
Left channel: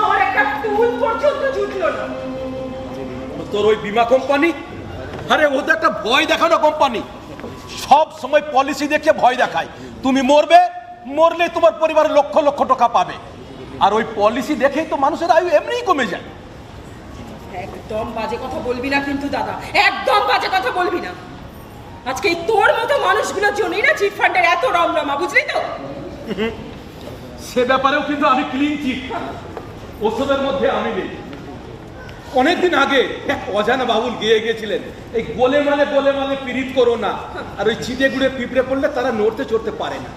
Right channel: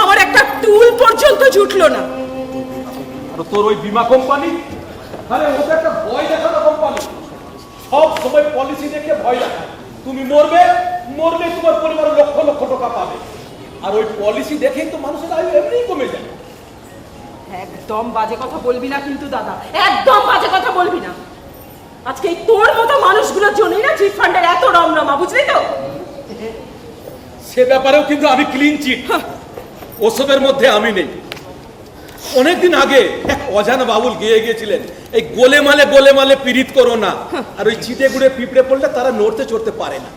আমার একটা টুল পর্যন্ত জুটলো না। তোর ওই বীমা কোম্পানি, আরে ওদের একটা ভয় দেখানো কোম্পানি, সব সময় পলিসি দেখে ভয় দেখায়। তুমি মরবে, মরলে তোমার পরিবার লক্ষ লক্ষ টাকা পাবে, আর ওই পলিসি দেখেই তো মানুষের আয়ু এমনিই কমে যায়। একদম বাজে কথা বলবি না কিন্তু দাদা, একদম বাজে কথা বলবি না। আজকে এই তোর মতো মানুষগুলোর জন্যই না চিট ফান্ডের এত রমরমা, বুঝলি তো? সে ব্যাপারেও কিন্তু আমি ক্লিন চিট, ওসবের মধ্যে আমি নেই। অনেকদিন আগে এক অজানা বাবুল গিয়েছিলেন, এই গোলে মালে পীড়িত করো না, আর ওই চিটে গুড়ে পিঁপড়ে পড়লে তারা নড়তে চড়তে পারে না।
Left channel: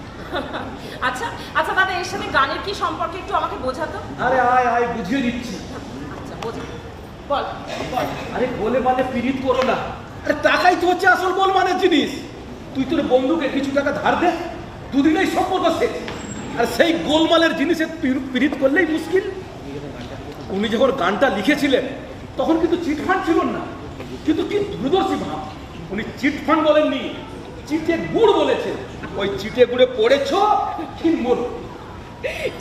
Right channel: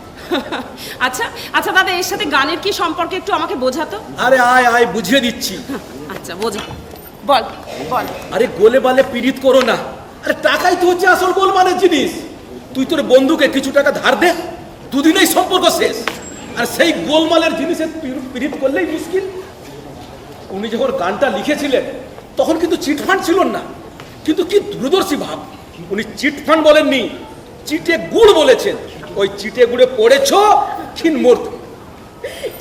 আচ্ছা আচ্ছা দাদা, এর সাথে গানের কি সম্পর্ক একটু আমাকে বোঝাতো। আরে আয় আয় বুঝিয়ে দিচ্ছি। আচ্ছা বোঝা, বল বল। আরে গোলে মালে পীড়িত করো না, আরে টাকাই তো হচ্ছে আসল গোলমালের জিনিস। তুই তোর বন্ধুকে কিছু টাকা ধার দে, দুদিনেই সম্পর্ক শেষ। আর সেই গোলমালের জিনিসের পীড়িত করলেই মুশকিল। উনি যখন গানটা লিখেছিলেন তখন কিন্তু চিটফান্ড ছিল না, কিন্তু কি দূরদর্শী ভাব, উনি চিটফান্ড বলেননি, চিটে গুড় বলেছেন। ওই চিটে গুড়ে পড়েছো ছিনমূর্ত।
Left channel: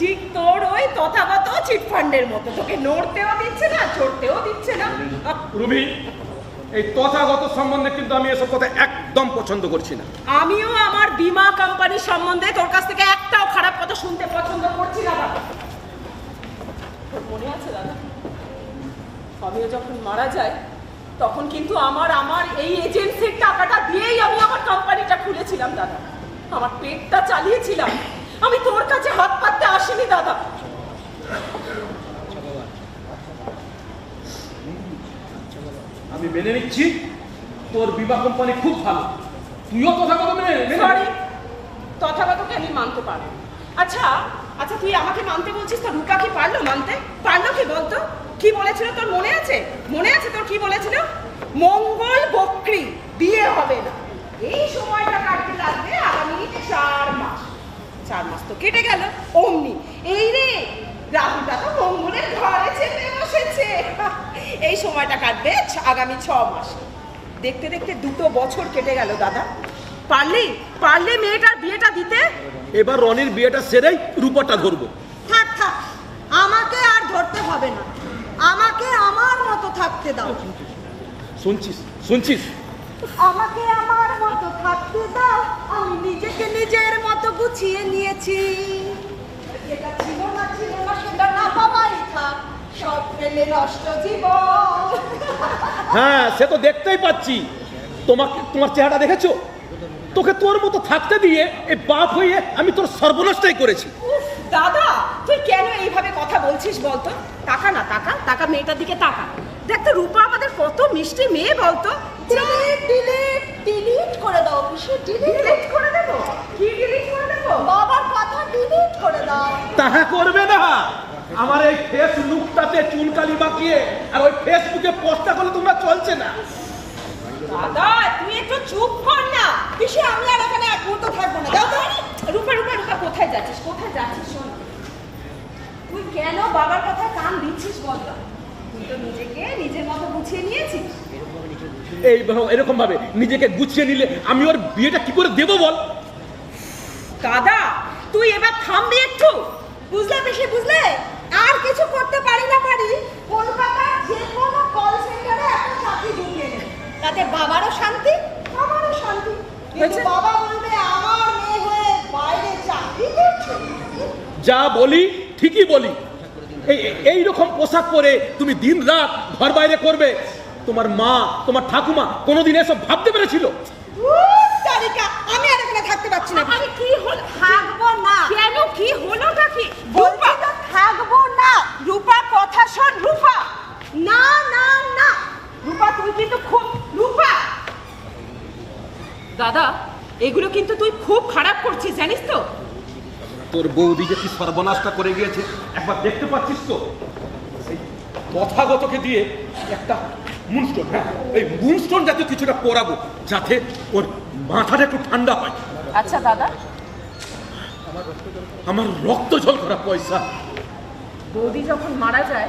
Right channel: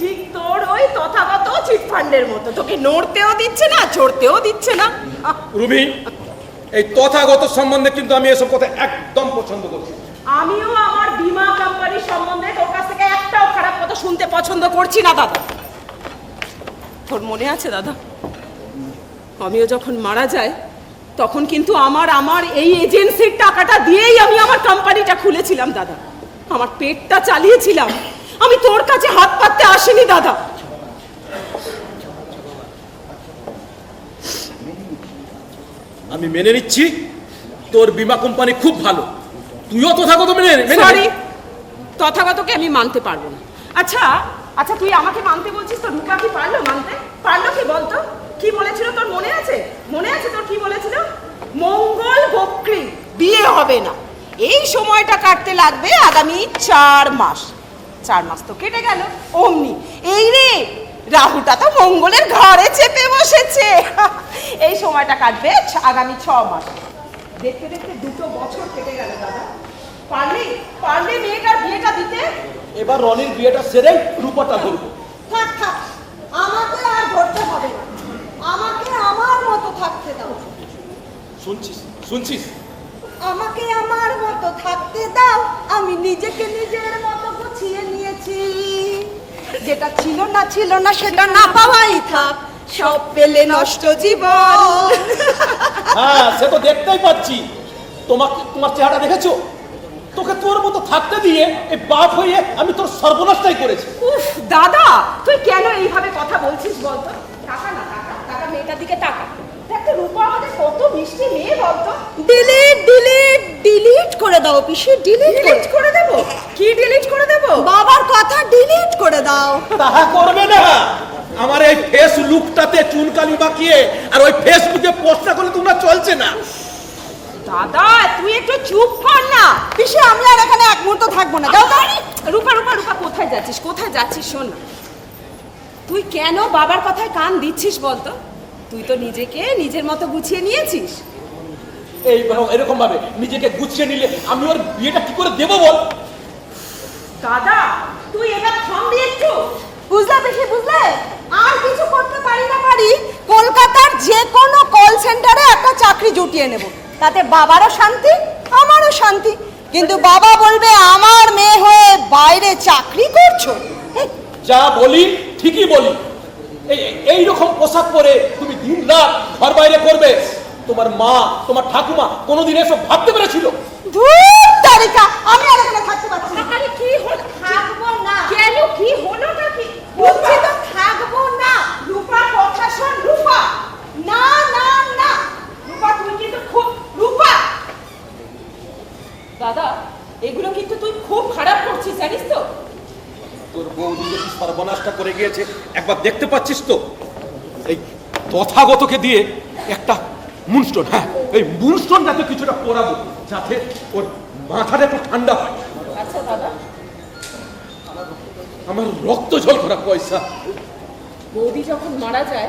ঠিক তোর ওই তথাগত চিট ফান্ডের মতো, তোকে নড়তেও দিচ্ছে না, চড়তেও দিচ্ছে না। রুবি, এই তথাগত সম্বন্ধে কিন্তু আমি এসব কথা একদম পছন্দ করছি না। আমিও আমার বীমা কোম্পানির সম্বন্ধে তোর কাছ থেকে একটাও খারাপ কথা শুনতে পছন্দ করছি না দাদা। তোর মনে আছে দাদা, আমিও যখন মারা যাই তখন কিন্তু আমার এই এজেন্সির টাকাটা দিয়েই আমি আমার কোম্পানিটা খুলেছিলাম দাদা, আমার পেটটা চালিয়েছিলাম। আমি তোর কাছে হাত পাততে আসিনি দাদা। আমি মেনে নিচ্ছি তোর বীমা কোম্পানি খুব ভালো, তুইও তথাগত মেনে সরি, তথাগতকে আমি মানতে পারবো না। আচ্ছা আচ্ছা, তুই আমাকে মানতে বলছিস, তো রূপা কি পারলো মানতে? পারলো কি বলতো? কি বলেছিল তোর মনে আছে? মনে আছে তোর কি বলেছিল? মঙ্গল বক্রি, বিয়ে হবে না, এই সময়টা কাটতে লাগবে আগামী 4 মাস। 4 মাস তো কেটে গেল অমনি। এই রে, রাহুটা তো মঙ্গলের ঘরে চেপে বসেছে। এই সময়টা কাটবে আগামী 6 মাস। দেখতে দেখতে 2 বছর কেটে গেল দাদা। পারলে মেয়েটার বিয়েটা দিতে। এবার রনির বিয়েটা সেরেই রূপাটা ধরবো। থাক থাক, আমাকে আর ধরতে হবে না, আমাকে আমার মতো থাকতে দাও। শুনছিস? আমাকে আমার মতো থাকতে দাও, আমি নিজেকে নিজের মতো গুছিয়ে নিয়েছি। যেটা ছিল না সেটা না পাওয়াই থাক, সব পেলে নষ্ট জীবন। হ্যাঁ, সে তো দেখতেই পাচ্ছি। তোমার চেহারা দেখেছো? তোকে তোর মতো থাকতে দিয়ে এই বাপ হয়ে আমি তোর সর্বনাশটাই করেছি। উফ দাদা, তুই কেন এইভাবে কথা বলছিস বলতো? টাকা না টাকা, টাকা মেয়েটার দিকে টাকা। দেখ তো রূপা আমাদের কত মিষ্টি মেয়ে বলতো। ডিলিট করে দাও পিসি, ডিলিট করে দেব। কি ডিলিট করে দেব? বাবার কথা ডিলিট করে দাও। তাহা করবে না। আমার এই ফেসবুকটাতে চুনকালি মাখিয়ে আর ওই ফেসবুকে পোস্টটা করলে তোমরা চলছে না। দাদা তুই একটু চুপ কর না। পিসি, আমি আর এখানে এক মুহূর্ত থাকবো না। দাও দাও। রূপা কোথায় যাচ্ছিস? শোন না, তুই কেন বাবার কথায় কান দিচ্ছিস বলতো? তুই তো নিজেকে নিজের মতো গুছিয়ে নিয়েছিস। এরকম ভাবে নিজেকে গুছিয়ে নিলে আমি ওর বিয়েটা কি করে দেবো বল? দাদা তুই এবার থামবি একটু। বুঝলে পিসি, বুঝলে? আর কিছু করতে পারি না পারি, কলকাতার যে কোনো কল সেন্টারে একটা চাকরি জুটিয়ে নেব, তাতে বাবারও শান্তি আমারও শান্তি। কিন্তু বাবা বলবে আমার মেয়ে হয়ে বাইরে চাকরি করছো। যা বলি ঠিকই বলি। এইরকম পোশাক পরে তুমি দিন রাত ঘর বাইরে করবে, তোমার মা, তোমার ঠাকুমা কোনোদিন এসব ভাবতে পেরেছিল? ধুর তারিকা, আমি আর এখানে থাকতে পারছি না। আরে কি হলো? থাকবো না। কেন, কি হলোটা কি? বলছি তো থাকবো না। রূপা কথা শোন, রূপা। না না না রূপা, তুমি কিন্তু খুব রূপা। দাদা, এগুলো কিন্তু তুই খুব খারাপ করছিস, জানিস তো? তোর বৌদি যে কি সর্বনাশটা করে গিয়েছে একবার দেখতে পাচ্ছিস তো? এই তথাগতকে দিয়ে একটা মুনস্টোন, হ্যাঁ এই মুনস্টোন যাতে কিছুটা পরাবো, যাতে ওর মাথাটা একটু ঠান্ডা হয়। আচ্ছা দাদা, আমার রক্ত জল করা পয়সা। বৌদি যখন মারা যায়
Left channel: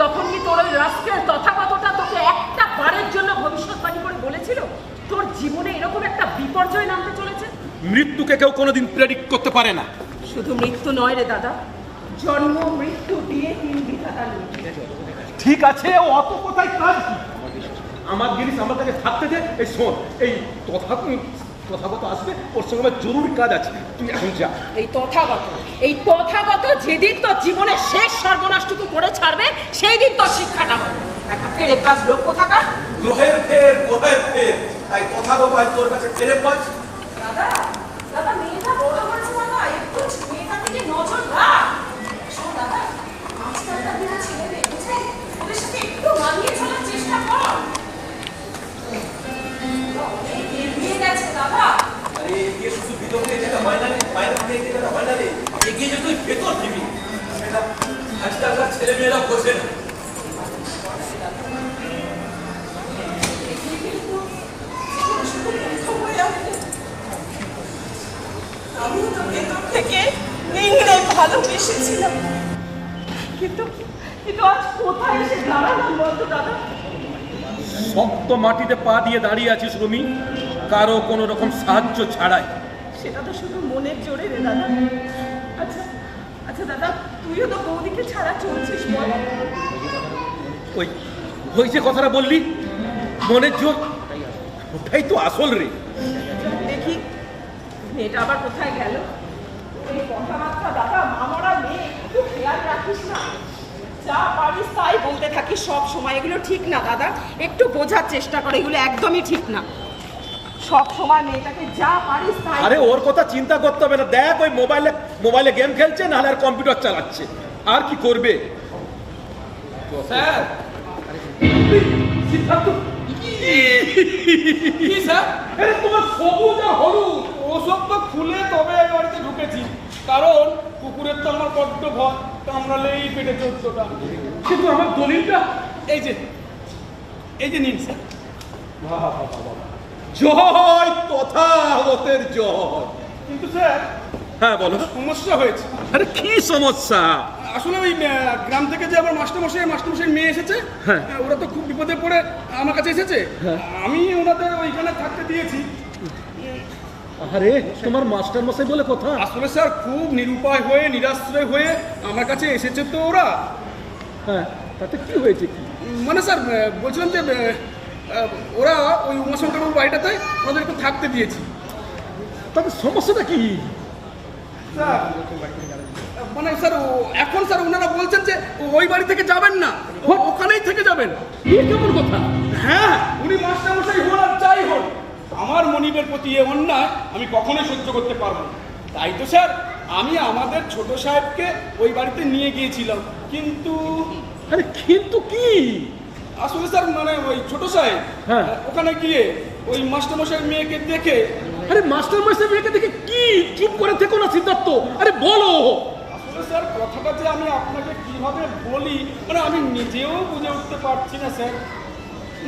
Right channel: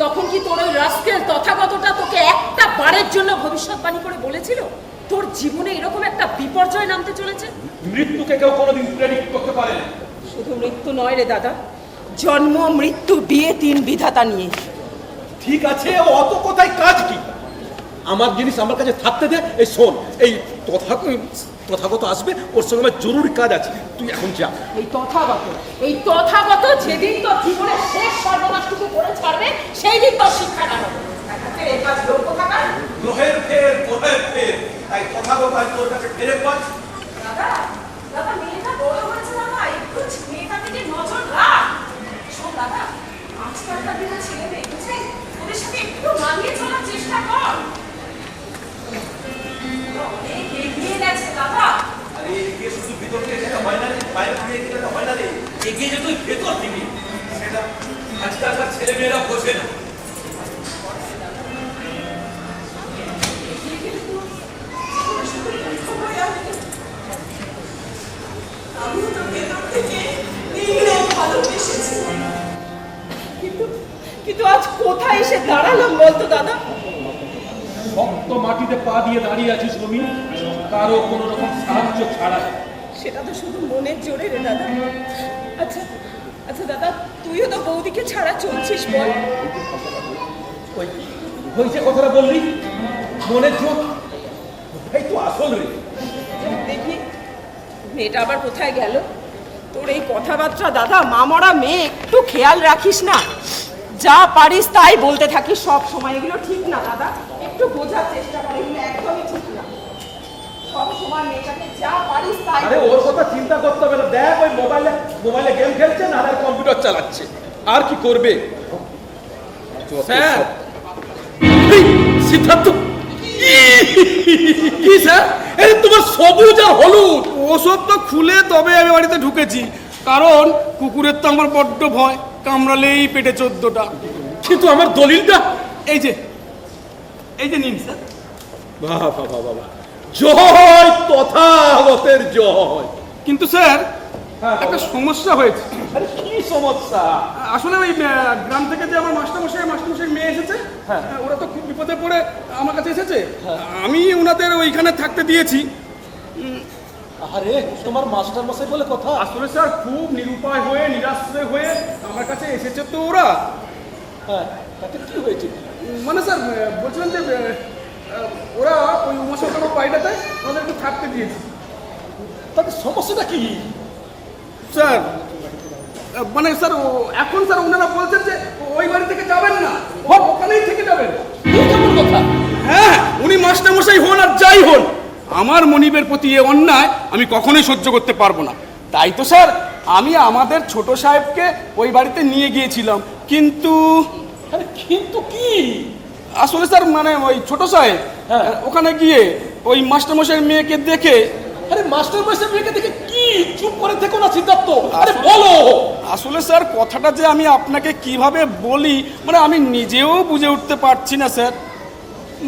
তখন কি তোর ওই রাস্কেল তথাগতটা তোকে একটা বারের জন্য ভবিষ্যৎবাণী করে বলেছিল তোর জীবনে এরকম একটা বিপর্যয় নামতে চলেছে? মৃত্যুকে কেউ কোনোদিন প্রেডিক্ট করতে পারে না। শুধু মৃত্যু নয় রে দাদা, জন্ম মৃত্যু বিয়ে 3 বিধাতা নিয়ে। ঠিক আছে, অত কথায় কাজ কি? আমার জিনিস আমার কাছে থাকতে দে। এই শোন, এই তথাগত আসবে, ওর সঙ্গে আমার জরুরি কাজ আছে, তুই এখন যা। এই তথাগত যেদিন তোর জীবনের শেষ সর্বনাশটুকু করে ছাড়বে সেই দিন তোর শিক্ষাটা হবে। একটা ফেরে কাজ লোক কোথাকার। গ্রহের ফের, গ্রহের ফের, এই তথাগত আজ তোর কাছে ফেরে পাস। দাদা, দাদা মেয়েটা বড় হয়েছে দাদা, একটু মেয়েটার দিকে নজর রাখ। শোন দাদা, আজকালকার দিনে ছেলে দেখেছে, ওদের সাথে একটু মানিয়ে চলার চেষ্টা কর। অনেক এগিয়ে গেছে দাদা। আরে এগিয়ে শুধু ভিতর থেকে যেটা হয় না রে, বাইরে থেকে যেটা হয় না রে, এগিয়ে যে তুই ভেতর দিবি, সেটা আজকালকার ছেলে মেয়েরা বোঝে না। আমিও তো ভেতর থেকে নিংড়ে ভালোবেসেছিলাম, কিন্তু আজ কোথায় এসে দাঁড়ালাম বলতো দাদা? শক্ত মাটিতে পা দিয়ে দাঁড়িয়ে আছিস রমি, কারো কোনো রকম সাহায্য ছাড়াই। সেটা তো শুধু মনের জোরে রে দাদা। আচ্ছা আচ্ছা দাদা, তুইও তো বৌদিকে ছাড়া চলছিস বল। ওই ওই যে কথাটা বললি মনের জোর, ওটাই তো আসল রে। দেখি মেয়েটা আবার কোথায় গেল? তোর এই কথাবার্তা দাদা, মামরা মেয়ে, একটু খেয়াল রাখিস না? যা পারিস তাই বলতে থাকিস সব সময়, এগুলো ঠিক না দাদা, একটু বোঝার চেষ্টা কর, এগুলো একদমই ঠিক না। সব সময় মেয়েটাকে যা পারিস তাই। আরে ওর কথা চিন্তা করতে হবে না, দেখ ওই মোবাইলে গেম খেলছে, নাহলে কম্পিউটার চালাচ্ছে, আর কি করবে? স্যার, সিদ্ধার্থ কি স্যার? এই তোমার সবুজ আর হলুদ ওসব তো খুলে তবে আমি বাড়িতে ঢুকেছি, কারণ কুকুরের তো আমার বড্ড ভয়, কামড়ালেই পেটে 14টা। কিন্তু আমার দলিলটা এই যে নিন স্যার। বাবা বাবা বাবা, জয় তথাগতের জয়। কিন্তু স্যার, হ্যাঁ একটা সমস্যা হয়েছে। আরে কি সমস্যা? আসলে ওই গ্রাম থেকে যে আমার মাস্টারমশাই মেয়ে এসেছে, হ্যাঁ। ওরা তো খুব বিপদে পড়ে আমার কাছে এসেছে, আমি ওনাদের ওইখানে থাকতে দিয়েছি। আরে তোমার মাস্টার মশাই বলে কথা? আসলে স্যার খুব নিরুপায় হয়ে নিরাশ্রয় হয়ে আমার কাছে এসেছে তো ওরা। হ্যাঁ, তাতে কি হয়েছে? মানে স্যার বলছিলাম যে ওরা ওই উমাশঙ্কর বাড়িটাতে ওদের একটু থাকতে দিয়েছি। তাদের সমস্যাটা কি স্যার? মানে স্যার এখন স্যার ওনারা বলছেন যে ওই বাড়ি থেকে যাবেন না, ওখানেই থেকে যাবেন। কেমন কথা? হ্যাঁ, উনি মাস্টারমশাই হন আর যাই হন, আমার মনিবের প্রতি এ অন্যায় আমি কখনোই সহ্য করতে পারবো না। তাই তো স্যার আমি আমাদের ছোট সাহেবকে ওই বাড়িতে নিয়ে গিয়েছিলাম, কিন্তু আরে কিন্তু কি? আসলে স্যার মানে ওই ছোট সাহেব ওখানে গিয়ে ওই মাস্টারমশাইয়ের মেয়েকে দেখে। আরে মাস্টারমশাই মেয়েকে দেখে কি? চুপ করে থেকো না সিদ্ধার্থ, আরে বলো। আসলে স্যার কথাটা যে আমি আপনাকে কিভাবে বলি, মানে আমি নিজেও বুঝে উঠতে পারছি না স্যার।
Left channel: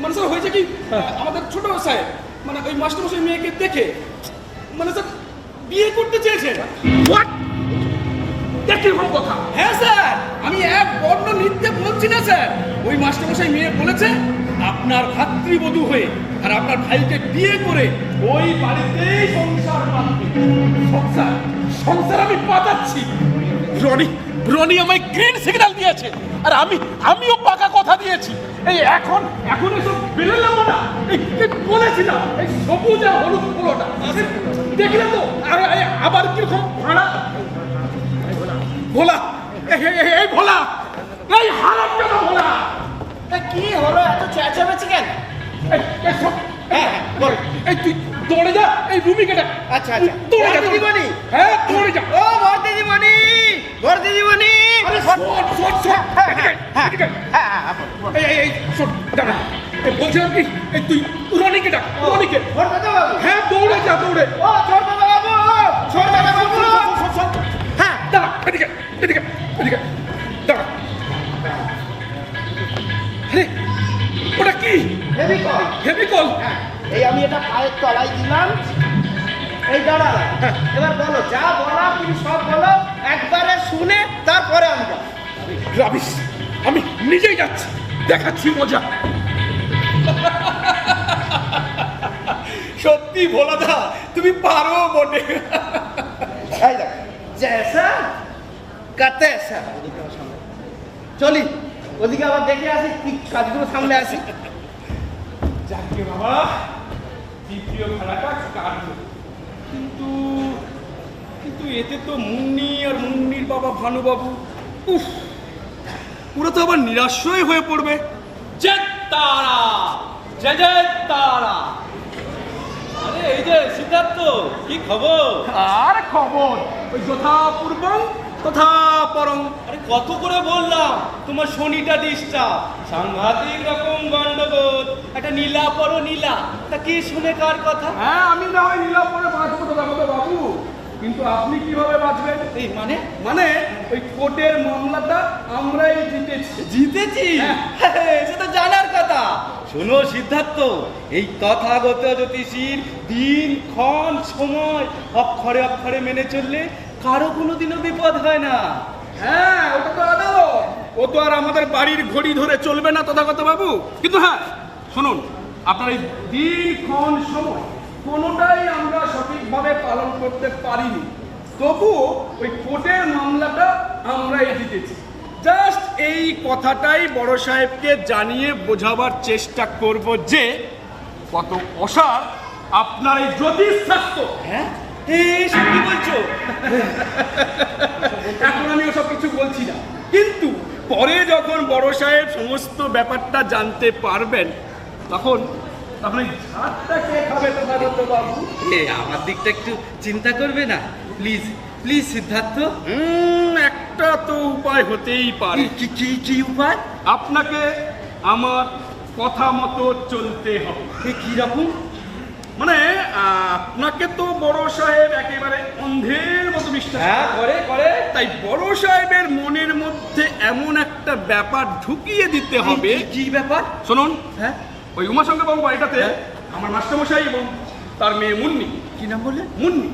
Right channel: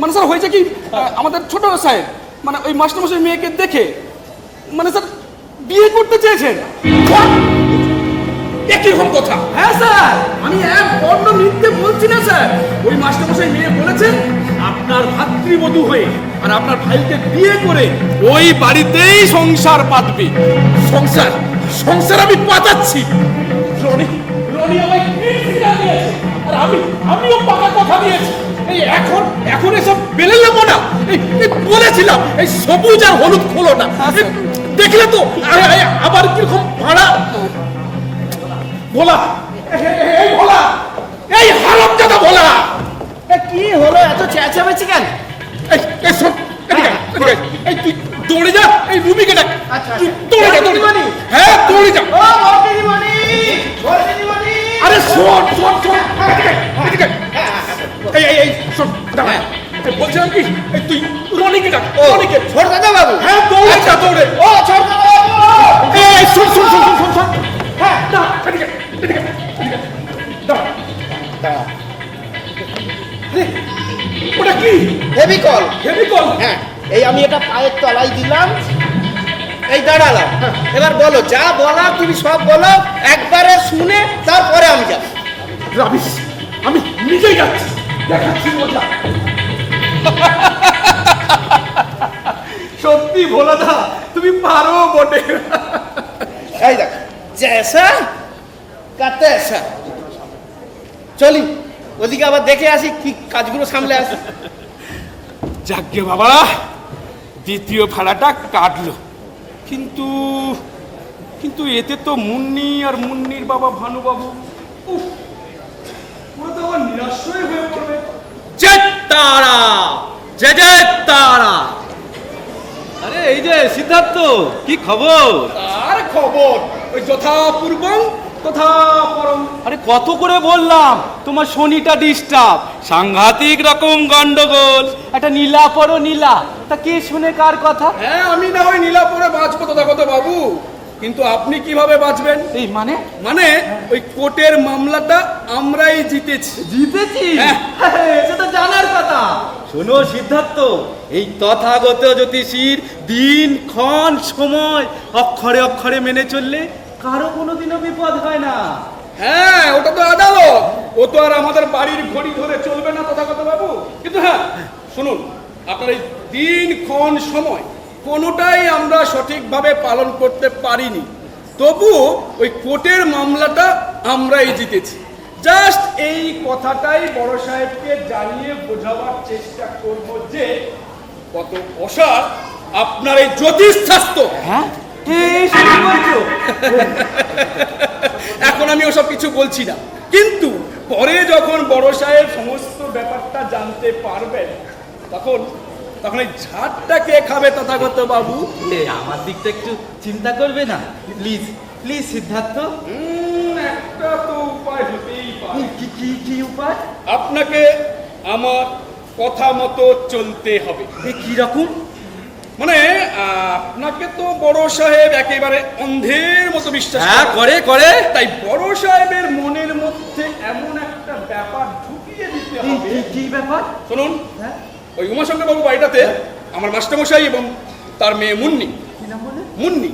মানে স্যার হয়েছে কি, আমাদের ছোট সাহেব মানে ওই মাস্টারমশাই মেয়েকে দেখে মানে স্যার বিয়ে করতে চেয়েছেন। একইরকম কথা? হ্যাঁ স্যার, আমি এক বর্ণ মিথ্যে বলছি না স্যার। ওই মাস্টারমশাই মেয়ে বলেছেন আপনার ভাতৃবধূ হয়ে আর আপনার ভাইকে বিয়ে করে ওই বাড়িতেই সংসার পাতবে। সংসার আমি পাতাচ্ছি? রনি আমায় গ্রিন সিগন্যাল দিয়েছে, আর আমিও পাকা কথা দিয়েছি। এই এখন এসব বেলে নেবো না। বলেছিলাম এই সবুজ আর হলুদ খোলোটা, দেখলে তো আবার কিরকম ভাড়া। ভোলা, এই ভোলা, এই হারামজাদা ভোলা, কি হলো এত চেঁচামেচি কেন? এই, এই শোন, এদিকে আয়, এদিকে আয়। এই তুই দৌড়ে যা, এই রুমিকে ডাক। আচ্ছা, তুই আচ্ছা। দৌড়ে যা, দিদিমণি! হ্যাঁ, দৌড়ে যা। ও দিদিমণি, দিদিমণি! আরে শোন, শোন, শোন, এদিকে, এদিকে। এই, শোন, দাঁড়া। এই বলছিলাম কি, এই তুই রনিকে ডাক, রনিকে। ছোটদাদা বাবু! হ্যাঁ, দৌড়ে যা, দৌড়ে। ও ছোটদাদা বাবু! এই, শোন, শোন, শোন, শোন, শোন, শোন। হ্যাঁ, দাঁড়া, এদিকে, এদিকে, এদিকে। দাঁড়া। আরে, ওটা কি? ফেভিকল। কেমিক্যাল? হ্যাঁ, এই আমি এটা পায়ের তলায় দিলাম, এই দাঁড়ালাম। এবার বলো, যা বলার তুমি সব বলো, একবারে শুনে তারপরে আমি যাব। রাবিশ, আমি নিজেই যাচ্ছি, দেখাচ্ছি মজা। সত্যি ভোলাদা, তুমি পারো বটে। এই দেখ, জেসা কাতে এসা। চলি, ওদিকে আবার দেখে আসি কি কাজগুলো সামলে আসি। যাকে বাবা, দ্বিতীয় ভাড়াটা কাটলো, কিন্তু কিন্তু এতে তো মুন্নি আর মুন্নির বাবা ভানুবাবু, উফ, ওরা তো আবার নিরাশ্রয় হয়ে পড়বে। জয় তারা, জয় জয় তারা। আরে এই যে সিদ্ধার্থ, কি খবর? আর খবর ওই যথাপূর্বং তথাপরং। আরে কত করে বললাম তোমার শনিটা ডিস্টার্ব, সাংঘাতিক রকম গন্ডগোল। একটা নীলা পড়ো নীলা, তা কে শুনে কার কথা? হ্যাঁ, আমি না হয় নীলাপরে বাঁচবো তথাগত বাবু, কিন্তু আপনি কিভাবে বাঁচবেন? এই মানে মানে ওই কোর্টের মামলাটা আমরাই জিতেছি। জিতেছি? সেটা জানার কথা। শোনো সিদ্ধার্থ, এই তথাগত জ্যোতিষীর দিন ক্ষণ সময় অক্ষরে অক্ষরে মেনে চললে কারো কোনোদিনও বিপদ হয় না। হ্যাঁ, ওটা তো আদালত, ও তো আর আমাদের বাড়ির ঘড়ি ধরে চলবে না তথাগত বাবু। কিন্তু হ্যাঁ, শুনুন, আপনার এই দিন ক্ষণ সময় কোনোটাই আমরা সঠিকভাবে পালন করতে পারিনি, তবু ওই কোর্টের মামলাটা আমরাই জিতেছি। জাস্ট এই কথাটাই বড় সাহেবকে জানিয়ে বোঝাবার চেষ্টা করব যে কত অসার আপনার এই জ্যোতিষ শাস্ত্র। হ্যাঁ, এসব কি বলছো? এখন আমি ওসব কিছু বলছি না, কিন্তু পরে যখন বড় সাহেব সমস্ত ব্যাপারটা জানতে পারবেন, তখন তখন এই ঝাড়টা কে খাবে তথাগত বাবু? আমার দিকটা একটু চিন্তা করবে না প্লিজ? প্লিজ সিদ্ধার্থ। একটা তো উপায় হতেই পারে। কি উপায়? আপনাকে আমার কথা মতো চলতে হবে। কি রকম? মানে আপনাকে তো বড় সাহেব একেবারে অন্ধের মতো বিশ্বাস হ্যাঁ, করে। করে। তাই বড় সাহেবের মনের মধ্যে এমন একটা ব্যাপার ঢুকিয়ে দিতে হবে। কি ব্যাপার? শুনুন, হ্যাঁ, ওই উমাশঙ্কর বাবু বাড়িটাতে আমার মাস্টারমশাই এবং তার মেয়ে মুন্নি, কি না বলে? মুন্নি,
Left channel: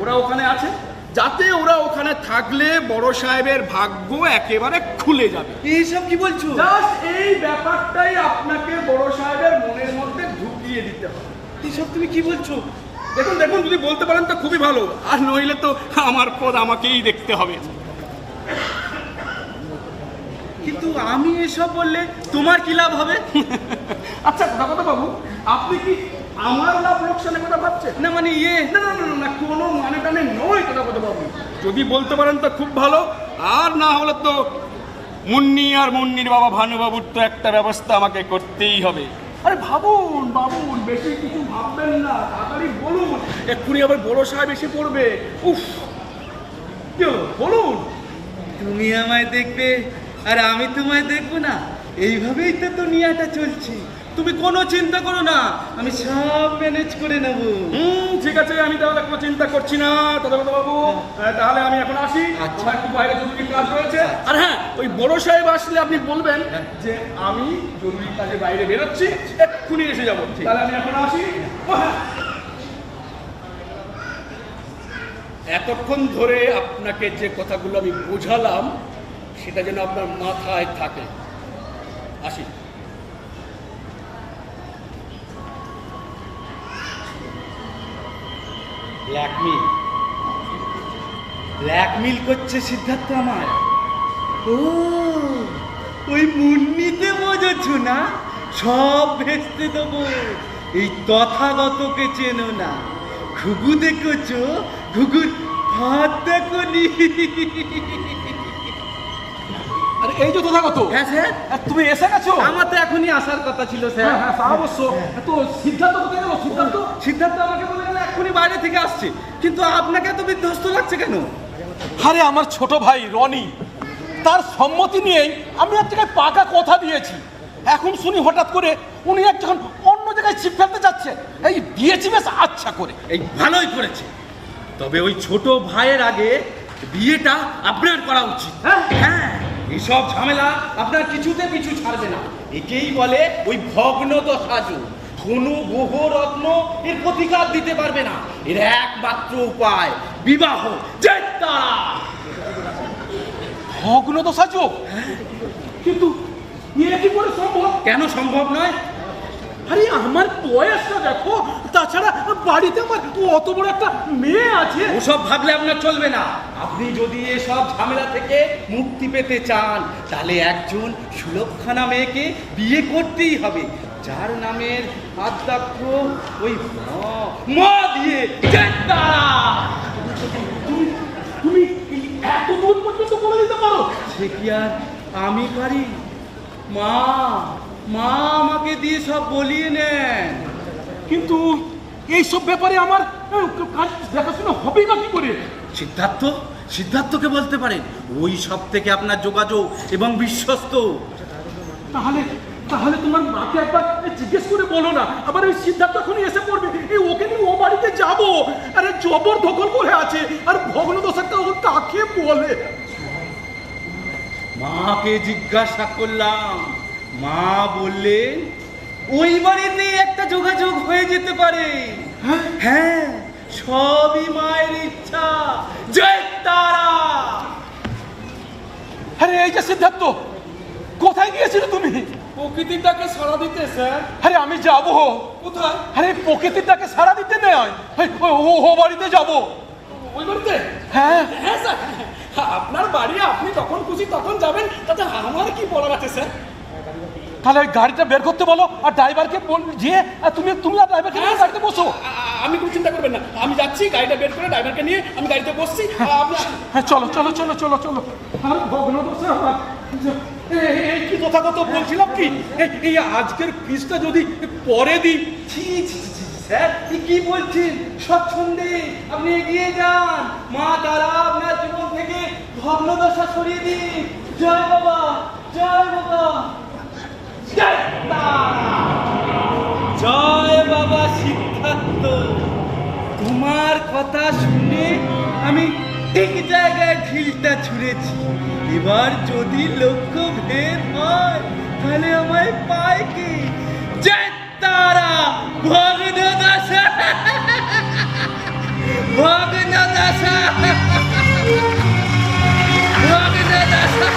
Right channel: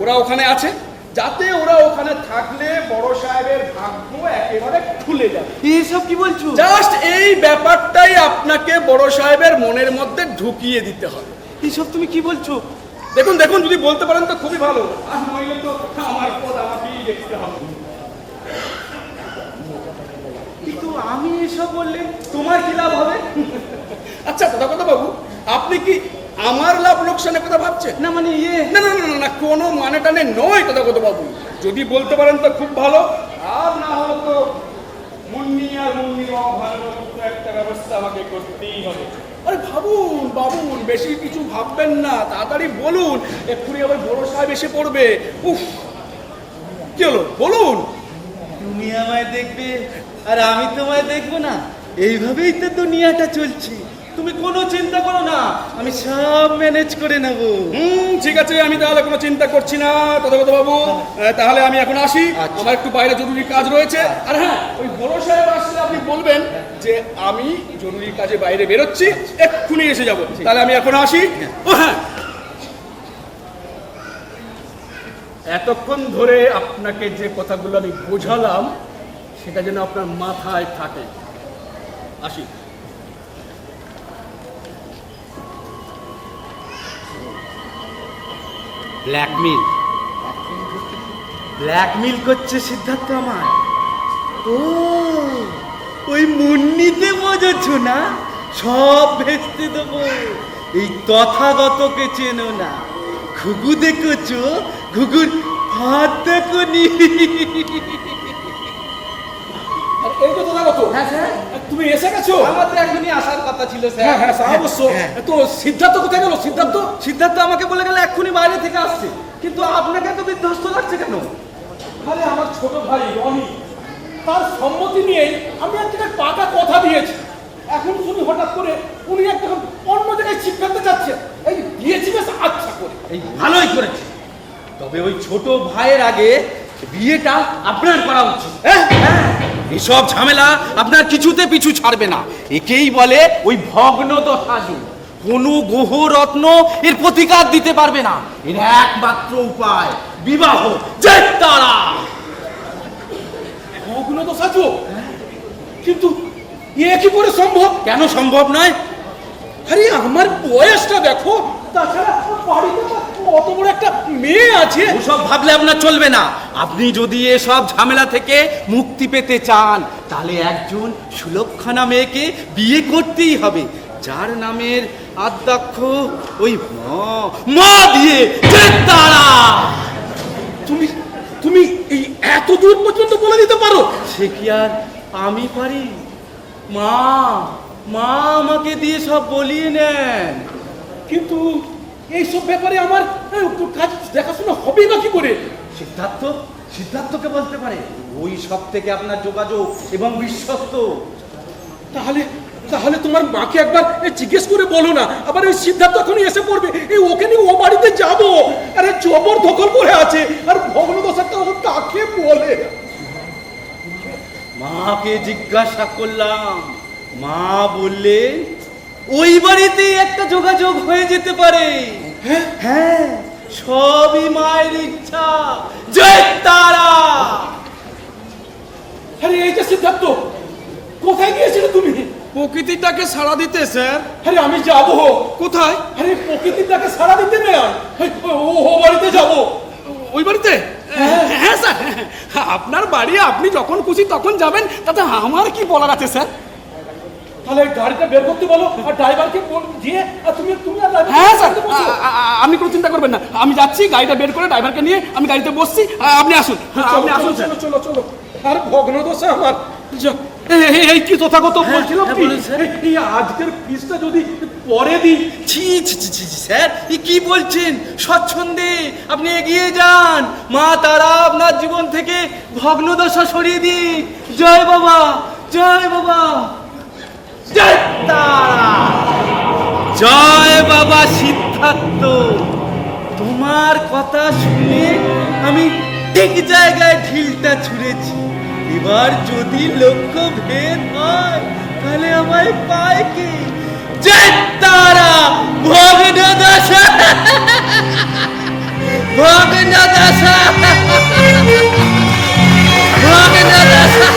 ওরা ওখানে আছে, যাতে ওরা ওখানে থাকলে বড় সাহেবের ভাগ্য একেবারে খুলে যাবে। এইসব কি বলছো? জাস্ট এই ব্যাপারটাই আপনাকে বড় সাহেবের মনের মধ্যে ঢুকিয়ে দিতে হবে। এইসব তুমি কি বলছো? দেখুন দেখুন, যদি বলতে পারেন তো খুবই ভালো, আর নইলে তো আমার পদ আমাকেই দেখতে হবে। কিন্তু আমি এসব বললে তোমার কি লাভ হবে? আচ্ছা তথাগত বাবু, আপনি কি আমার লাভ লোকসানের কথা ভাবছেন? না মানে না না না না, কোনো মানে টানে নয় তথাগত বাবু। যদি বলতে পারেন তো খুব ভালো, আর না হলে তো মুন্নি আর মুন্নির বাবা ভানুবাবুর তো একটা ব্যবস্থা আমাকে করতেই হবে। আরে ভাবুন বাবুন, বেশি কিছু ভাববেন না, তাড়াতাড়ি বলুন, এক্ষুনি আবার বড় সাহেব এসে পড়বে। উফ, কি হলো বলুন। তুমি আমায় দেখবে আর আমি তোমায় দেখবো না, এইভাবেই তো দুনিয়াটা চলছে। তুমি কোনো চিন্তা করো না, আমি সব ম্যানেজ করে নেব। ঠিক আছে, আমি তাহলে কোনো চিন্তা করছি না তথাগত বাবু। তাহলে আমি এখন আসি, আমার একটু বাইরে জরুরি কাজ রয়েছে। আর হ্যাঁ, ওই বড় সাহেব আসলে আপনি বলবেন যে আমি জরুরি কাজে বাইরে বেরোচ্ছি, এক্ষুনি এসে যাব। তাহলে আমি এখন আসি। ও হ্যাঁ, এতক্ষণ ধরে আপনাকে যে কথাগুলো আমি বোঝালাম, সেটা যেন আপনার মাথায় থাকে। আসি। ব্ল্যাকমেল করছে সিদ্ধার্থ আমার। ও, ওই মুন্নিতে বোঝাচ্ছ না? সব ভেস্তে দেবো। এই তথাগতকে চেনো না, ঘুঘু দেখেছো? ঘুঘুর হাত দেখো নি? আরে এই যে তথাগত, হ্যাঁ স্যার, তুমি এসে গেছো? আমার তো এখনই আসার কথা ছিল হ্যাঁ স্যার। হ্যাঁ তা অবশ্য। তো সিদ্ধার্থ কোথায় গেল? সিদ্ধার্থ সিদ্ধার্থ আমাকে বলে গেল এক্ষুনি বাইরে থেকে আসছি, কিন্তু আপনাকে এত বিধ্বস্ত লাগছে কেন? আরে আমার ছোট ভাই রনি, তার সম্মতি নিয়েই আমি এক জায়গায় পাকা কথা দিয়েছি। এখন শুনি হঠাৎ করে উনি একটা অন্য জায়গায় ছিপ ফেলতে যাচ্ছে। এই দিয়েছি বেশ আচ্ছা করে। এই ভালোই করেছে, তবে ওই ছোট ভাইয়ের আগে বিয়েটা আপনার করা উচিত। হ্যাঁ, এইসব ঝামেলা আপনার কিছুতে পিছু ছাড়বে না। একেই বলে ওই ভগ্ন দশাযুগ। কোনো গ্রহ রত্ন এর প্রতিকার দিতে পারবে না। এর একমাত্র উপায় বিবাহ। চেত্তারা অগ্নদশা যোগ, কিন্তু এ কি করে সম্ভব? কেন সম্ভব নয়? আরে আমার বয়সটা দেখো, তাছাড়া বাড়িতে আমার অত বড় একটা মেয়ে আছে। ওসব ভাবলে আপনার চলবে না। আপনি যদি এসব ঝামেলা থেকে মুক্তি পেতে চান, তাহলে একজন সুলক্ষণা মেয়েকে বিয়ে করতেই হবে, যার নামের আদ্যাক্ষ ওই মা দিয়ে চেত্তারা। তুমি তুমি এই এত দূর পর্যন্ত বলে দিতে পারো? সে কি আর আমি পারি? মা মা আমাকে দিয়ে সব বলিয়ে নেন। কিন্তু এইসব ব্যাপারে আমার কাজ দেখাশোনা হবেই বা কি করে? সিদ্ধার্থকে বলতে পারে। ওই সব থেকে আপনার যোগাযোগ এবং বিশ্বস্ত। তাহলে তাহলে তোমার মাকে একবার জিজ্ঞেস করে বলো না। আবার ওই সিদ্ধার্থ এখনই এসে পড়বে, এই ওকে নিয়ে ও বাড়িতে যাবো। আরে জবর দখল করে আছে, আর ভগ্নদশাটা ও কাকে বলে? মাকে জিজ্ঞাসা করলাম, মা বললে ওই বাড়িতে একটা যোগাযোগ হয়ে যেতে পারে। হ্যাঁ, সবই মায়ের ইচ্ছা। জয় তারা। আরে এই যে সিদ্ধার্থ, কোথায় গিয়েছিলে তুমি? প্রকৃতিটাকে সাড়া দিতে স্যার। আরে আমি যাবো। কোথায়? আরে প্রকৃতিটাকে সারা দিতে নেই, ও বাড়িতে যাবো। ওই বাড়িতে? হ্যাঁ হ্যাঁ স্যার, আপনার বাড়ি, আপনি যখন খুশি তখন যাবেন, তাতে আমার কি বলার আছে স্যার? তাহলে ওই গাড়িটা বের করতে বলো, আর ড্রাইভারকে গিয়ে তুমি আর driver হ্যাঁ স্যার, বসো। আপনি কোনো চিন্তা করবেন না, আমি যাচ্ছি, গাড়িটা বের করে ড্রাইভারকে নিয়ে আমি গাড়িতে বসছি, আপনি আসুন। চলো আপনি আসুন চলো চলো চলো। আর ভগ্নদশা আমার। এই কি তথাগত বলছিলাম কি, এই আজকের পিসটা যদি পরে দিই। ছি ছি ছি ছি, স্যার এ কি বলছেন? স্বচ্ছন্দে আপনি এগিয়ে যান। মা তারা আপনার জীবন থেকে ভগ্নদশা সরিয়ে দিন। জয় বাবা, জয় বাবা, জয় তারা, জয় বাবা সিদ্ধার্থ। তোমার কথা শুনে আমি ঠিক জায়গায় ঢিলটা ছুঁড়েছি। এবার যদি লক্ষ্য ভেদ হয়, তাহলে আমায় পায় কি? জয় তারা, ভগ্নদশা, ভগ্নদশা, ভগ্নদশা।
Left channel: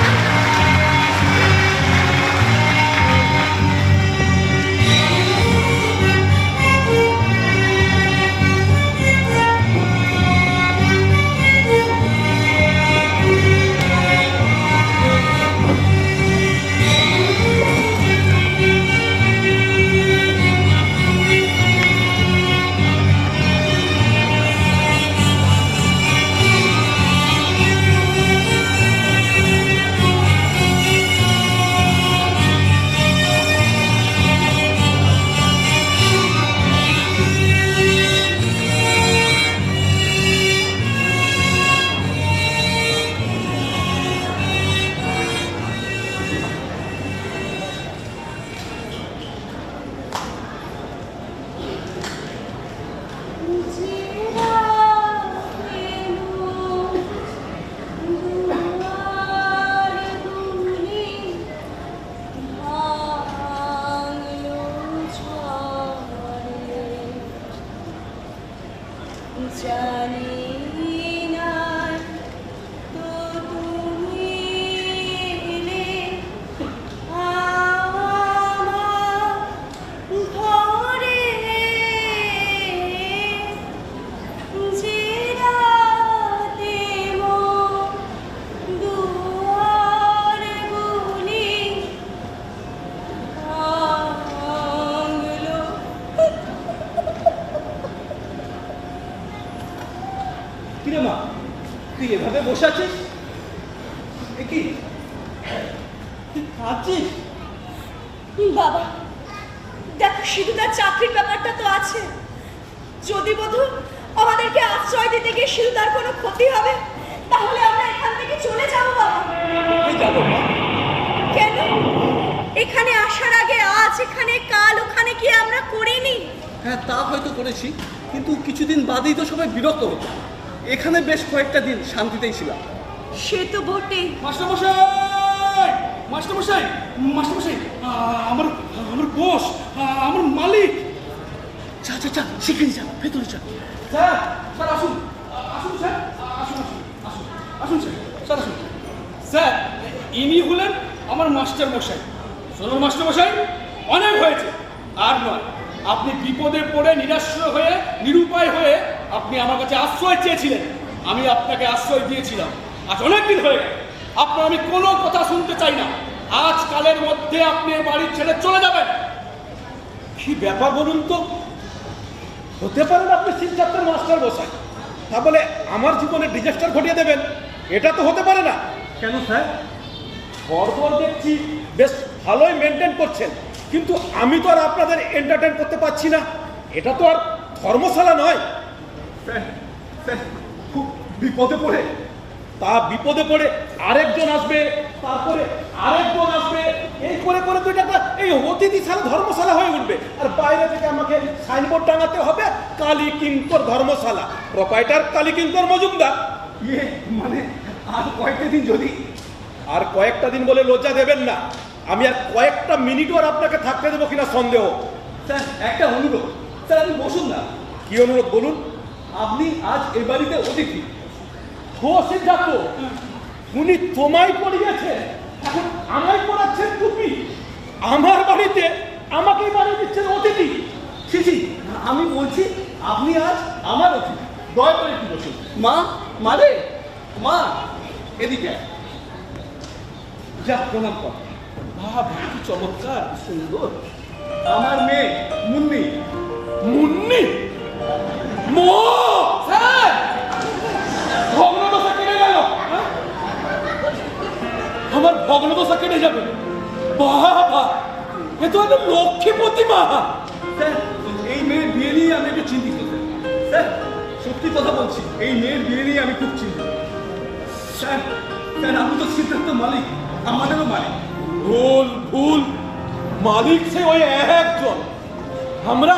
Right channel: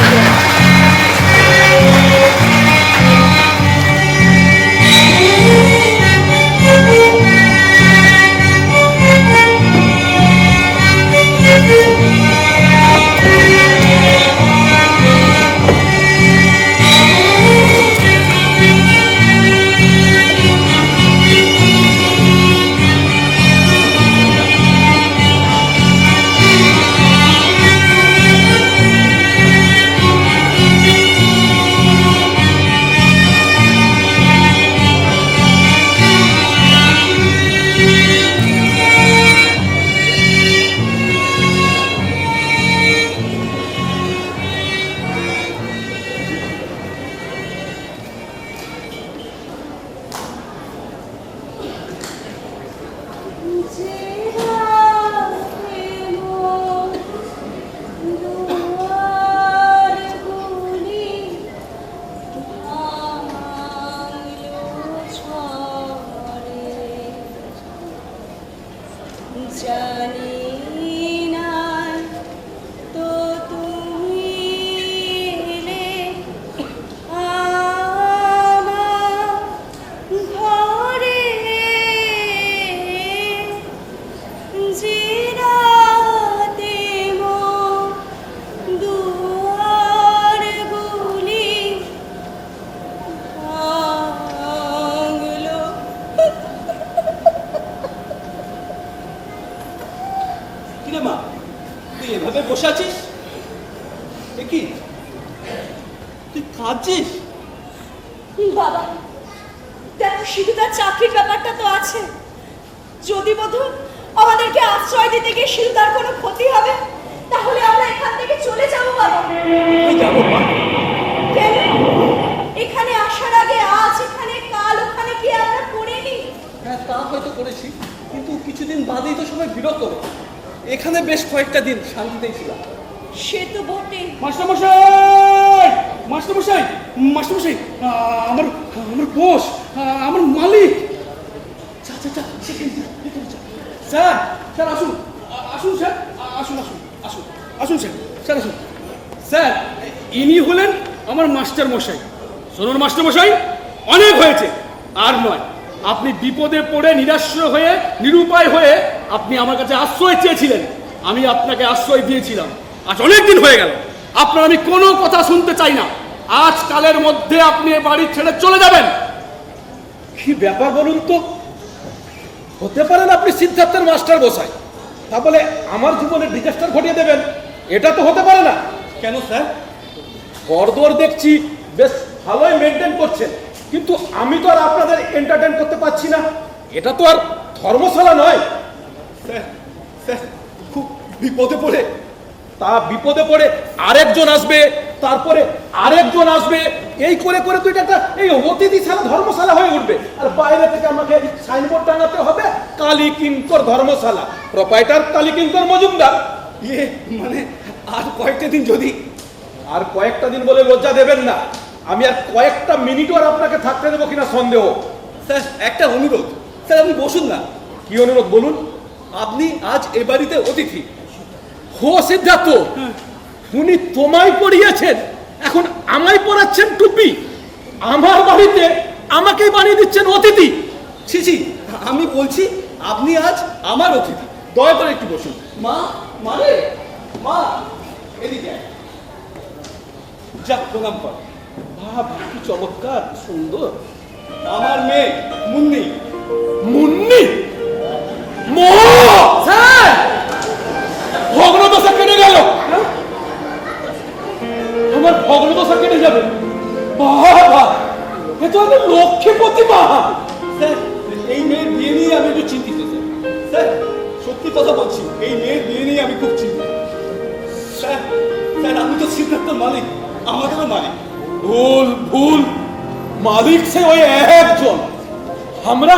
কিরে মা, তুই এভাবে বসে আছিস? কি কাঁদছিস? বাবা দেখো, সিধুদার চাকরির ব্যাপারটা তো আছে। যদি বধূ আমাদেরকে আশ্রয় দিতে গিয়ে সিধুদার কোনো ক্ষতি হবে, তাহলে আমরা এখান থেকে চলে যাব বাবা। কেন? এখানে আসার আগে আজ এখানে, কাল ওখানে কি আমরা করিনি? হ্যাঁ, তা হয়তো করেছি, কিন্তু কিছুদিন বাদেই তো সবাই বিরক্ত হবে। এখানে বেশ কয়েকটা দিন শান্তিতেই ছিলাম। সে তো বটে। মাস্টারমশাই, মাস্টারমশাই, মাস্টারমশাই, আমার আমার বস, আমার মালিক। যা যা যা, সেখানে যা, ভেতরে যা। স্যার, স্যার আসুন, আসুন স্যার, আসুন আসুন আসুন আসুন স্যার, স্যার আসুন। স্যার, ইনি হলেন আমার মাস্টার মশাই। শুনুন মাস্টার মশাই, অনেক হয়েছে, আর নয়। আপনি বিপদে পড়ে নিরাশ্রয় হয়ে, নিরুপায় হয়ে আপনি আমার কাছে আশ্রয় চেয়েছিলেন, আমি আপনাকে আশ্রয় দিয়েছিলাম। আজ অনেক দিন হয়ে গেল, আপনার আমি কোনো কথা শুনতে চাই না। আজকালের মধ্যে আপনি বাড়ি ছেড়ে চলে যাবেন। কি ব্যাপার বলুন তো? হতে পারেন আপনি সিদ্ধার্থের মাস্টার বসাই, তা বলে আমার জীবনে ডিজাস্টার ঘটিয়ে দেবেন? এটা তো হতে পারে না। কেন স্যার? ঘরদোর দেখছি বেশ ভালোই মেনটেন করছেন, কিন্তু আমি তো আর আপনাদের এন্টারটেইন করতে পারছি না। এটা তো আর ধর্মশালা নয়। স্যার, স্যার খুব বিপদে পড়ে তা বিপদে পড়ে আরেকজন আসবে, তারপরে আরেকজন আসবে, এই করে করে তো এটা একটা এই অতিথিশালা ধর্মশালা হয়ে উঠবে। আর বাইরে থেকে আমাকে সাইনবোর্ড টাঙাতে হবে কালী কিঙ্কর ধর্মশালা, প্রোপাইটার কালী কিঙ্কর মজুমদার। ইয়ে মানে আর কয়েকটা দিন যদি আর কয়েকটা দিন বলে লজ্জা দেবেন না। আমি আর কয়েকটা মিনিটও আর আপনাকে থাকতে দেবো কিনা সন্দেহ। স্যার, একটা অনুরোধ। স্যার, আপনি বসুন না। কি অনুরোধ বলুন? আপনি আজ এ বাড়িতে অতিথি। হো সিদ্ধার্থ, উনি তোমায় পড়িয়েছেন, এখন আমায় পড়াচ্ছেন টুপি। আমার বাড়িতে আমাকেই বানিয়ে দিচ্ছেন অতিথি। ছি ছি, আমি বলছি আপনি আজ আমার অতিথি। দয়া করে একটু বসুন। মা, মানে মা, এদিকে আয়। যা, প্রণাম কর। বাহ, কি চমৎকার, কি সুন্দর। আমার মেয়ে মুন্নি। মুন্নি? মো! স্যার! ভগ্নদশা কেটে গেল। আমার ভগ্নদশা কেটে যাবে। বাবা, এ তো একটা লক্ষ্মীপতি মা। স্যার, এই মেয়ের বিয়ে নিয়ে আমি একটু চিন্তিত স্যার। স্যার, সত্যি কথা বলছি, এই মেয়ের বিয়ে নিয়ে আমি খুব চিন্তিত। স্যার, স্যার আমি তো সিদ্ধার্থ মালিক, আমাদেরও মালিক। ভুল ভুল, মালিক সে ওই একজন। আমরা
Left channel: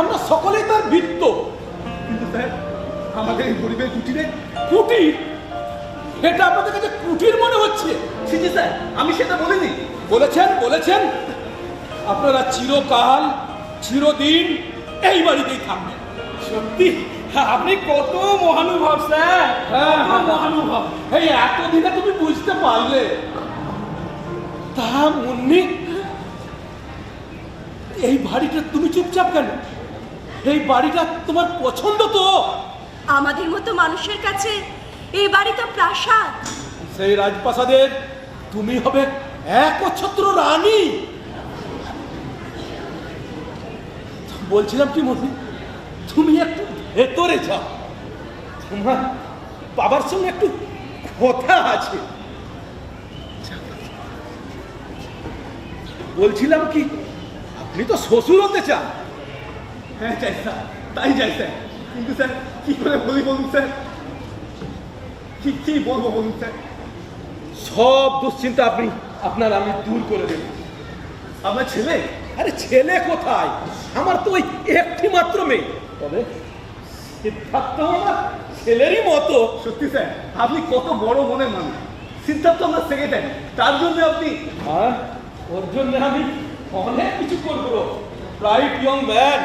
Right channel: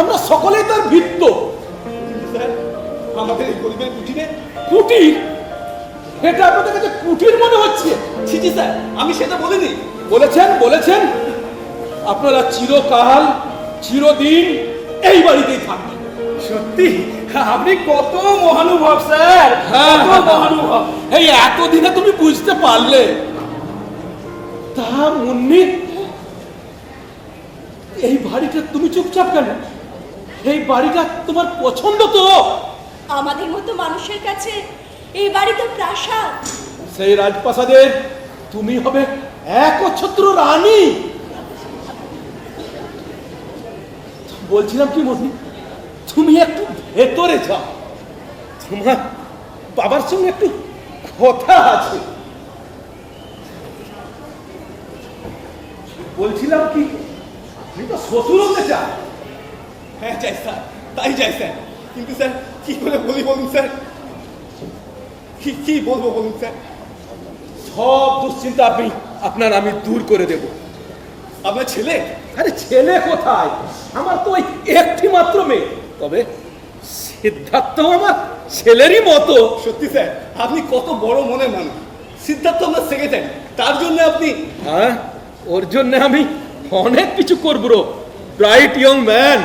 আমরা সকলেই তার বৃত্ত। কিন্তু স্যার, আমাদের এই গরিবের কুটিরে। কুটির? এটা আপনাদের কাছে কুটির মনে হচ্ছে? ছি ছি স্যার, আমি সেটা বলিনি। বলেছেন বলেছেন, আপনারা চিরকাল চিরদিন এই বাড়িতেই থাকবেন। সত্যি আপনি কত মহানুভব স্যার, কত মহানুভব। এই এতদিনে তুমি বুঝতে পারলে? তা মুন্নি, এই বাড়িটা তুমি চুপচাপ কেন? এই বাড়িটা তোমার পছন্দ তো? আমাদের মতো মানুষের কাছে এই বাড়ি তো প্রাসাদ। সেই রাজপ্রাসাদের তুমি হবে একচ্ছত্র রানী। বলছিলাম কি মুন্নি, তুমি একটু ভেতরে যাও, তোমার বাবার সঙ্গে একটু কথা আছে। বলছিলাম কি, আপনি তো শ্বশুর হতে চান। হ্যাঁ চাই স্যার, তাই চাই স্যার। কিন্তু স্যার কি করে বলি বলুন স্যার, কি বলবো বলুন স্যার? সব দুশ্চিন্তা আপনার আমি দূর করে দেব। আপনার ছেলে? আরে ছেলে কোথায়, আমার তো ওই একটি মাত্র মেয়ে। তবে সিদ্ধার্থ আমার ছেলেরই মতো। সত্যি স্যার, আপনি কত বড় মনের মানুষ। সিদ্ধার্থ আমরা সেকেন্ড, তার জন্য আপনি। হ্যাঁ, ওর জন্য আমি অনেক কিছু করবো। Right young man.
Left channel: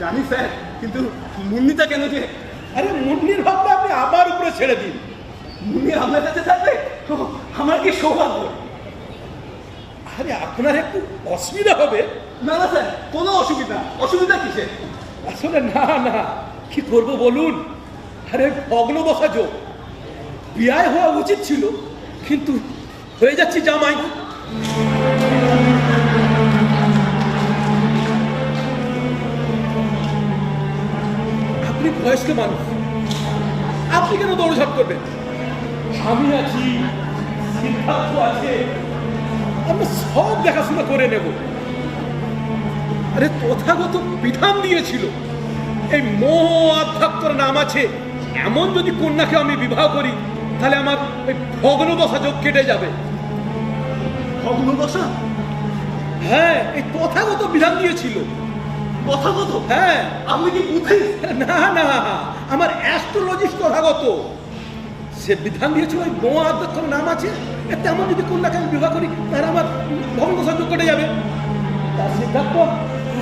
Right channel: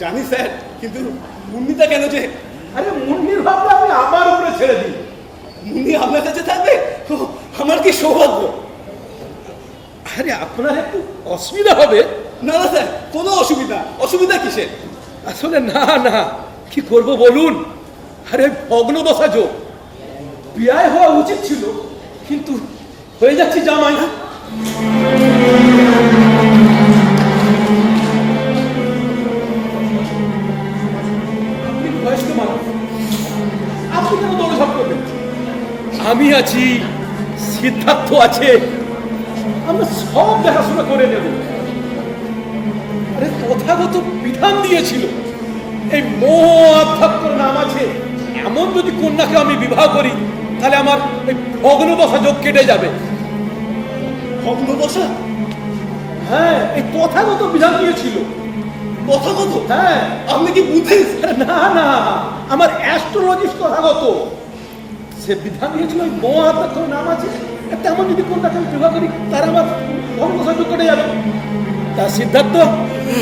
জানি স্যার, কিন্তু মুন্নিটা কেন যে? আরে মুন্নির ভাবনা আপনি আমার উপরে ছেড়ে দিন। মুন্নি আপনার কাছে থাকবে, ও, আমার কি সৌভাগ্য। আরে আপনার একটু অসুবিধা হবে। না না স্যার, কোনো অসুবিধা কিসের? আসলে না না, কি করব বলুন। আরে ভগ্নদশা যোগ, বিয়ে হওয়া উচিত ছিল, কিন্তু হয়ে যাচ্ছি জামাই। আপনি বয়স্ক মানুষ, আপনি কেন দৌড়ঝাঁপ করবেন? আমি আছি, সিদ্ধার্থ আছে, আমরা সব দেখাশোনা করে নেব। আরে তথাগত বিধান দিয়েছিল এই মোহ অধ্যক্ষর নাম আছে, এমন যদি কন্যাকে আমি বিবাহ করি তাহলে আমার ওই ভগ্নদশা যোগ কেটে যাবে। ভগ্নদশা? হ্যাঁ, এই তথাগত বিধান দিয়েছিল। তথাগত? হ্যাঁ। আপনি কি বুদ্ধিস্ট? না না, আমার অ্যাস্ট্রোলজিস্ট তথাগত। সে বিধান দিয়েছিল ওই মোহ অধ্যক্ষর নাম আছে, তেমন যদি কন্যাকে আমি বিবাহ করি তাহলে আমার ভগ্নদশা যোগ কেটে যাবে। তা সিদ্ধার্থ,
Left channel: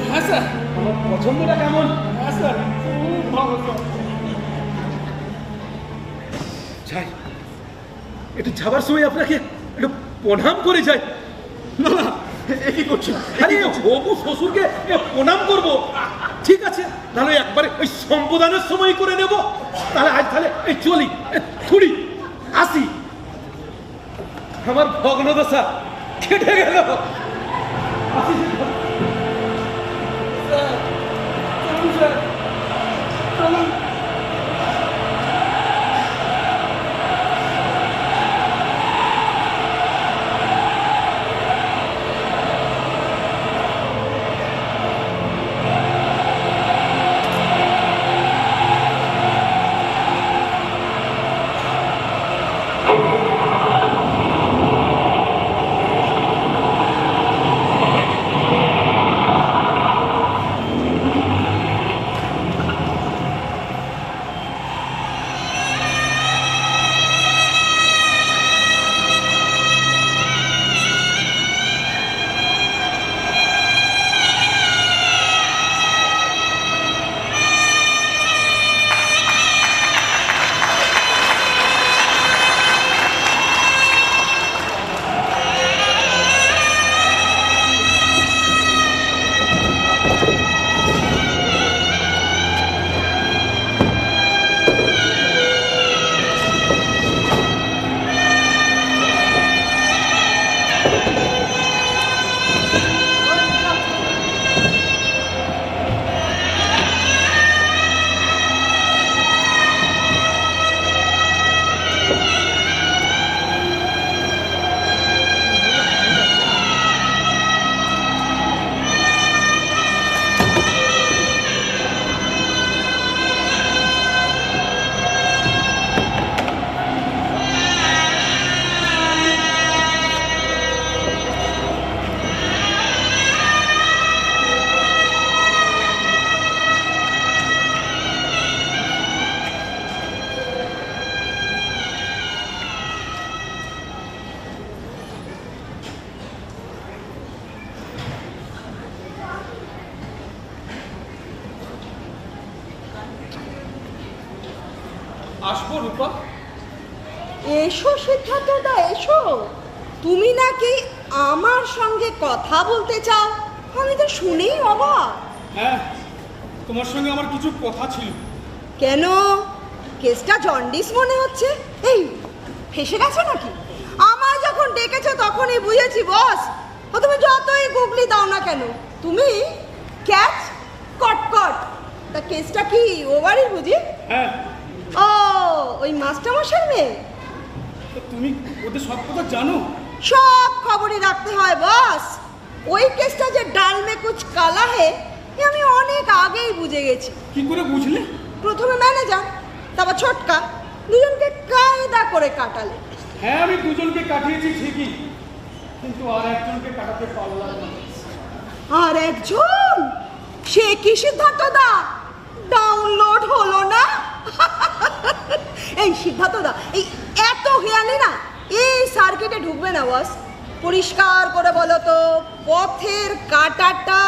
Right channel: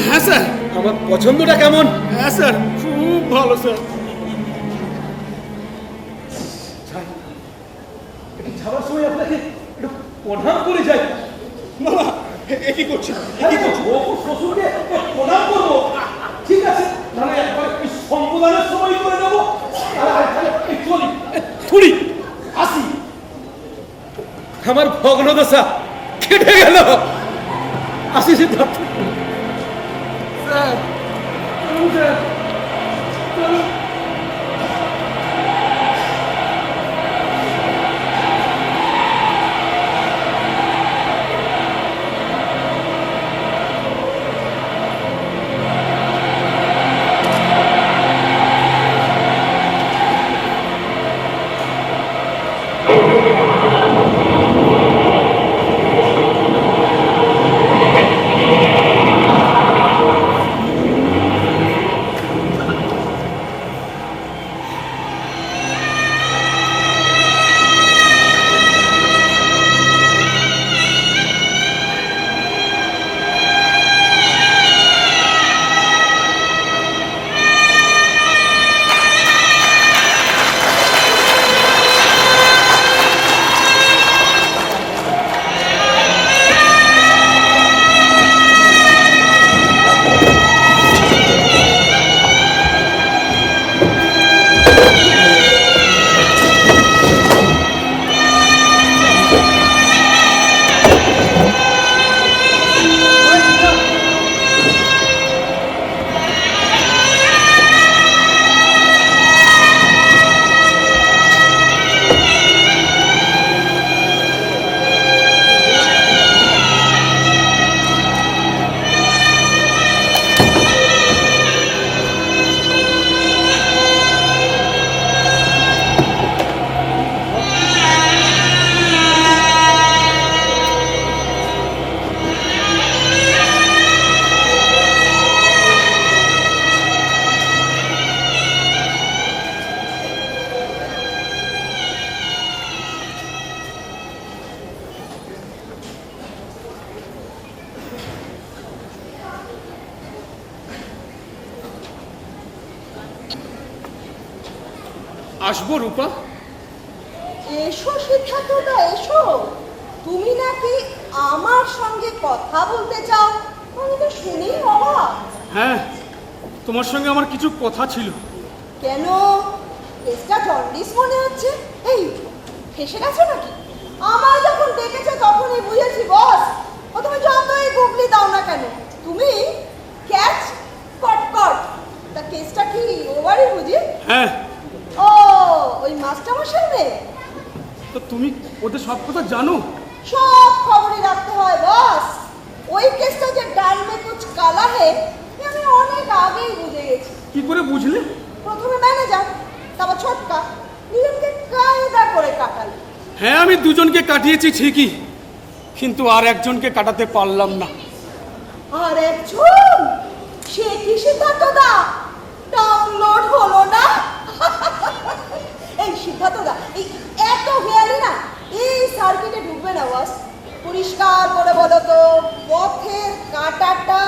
হ্যাঁ স্যার। আমার পছন্দটা কেমন? হ্যাঁ স্যার, খুব ভালো স্যার। যাই, এটা যাবার সময় আপনাকে একটু প্রণাম করে যাই। না না, এ কি করছেন? কি করছো? অপু শ্বশুরকে প্রণাম করবো? ঠিক আছে, নাহলে একবারে ওই সম্বোধনের সময় করে নেবো। তাহলে এই চলি, থুড়ি আসি। আমার ভগ্নদশা কেটে গেল। আসি সিদ্ধার্থ। আসবো রূপা? এসো সিদ্ধার্থদা, এসো। তুমি নাকি আমার সঙ্গে কথা বলতে চাও? আমি তো শুনেই অবাক। হ্যাঁ, তোমার সঙ্গে আমার কিছু কথা ছিল। কেন? কেসটা জন্ডিস মনে হচ্ছে। এই ফেসে গেছো নাকি? আমার যখন ডেকেছো তখনই বুঝেছি বস। তুমি যতই গুগলি দাও না কেন, তুমি ক্যাচ কটকট। তা কেসটা কি ওভারই বুঝি? হ্যাঁ। ও, ওই মাস্টারমশাই মেয়ে? তো তুমি ওদের সব কথা জানো? সব খবরই রাখতে হয় বস। ওই কেসটা যে ডাল মে কুছ কালা হে, এ আমি অনেক আগেই বুঝে গেছি। কি করে বুঝলে? প্রথমে ম্যানেজার, তারপর ছোটকা, দুজনকে কায়দা করে কাটালে। হ্যাঁ, আমি দুজনকে কাটিয়েছি ঠিকই, কিন্তু আর একজনকে কাটাতে পারলাম না। আর একজন? সে কি সিদ্ধার্থদা? ডাউনলোড হলো না? এই সিদ্ধার্থদা, এই এত হেয়ালি না এই সার্কিটে ঢুকবে না বস। পরিষ্কার করে বলো তো, পথের কাঁটাটা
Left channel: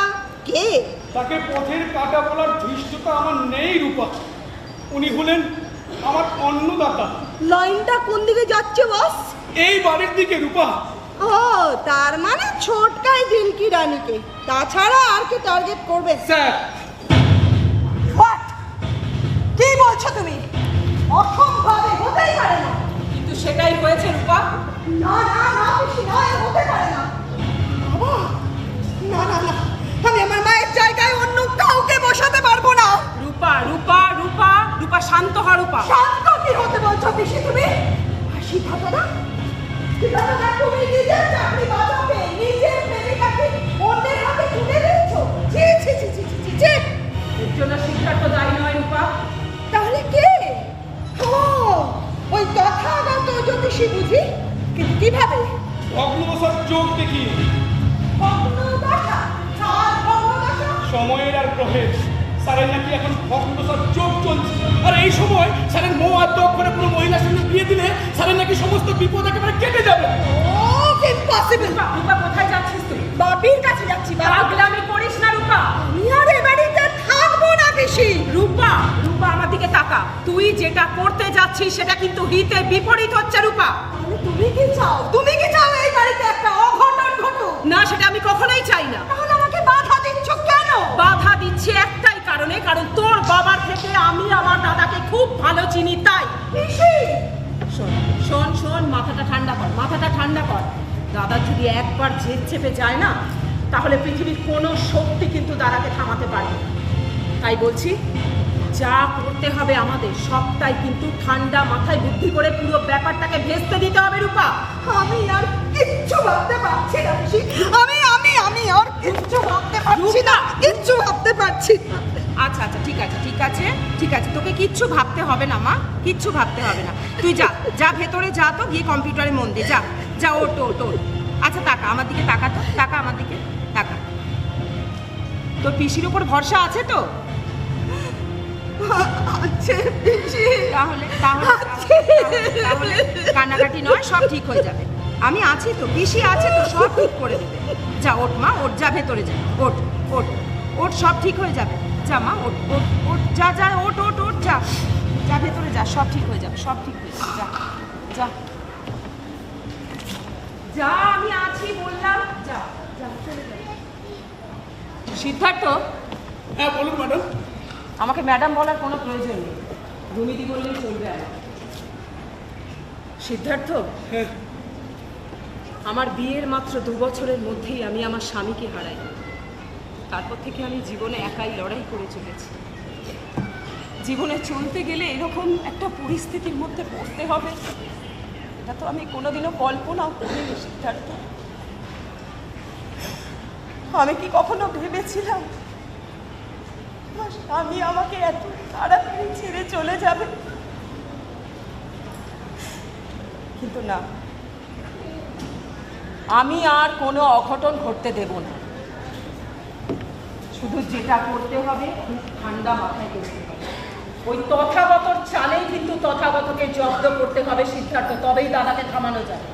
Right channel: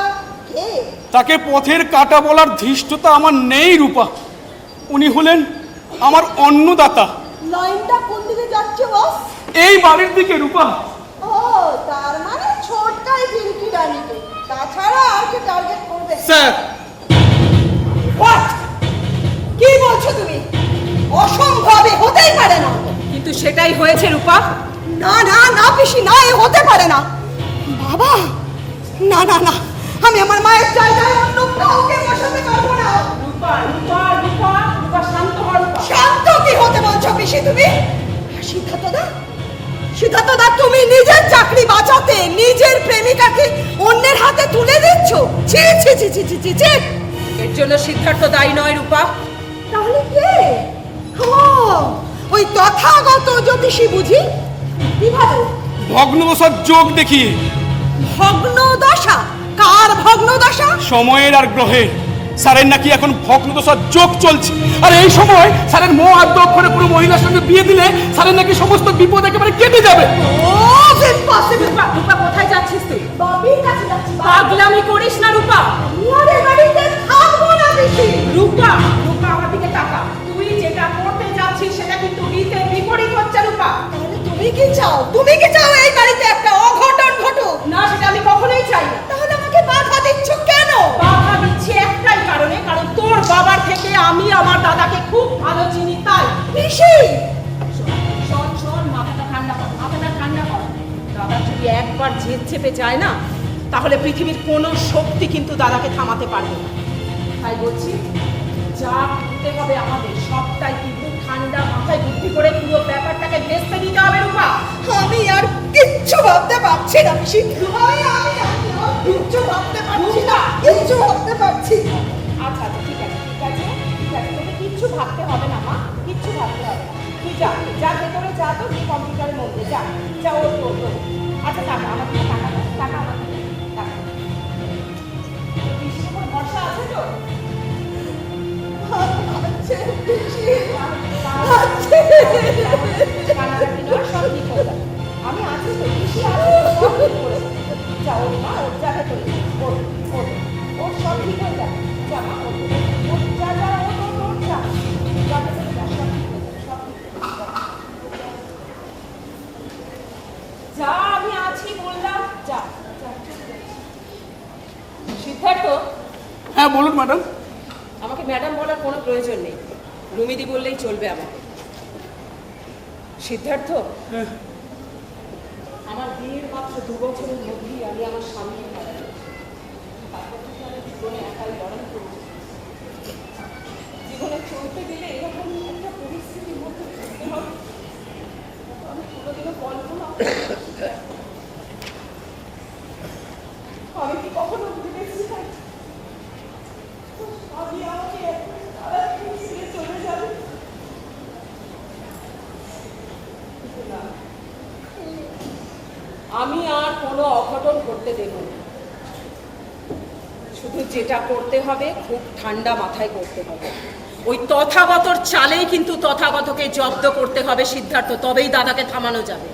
কে? তাকে পথের কাঁটা বলার ধৃষ্টতা আমার নেই রূপা। উনি হলেন আমার অন্নদাতা। লাইনটা কোন দিকে যাচ্ছে বস? এই বাড়ির দিকে রূপা। ও, তার মানে ছোটকাই দিলকি রানীকে, তাছাড়া আর কি টার্গেট করবে? স্যার। হোয়াট? কি বলছো তুমি? অসম্ভবে, হতেই পারে না। কিন্তু সেটাই হয়েছে রূপা। না না না পিসি, না, এ হতে পারে না। বাবা, না না না, আমি আমার মায়ের জায়গায় অন্য কাউকে বসাতে পারবো না। রূপা রূপা রূপা রূপা, শান্ত হ রূপা। শান্ত কি হতে বলছো পিসি তুমি? সিদ্ধার্থদা, সিদ্ধার্থ দা, তুমি নিজের চাকরি বাঁচাতে নিজের প্রেমিকাকে অন্যের হাতে তুলে দিচ্ছ। ছি ছি ছি ছি ছি ছি ছি। এর জন্য সিদ্ধার্থ দায়ী নয় রূপা। তাহলে কে? ও, ওই তথাগত জ্যোতিষী বুঝি? কিভাবে? ভগ্নদশার যোগ দেখিয়ে। ভগ্ন দশা? কার ভগ্ন দশা? সময়ের আর গ্রহের। স্যারের নাকি এখন ভগ্নদশার যোগ চলছে, আর এই সময় স্যারের মোহ আদ্য অক্ষরে কোনো মহিলার সঙ্গে বিয়ে দিলে স্যারের নাকি সমস্ত বিপদ একেবারে কেটে যাবে। ও, ইম্পসিবল। রূপা কোথায় যাচ্ছিস তুই? বাপির কাছে যাচ্ছি। পাগলামি করিস না রূপা। ইয়ারে বাড়িতে থাকবো না বেশি। রূপা, রূপা আমার দিকে তাকা। তুই যেটা করতে যাচ্ছিস সেটা কিন্তু রীতের বিপরীত হচ্ছে রূপা। তাহলে তুমি কি চাও? তুমি কি চাও এই বাড়িতে একটা অঘটন ঘটুক? না, সেটা আমি কখনোই চাই না। তাহলে আমাকে বাধা দিচ্ছ কেন? বাধা দিচ্ছি একটাই কারণে, কারণ তোর বাবার থেকে আমি আমার দাদাকে খুব ভালো চিনি তাই। পিসি, শোন শোন শোন, মাথাটা ঠান্ডা কর, মাথাটা ঠান্ডা কর। দাদা যদি একবার জিদ চেপে যায় না, তাহলে পৃথিবীর কোনো শক্তি কিন্তু দাদাকে থামাতে পারবে না। তাই বলছি, যা করতে হবে আমাদের সবটাই কিন্তু ঠান্ডা মাথায় বুদ্ধি করে পুরো ব্যাপারটাকে ভেস্তে দিতে হবে রূপা। আমি আর কিচ্ছু ভাবতে পারছি না পিসি। আমি আর কিচ্ছু ভাবতে পারছি না, কিচ্ছু ভাবতে পারছি না। আচ্ছা আচ্ছা, ঠিক আছে ঠিক আছে ঠিক আছে, তোকে কিচ্ছু ভাবতে হবে না মা, কিচ্ছু ভাবতে হবে না। তুই যা যা ভেতরে যা, তো গিয়ে কম্পিউটারে মন দে, যা যা, ওঠ ওঠ ওঠ। আচ্ছা তাকা আমার দিকে, তাকা তো, তাকা আমার দিকে, তাকা। তোর পিসির উপর ভরসা আছে তো? আছে পিসি, তাহলে কান্নাকাটি নয়, সব ঠিক হয়ে যাবে। আমি আছি তো, পিসি আছে তো, সব ঠিক করে দেবে। যা ওঠ মা, ওঠ, যা ভেতরে যা, ওঠ ওঠ ওঠ, সব ঠিক হয়ে যাবে। যা মা, ওঠ ওঠ ওঠ, যা যা, ওঠ ওঠ ওঠ, যা যা ভেতরে যা, সব ঠিক হয়ে যাবে, সব ঠিক হয়ে যাবে। যা যা, আমি আছি বললাম, যা যা, চলে যা। সিদ্ধার্থ, হ্যাঁ বলুন ম্যাডাম। আমাকে ম্যাডাম বলার কোনো প্রয়োজন নেই, রুমিদি বললেই চলবে আমাকে। সিদ্ধার্থ, আমার বিয়ের মাত্র 2 বছরের মধ্যেই আমি আমার স্বামীকে হারাই। তারপর থেকে আমি জীবনে একাই লড়াই করে চলেছি। জীবনে চলতে গেলে এরকম একটা পরিস্থিতির মধ্যে পড়তে হবে, তা তো আমি কোনোদিনও কল্পনাও করিনি সিদ্ধার্থ। আমি কি কখনো ভেবেছিলাম স্বামী আমাকে এত তাড়াতাড়ি ছেড়ে চলে যাবে? কিন্তু না, আমি আর কোনো অঘটন ঘটতে দেব না। শুধু যেটা করতে হবে খুব ঠান্ডা মাথায় করতে হবে। ওই তথাগতর চালেই কিন্তু তথাগতকে জব্দ করতে হবে সিদ্ধার্থ, তবেই দাদাকে থামানো যাবে।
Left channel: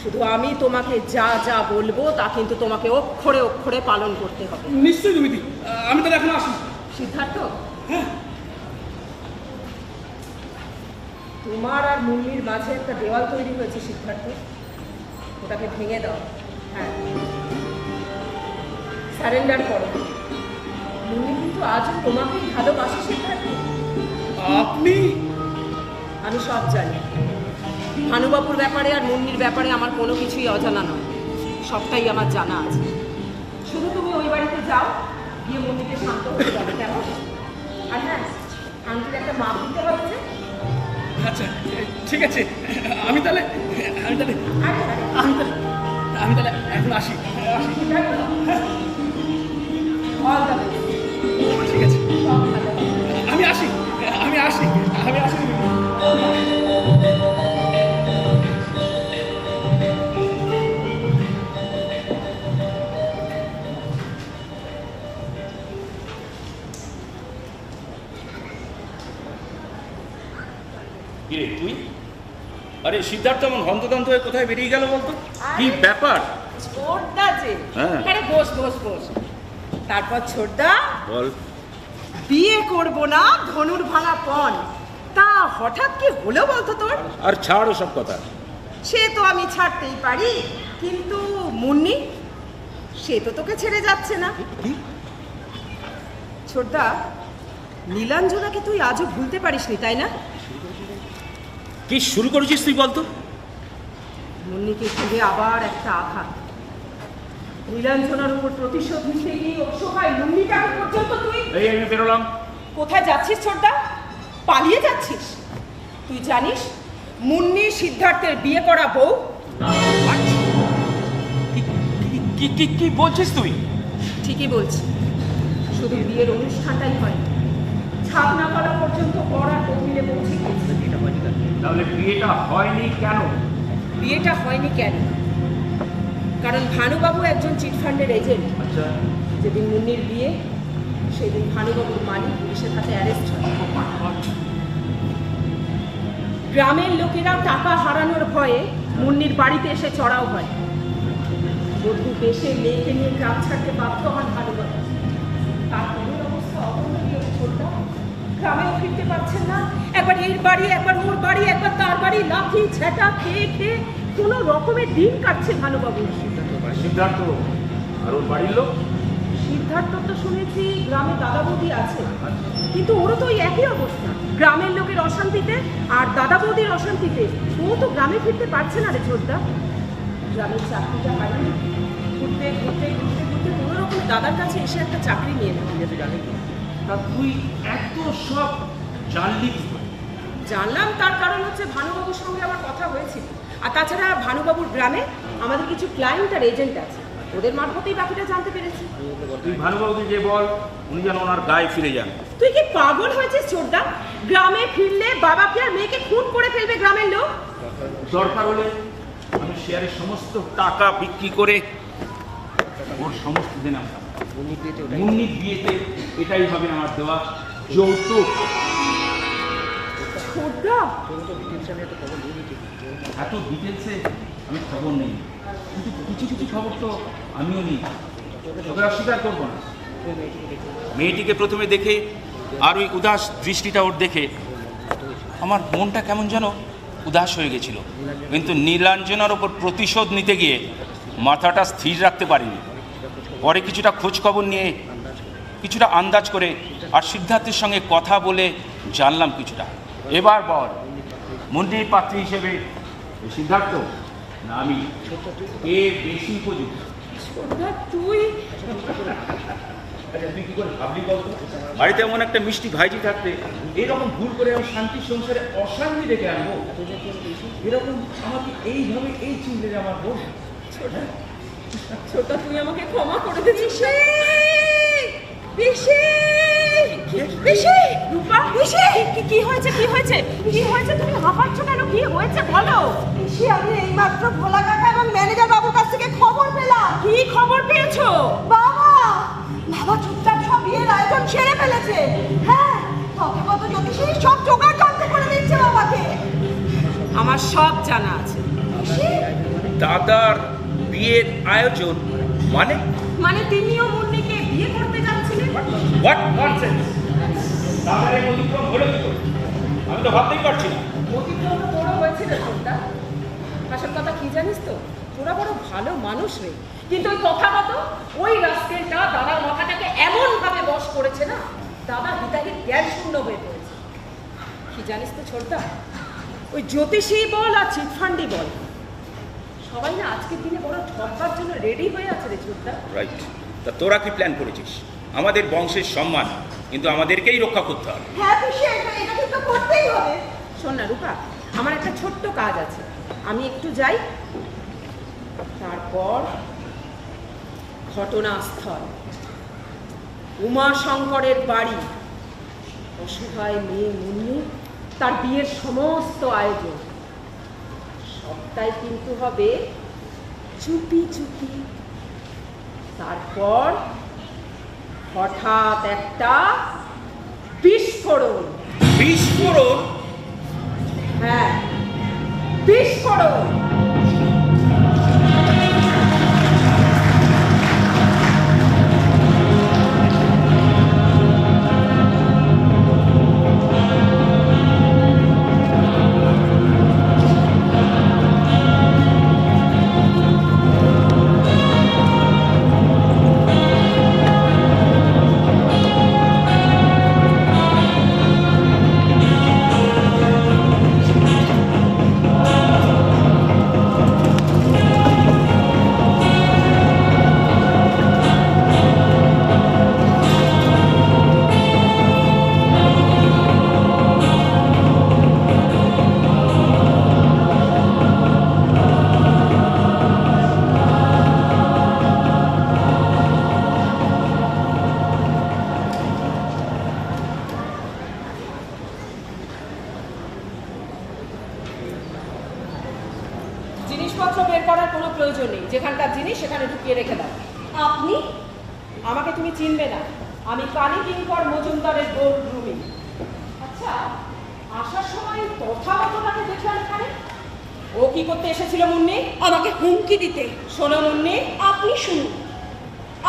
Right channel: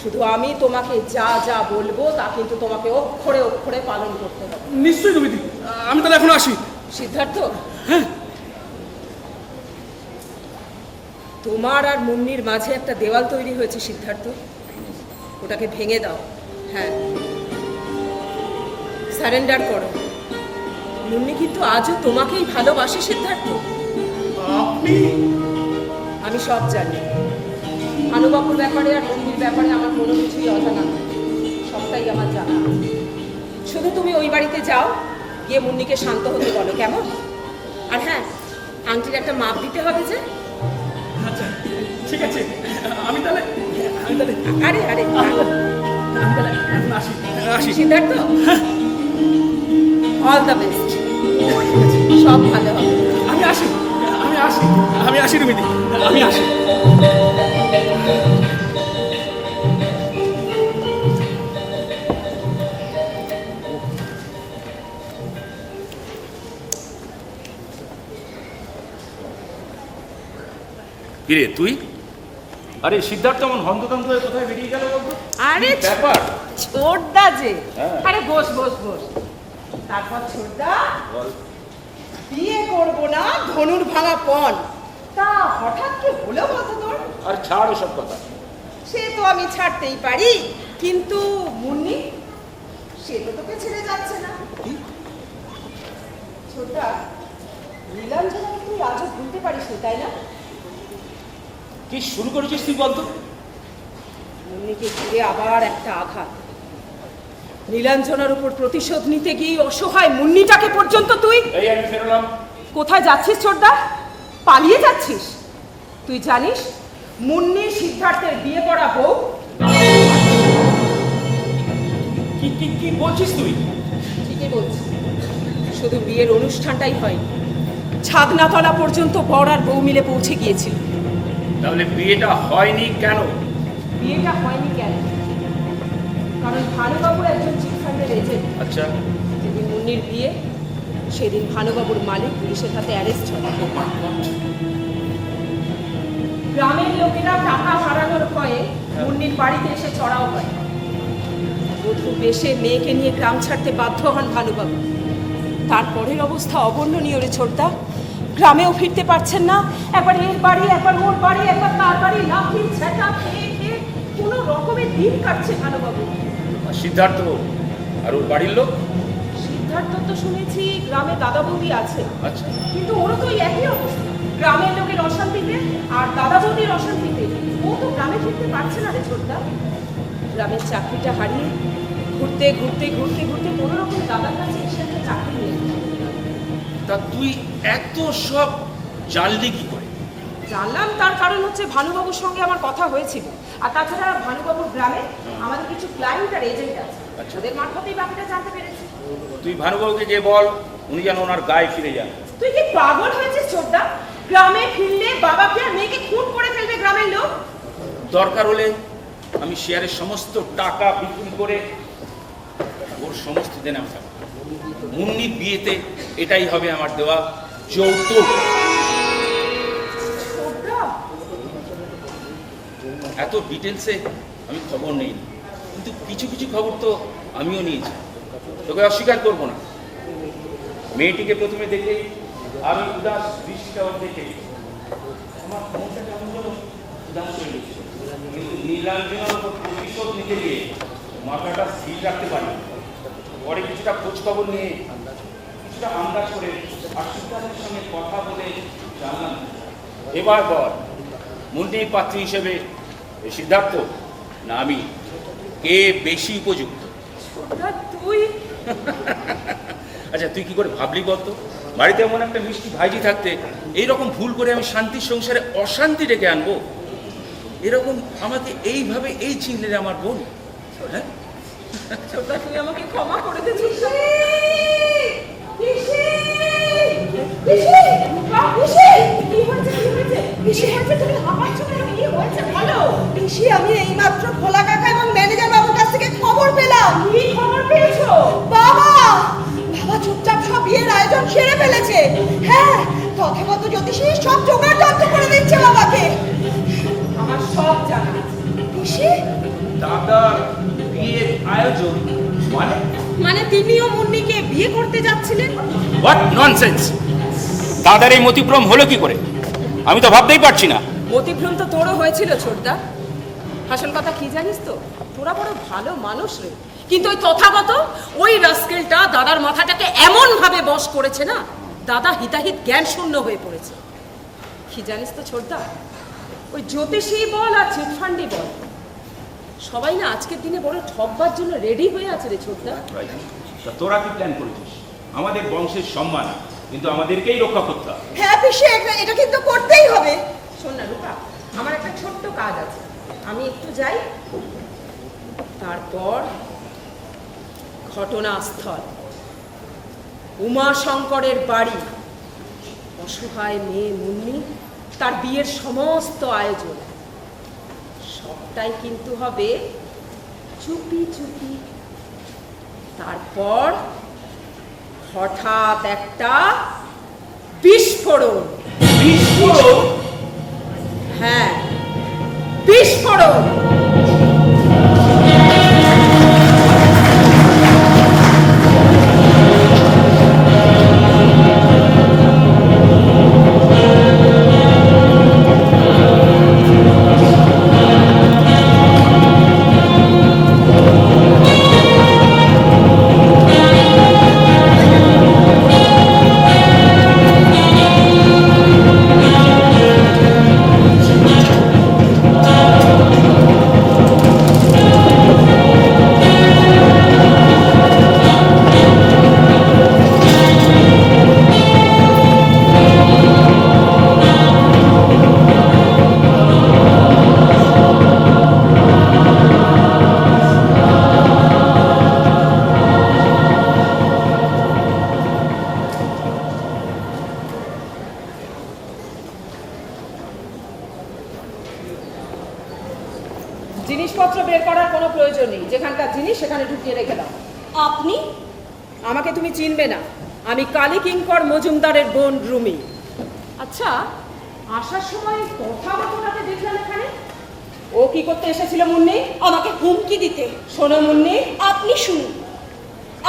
শুধু আমি তোমাকে যা যা বলবো তা কিন্তু তোমাকে অক্ষরে অক্ষরে পালন করতে হবে। নিশ্চয়ই রুমিদি, আমি তাহলে এখন আসি। সিদ্ধার্থ, তোমার আর মুন্নির মাঝে একটা দেওয়াল তৈরি হয়েছে সিদ্ধার্থ, ওটাকে ভেঙে দাও। হ্যাঁ, সারেন্ডার করো। মুন্নি কিন্তু আজও তোমাকেই ভালোবাসে সিদ্ধার্থ। আপনি? আমি সব জানি। ভানুবাবুর ব্যাপারে আর মুন্নির ব্যাপারে আমার কোনো কিছুই অজানা নয়, সবটাই আমার জানা আছে। শুধু তুমি ওই বাড়িতে যাও, গিয়ে মুন্নিকে শান্ত হতে বলো, কেমন? আর হ্যাঁ, আংটির একটা মাপ দিতে হবে যে। আচ্ছা ঠিক আছে, আমি তাহলে আরে আরে, আমি তাহলে এখন আসি। সিদ্ধার্থ, অল দ্য বেস্ট, সব ভালো হবে। আমি আসি রুমিদি, আমি আসি। কিরে তুই? আরে সিদ্ধার্থ এমন হন্তদন্ত হয়ে কোথায় বেরিয়ে গেল বলতো? আরে কি ব্যাপার? ছোটদা যে, হ্যাঁ। আরে বস বস বস। তারপর ছোটদা, বল। বিয়ে করব না ধনুর ভাঙা পণ, তা হঠাৎ কি হলো বলতো তোর? আর ছাড় ওসব কথা। সে তো আমি ছাড়তেই পারি, কিন্তু মুন্নি, সে তো তোকে ছেড়ে যাচ্ছে না। ছোটদা, নীলাঞ্জনাকে তুই আজও ভুলতে পারিসনি তাই না? কি শুরু করেছিস তুই বলতো? মুন্নিকে ঘিরে আবার একটা আঘাত। নীলাঞ্জনার উপর প্রতিশোধ নিতে গিয়ে অসহায় মুন্নিটাকে পর্যন্ত তুই। এই আমি বেরোলাম। কোথায় যাচ্ছিস ছোটদা? পালিয়ে যাচ্ছিস? তুই জানিস মুন্নি সিদ্ধার্থের বিয়ে করা বউ। কি কি কি বলছিস তুই? ঠিকই বলছি, শুধু বিয়ের অনুষ্ঠানটাই হয়, ছাদনাতলা পর্যন্ত বর আর বউ মিলে পৌঁছে গিয়েছিল। তাহলে বিয়েটা হয়নি কেন? বিয়েটা হয়নি কেন? কারণ ভানুবাবু একজন চিটফান্ডের এজেন্ট। আচ্ছা, যেদিন মুন্নির বিয়ে সেদিন ভানুবাবুর মালিক পুলিশের হাতে অ্যারেস্ট হয়। গ্রামের লোকেরা টাকা হারানোর ভয়ে মুন্নির বাড়িতে এসে চড়াও হয়। বধূ বেশে মেয়েকে নিয়ে গ্রাম ছাড়তে বাধ্য হন ভানুবাবু। তারপরের অবস্থা অবর্ণনীয় রে ছোটদা। গ্রামেও ফিরতে পারছেন না, একবার এর বাড়ি একবার ওর বাড়ি একবার তার বাড়ি, লাফি ছেটা খেয়ে খেয়ে কোনো রকমের দিন কাটছে ভানুবাবু। আর সিদ্ধার্থ আর ওর বাড়ির লোক? সিদ্ধার্থ তো শুনেছি গ্রামে দাদা বৌদি আছে, আচ্ছা, কিন্তু ওরা তো ওই একই অবস্থা, গ্রামের লোকের অশান্তিতে আর দাদা বৌদির অশান্তিতে ও তো গ্রামে ফিরতে পারছে না রে ছোটদা। গ্রামের চাকরিটা হারিয়ে ঘুরতে ঘুরতে ঘুরতে ঘুরতে কোনো রকম দাদার কাছে এসে একটা চাকরি নিয়ে নিল। তা তুই এত সব জানলি কি করে? জানলাম তার কারণ হচ্ছে ভানুবাবুর সঙ্গে আমার কথা হয়েছিল, আর তাছাড়া ভানুবাবুর গ্রামে আমাদের কিছু ক্লায়েন্ট আর এজেন্ট আছে, ওদের মারফতেই বাকিটা জানতে পেরেছি। তুই ভানুবাবুকে গিয়ে বল উনি যেন ওনার গায়ে ফিরে যান। তুই কি পাগল হয়েছিস ছোটদা? গ্রামে ফিরলে বাবাকে আর মেয়েকে খুন করে ফেলবে গ্রামের লোক। দরকার হলে আমি শেয়ারের সমস্ত টাকা বিক্রি করে ওর সমস্ত দেনা মুন্নির বিয়েতে এটাই হবে আমার দেওয়া যৌতুক। ছোটদা, এত ডিটেলসে আমি খবর নেই, কিন্তু কিছু কিছু খবর তো আমিও নিয়েছি, তোকে অস্বীকার করবো না। মেয়েটিকে প্রথমে দেখে আর ওই উদাস দৃষ্টিটা ওর দেখে আমার মনটা কেমন যেন উদাস হয়ে গেছিল, কিন্তু নীলাঞ্জনার ওপর প্রতিশোধ নিতে গিয়ে মাথাটা স্থির রাখতে পারিনি। পরে কিছুটা খোঁজ খবর নিয়ে কিছুটা আন্দাজ করে আর সিদ্ধার্থের সঙ্গে কথা বলে জানলাম কিছুটা। এবার পর মন্ত্রীর পাত্রী হিসেবে সিদ্ধার্থ না আমি, কে বেশি উপযুক্ত? ছোটদা তুই আচ্ছা, তুই কি করে ভাবলি বলতো? বাড়িতে এমন একটা মিষ্টি ভাইজি থাকতে এইরকম ভুল করে আমি শান্তির সংসারে অশান্তি ডেকে আনবো? এরকম আমাকে এইভাবে এই চিনলে রে আমার বোন। হ্যাঁ, ছোটদা তুই আমাকে ক্ষমা করে দিয়েছিস। কি হয়েছে কি হয়েছে কি হয়েছে? তুমি হাঁপাচ্ছ কেন? কি হয়েছে বলো। পিসি, আমি এইমাত্র ভোলা কাকা এবং ম্যানেজার বাবুর কাছ থেকে খবর পেলাম। কি খবর পেয়েছো? বাবা বাবা চুপচাপ সব বিয়ের আয়োজন সেরে ফেলেছে। হ্যাঁ, তথাগত জ্যোতিষী সব জোগাড় যন্ত্র করে দিচ্ছে বাবাকে। আমার সব জানা আছে। পিসি, দাদার বিয়ের আয়োজন মানে? মানে তিনিও মুন্নিকে বিয়ে করতে যাচ্ছিলেন? What nonsense! দাদার এই মতিভ্রম হলো কি করে? আমি তো ভাবতেই পারছি না। অতিভ্রম তো তোরও হয়েছিল ছোটদা। আসল কথা কি জানিস তো, তোরা বড় ভালো মানুষ রে, কিন্তু ওই তথাগত ওই রাস্কেলটা দাদার মাথাটাকে এমন ভাবে বশ করেছে না, দাদা হিতাহিত জ্ঞান শূন্য হয়ে পড়েছে। কি জানিস তো ছোটদা, ওই জ্যোতিষী বল আর চিটফান্ডি বল, সবাই না আজকের দিনে বড় ঠকবার জন্য রেডি হয়ে আছে রে ছোটদা। রাইট। তা তোরা কি প্ল্যান করেছিস? আমাদের বংশের সম্মান কিন্তু আমাদেরকেই রক্ষা করতে হবে। হ্যাঁ পিসি, এটা কিন্তু করতেই হবে। শোন না রূপা, আমার একটা ছোট্ট কাজ আছে, আমি একটু যাই। তারপর ঘটনাস্থল উমাশঙ্করের বাড়ি, অসহায় মেয়ে মুন্নি, তার বিয়ের সমস্ত আয়োজন সবটাই কিন্তু হবে চুপি চুপি। তারপর হঠাৎ একটা বিস্ফোরণ। বিস্ফোরণ? হ্যাঁ, বিস্ফোরণ। জিনিসপত্র বের করার কোনো প্রয়োজন নেই, যেখানকার জিনিস সেখানে ঢুকিয়ে রেখে দাও। আপনি? আমাকে তুমি চিনবে না, আমি কালী কিঙ্কর মজুমদারের বোন রুমি। আচ্ছা, আসার সময় কথাবার্তাকে দেখলাম এখানে, ও কি করতে এসেছিল মুন্নি? আমাকে হুমকি দিতে। শোনো মুন্নি, আপনি শুনুন,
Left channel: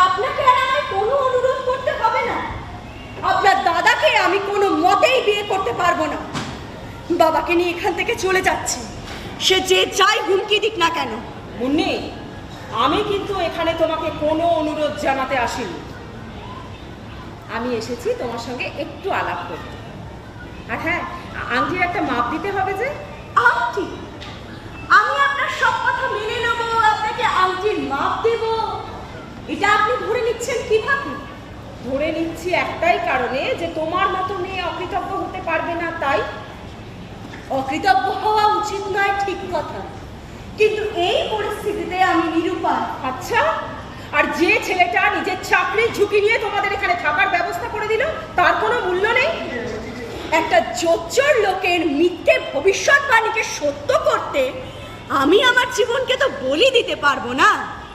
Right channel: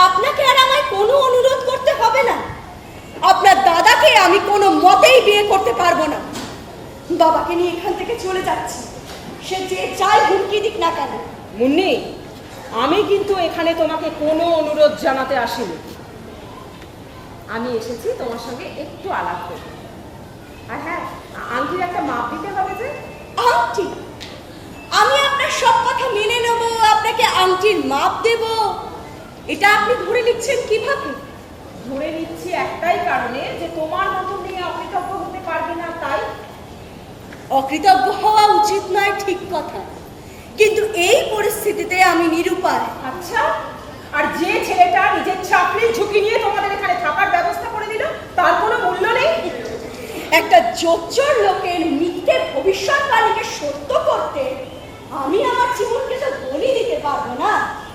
আপনাকে আর আমায় কোনো অনুরোধ করতে হবে না। আপনার দাদাকে আমি কোনো মতেই বিয়ে করতে পারবো না। বাবাকে নিয়ে এখান থেকে চলে যাচ্ছি, সে যে যাই হুমকি দিক না কেন। মুন্নি, আমি কিন্তু এখানে তোমাকে কোনো অনুরোধ জানাতে আসিনি। আমি এসেছি তোমার সঙ্গে একটু আলাপ করতে। আর হ্যাঁ, আংটির একটা মাপ দিতে হবে যে। আংটি? আমি আপনার সব কথা মেনে নেব, আপনাকে আংটির মাপ দেব, এটা আপনি ধরে নিচ্ছেন কিভাবে? ধরে নিচ্ছি একটাই কারণে, যে তোমার মতো মেয়ে অকৃতজ্ঞ হতে পারবে না, তাই। অকৃতজ্ঞ হওয়া উচিত নয়, ঠিক কথা, কিন্তু এই পরিস্থিতিতে আমি নিরুপায়। আচ্ছা, আর যে ছেলেটা নিজের চাকরির ঝুঁকি নিয়ে তোমাদের এখানে থাকার ব্যবস্থা করে দিল, তার কোনো মূল্য নেই? একটা জোচ্চর লোকের মিথ্যে ভবিষ্যৎবাণীকে সত্য করতে আমি আমার জীবনকে তো বলি দিতে পারবো না।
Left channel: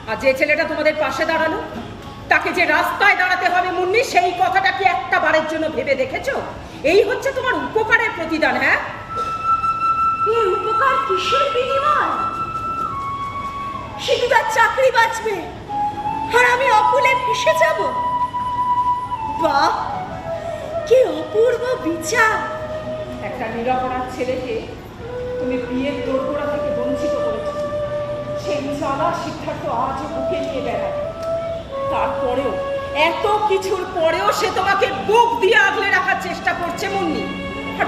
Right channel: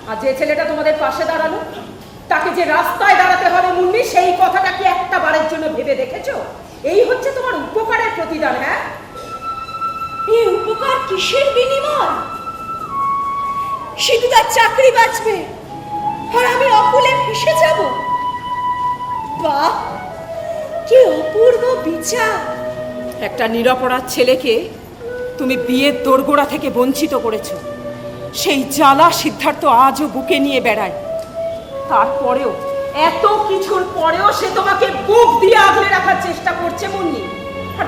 আর যে ছেলেটা তোমাদের পাশে দাঁড়ানো, তাকে যে রাস্তায় দাঁড়াতে হবে মুন্নি, সেই কথাটা কি একটা বারের জন্য ভেবে দেখেছো? এই হচ্ছে তোমার উপকারের প্রতিদান। হ্যাঁ, এই উপকার কিসের বিনিময়? শুধু তার চাকরি বাঁচবে আর আমি অকুলে ভেসে যাব। বাহ, কি অপূর্ব বিচার! একটা নিরপরাধ ছেলেকে তুমি বিয়ের দোরগোড়া থেকে বঞ্চিত করেছো। সেই জ্বালা সিদ্ধার্থ আজও বুকে নিয়ে বেড়ায়। তারপরেও, এত কিছুর পরেও সে তোমাকে বুক দিয়ে আগলে রাখার চেষ্টা করছে মুন্নি। আর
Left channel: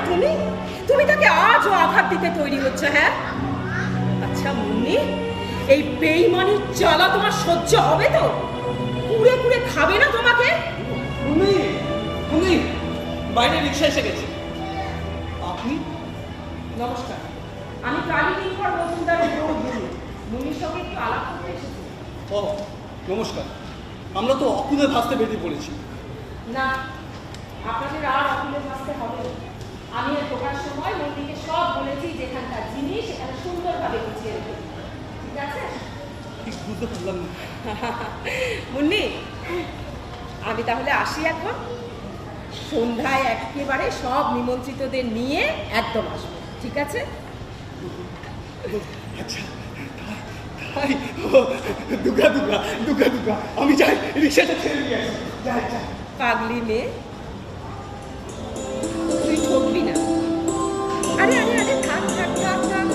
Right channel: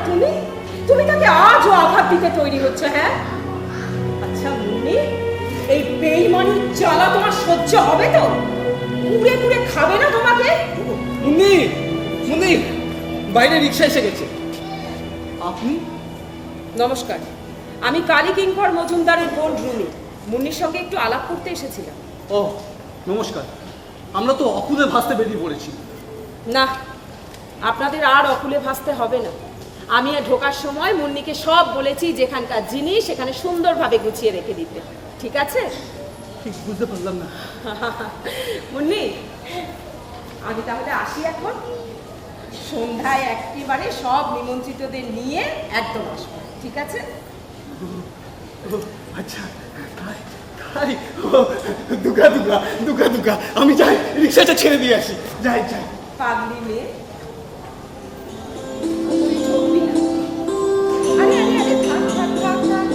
তুমি তাকে আজও আঘাত দিতে তৈরি হচ্ছে। হ্যাঁ, আচ্ছা মুন্নি, এই বেইমানির জ্বালা তোমার সহ্য হবে তো? কুড়ে কুড়ে খাবে না তোমাকে? মুন্নি, মুন্নি, বাইরে রিক্সা এসে গেছে। আপনি? নমস্কার, আমি কালী কিঙ্কর মজুমদারের বোন রুমি। মুন্নির সঙ্গে একটু আলাপ করতে এসেছিলাম। ও নমস্কার, আমরা তো অকুলে ভাসতে বেরিয়ে পড়েছি। না, আপনাদের আর অকুলে ভাসতে হবে না। আমি ঢোকার সময় মুন্নিকে সব বলেছি, যেখানকার জিনিস সেখানে সুন্দরভাবে গুছিয়ে রেখে দিতে। ঠিক আছে? ঠিক বুঝতে পারলাম না। মুন্নি, আমি তাহলে আসি এখন। সন্ধ্যায় একেবারে সব নিমন্ত্রিতদের নিয়ে একদম আসবো। ঠিক আছে? আচ্ছা, তাই দুগা দুগা দুগা দুগা, আমি যাই, রিক্সাটা ছেড়ে দিয়ে আসি। যাই যাই। পাগলি মেয়ে, তুই ঠকবি না। আরে আরে আরে, থাক থাক থাক থাক।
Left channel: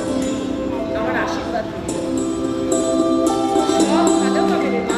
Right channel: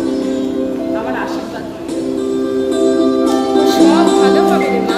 আমার আশীর্বাদ দিবি। সব ভালো হবে রে মা।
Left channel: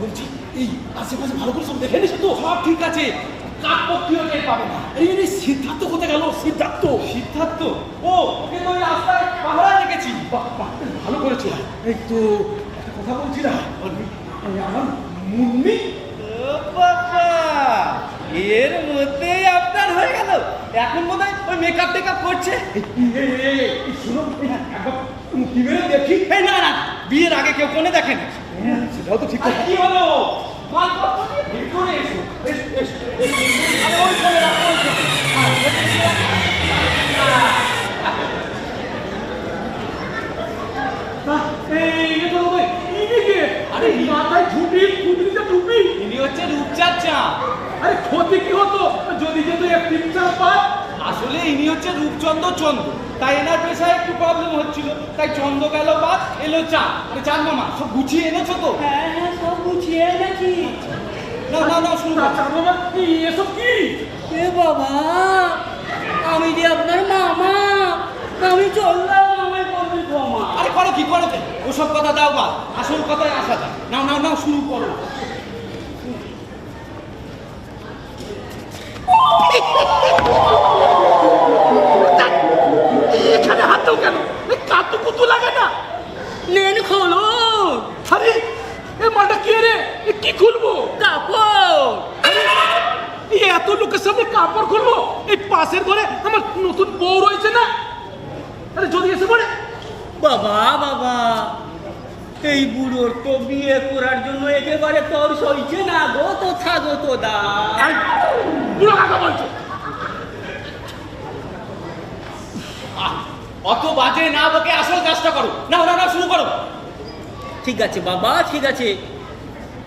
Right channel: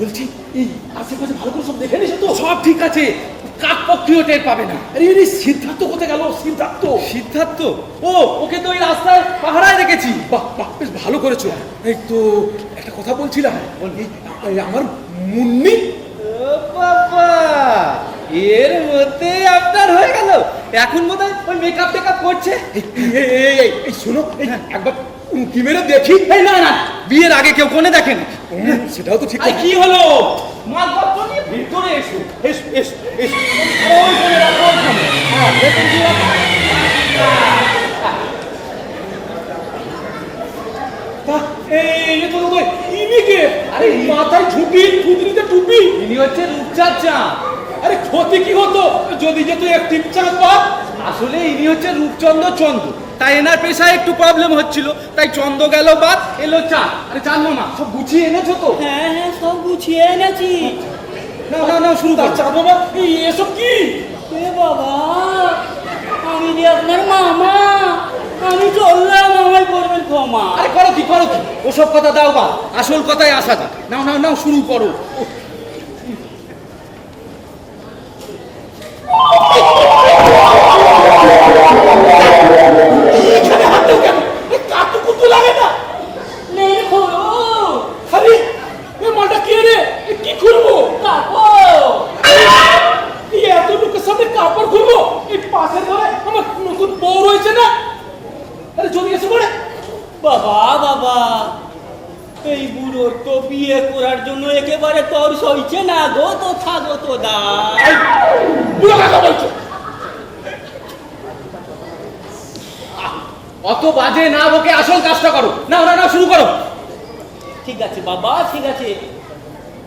বলছি, এই আশেপাশে ভালো করে সব দেখে নিছো তো? সব ঠিক আছে, কাক পক্ষীও টের পাবে না। আরে এই সিদ্ধার্থ কোথায় গেল? সিদ্ধার্থ? সিদ্ধার্থ? ও, ওকে তো ওই রাস্তায় পাহারায় রেখেছি। বাহ বাহ, বেশ ভালো করেছো। এই তো একটা কথা বলছিলাম, এই আমার মুন্নি। ও বাবা, এর মধ্যে আপনার হয়ে গেল। এখন বোধহয় ওই মেকআপ টেকআপ করছে। এই শোনো, একবার কি মেরে দেখি। এই না না, বিয়ের আগে কেউ কোণে দেখেন? সেটাও তো ঠিক। আরে কি হলো? মালপত্র নিয়ে ভিতরে এসো। এসো এসো এসো। আরে ওই কোণে রাখো, ওই কোণে। হ্যাঁ, ভেতরে দিয়ে রাখো। এই তো তো ইনি কে? আরে মাথায় টুপি, কুদরিতে টুপি। ইনি হচ্ছে রূপচাঁদ চাঁদ। আরে ক্ষতি কি হতো যদি যেত একটি চাঁদ বাপ? আসলে ইনি হচ্ছে রূপচন্দ্র চন্দ্র, তাই এনার পেশায় একটু প্রবলেম হচ্ছিল, তাই চন্দ্র গেল বাদ, এলো চাঁদ। আরে চাঁদ মামা, সব গুছিয়ে এনেছো তো? হ্যাঁ, সব গুছিয়ে এনেছি। না না না শুরু কর। আচ্ছা বাবা এসব কি? এ বাবা, আমি যে আপনার মামা, আমি চললাম, আমায় করবেন ক্ষমা। আরে করো কি ওসব কথা দাও বা আসল কথায় আসা যাক। নাও নাও নাও শুরু করো। এখানে হাত দাও কেন? এই কাটুকু তো লাগে না। নেন খোলো আরে এ মাটা কে রে? এ কি করবো? কাপড়। এই এত লোকের সামনে কাপড় খুলবো? এই পাশের ঘরে আমার নতুন বউ রয়েছে না? আরে যদি এসে পড়ে। বাবা বাবা, এই বুড়োর তো বিয়ে করার জন্য একেবারে তর সইছে না গো, তো থাকো তো দা। এই বুড়ো কাকা বলছো? অত বাজে না বকে আসল কাজটা করো। নাও নাও নাও শুরু করো। ঠিক আছে বাবা, ঠিক আছে,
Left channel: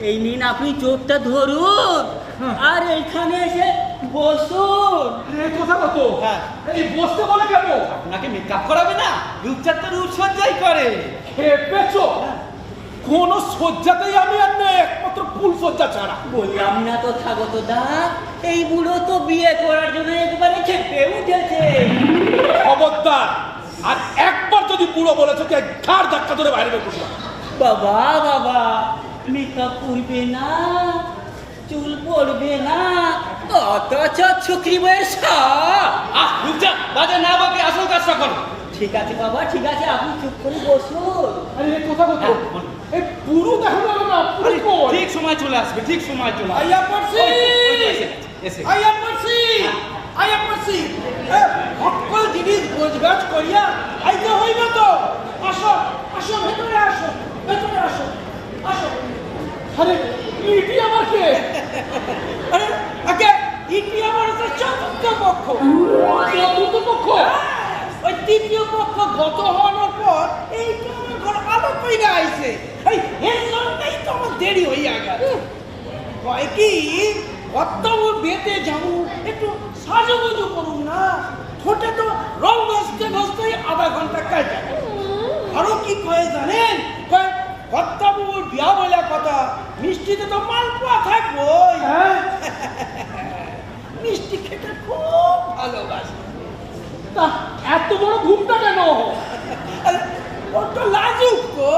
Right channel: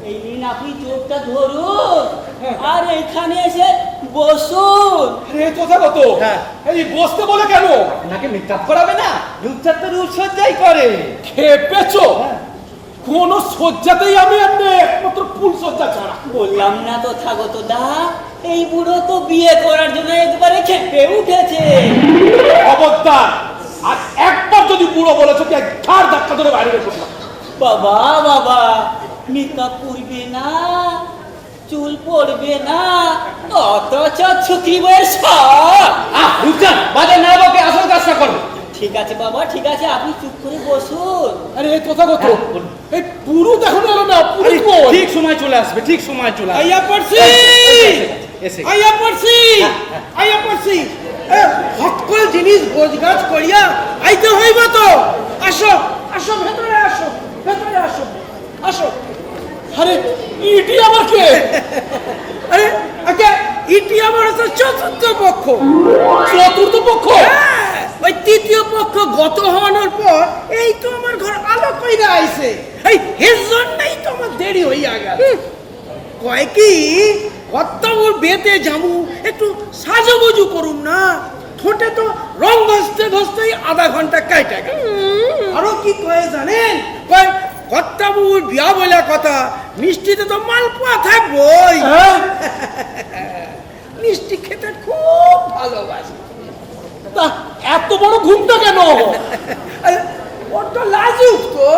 এই নিন আপনি চোখটা ধরুন আর এইখানে এসে বসুন। এ কথা কত? হ্যাঁ। এই বসতে বলে কেন? আপনাকে মেকআপ করাবে না, রূপচাঁদ তো রূপসজ্জাই করে। খেপেছো? কোন সজ্জাতেই আমি আর নেই, একমাত্র ফুল সজ্জা ছাড়া। বললাম না তো থাকো তো দা, এই বুড়ো তো বিয়ে করার জন্য একবারে খেপে উঠেছে। খবরদার, আর একবার যদি বুড়ো বলেছো কি ঘাড় ধাক্কা ধরে বাইরে বের করলাম। বাবা বাবা, মেকআপ করবে না, চুল পড়বে না, অথচ ছুটি বয়স। রূপচাঁদ বাজে না বকে আসল কাজটা করবে। ঠিক আছে বাবা, ঠিক আছে, আপনি চুপ করে বসুন। আরে এই কথা কত? এই পুরো দেখো না না, পুরো কই? ঠিক সময় চলে আসবে, ঠিক সময় চলে আসবে। আইয়া পড়ছি, এসে আইয়া পড়ছি, আইয়া পড়ছি। সকল জিনিস গোছগাছ করিয়া আইতে হইব তো। আসো আসো, ভেতরে আসো, ভেতরে আসো, আসো। আরে ইটি আমার কে? আরে আগে ইটি আমার হচ্ছে চতুর্থ পক্ষ। চতুর্থ পক্ষ? হ্যাঁ, ওই তৃতীয় পক্ষ গত হওয়ার পর এই তো আমার ঘর আলো কইরা আইছে। এই এর জন্যই তো আমার দেরি হইয়া গেল। কয় কি কত্তমর বেতে যামু, একটু সাজুগুজু করুম না, ঠোঁটে তো রং ঘষতে ঘষতেই আধা ঘন্টা কাইটা গেল। আরো কি কয়ে জানেন? কয় কত্তমুর বিয়া বলে কথা, মিষ্টিতে তো মালপোয়া থাকবই। মিষ্টি খেতে খুব ভালোবাসে। তা এত বড় ঘুমটা কেন? আরে, বড্ড লাজুক তো,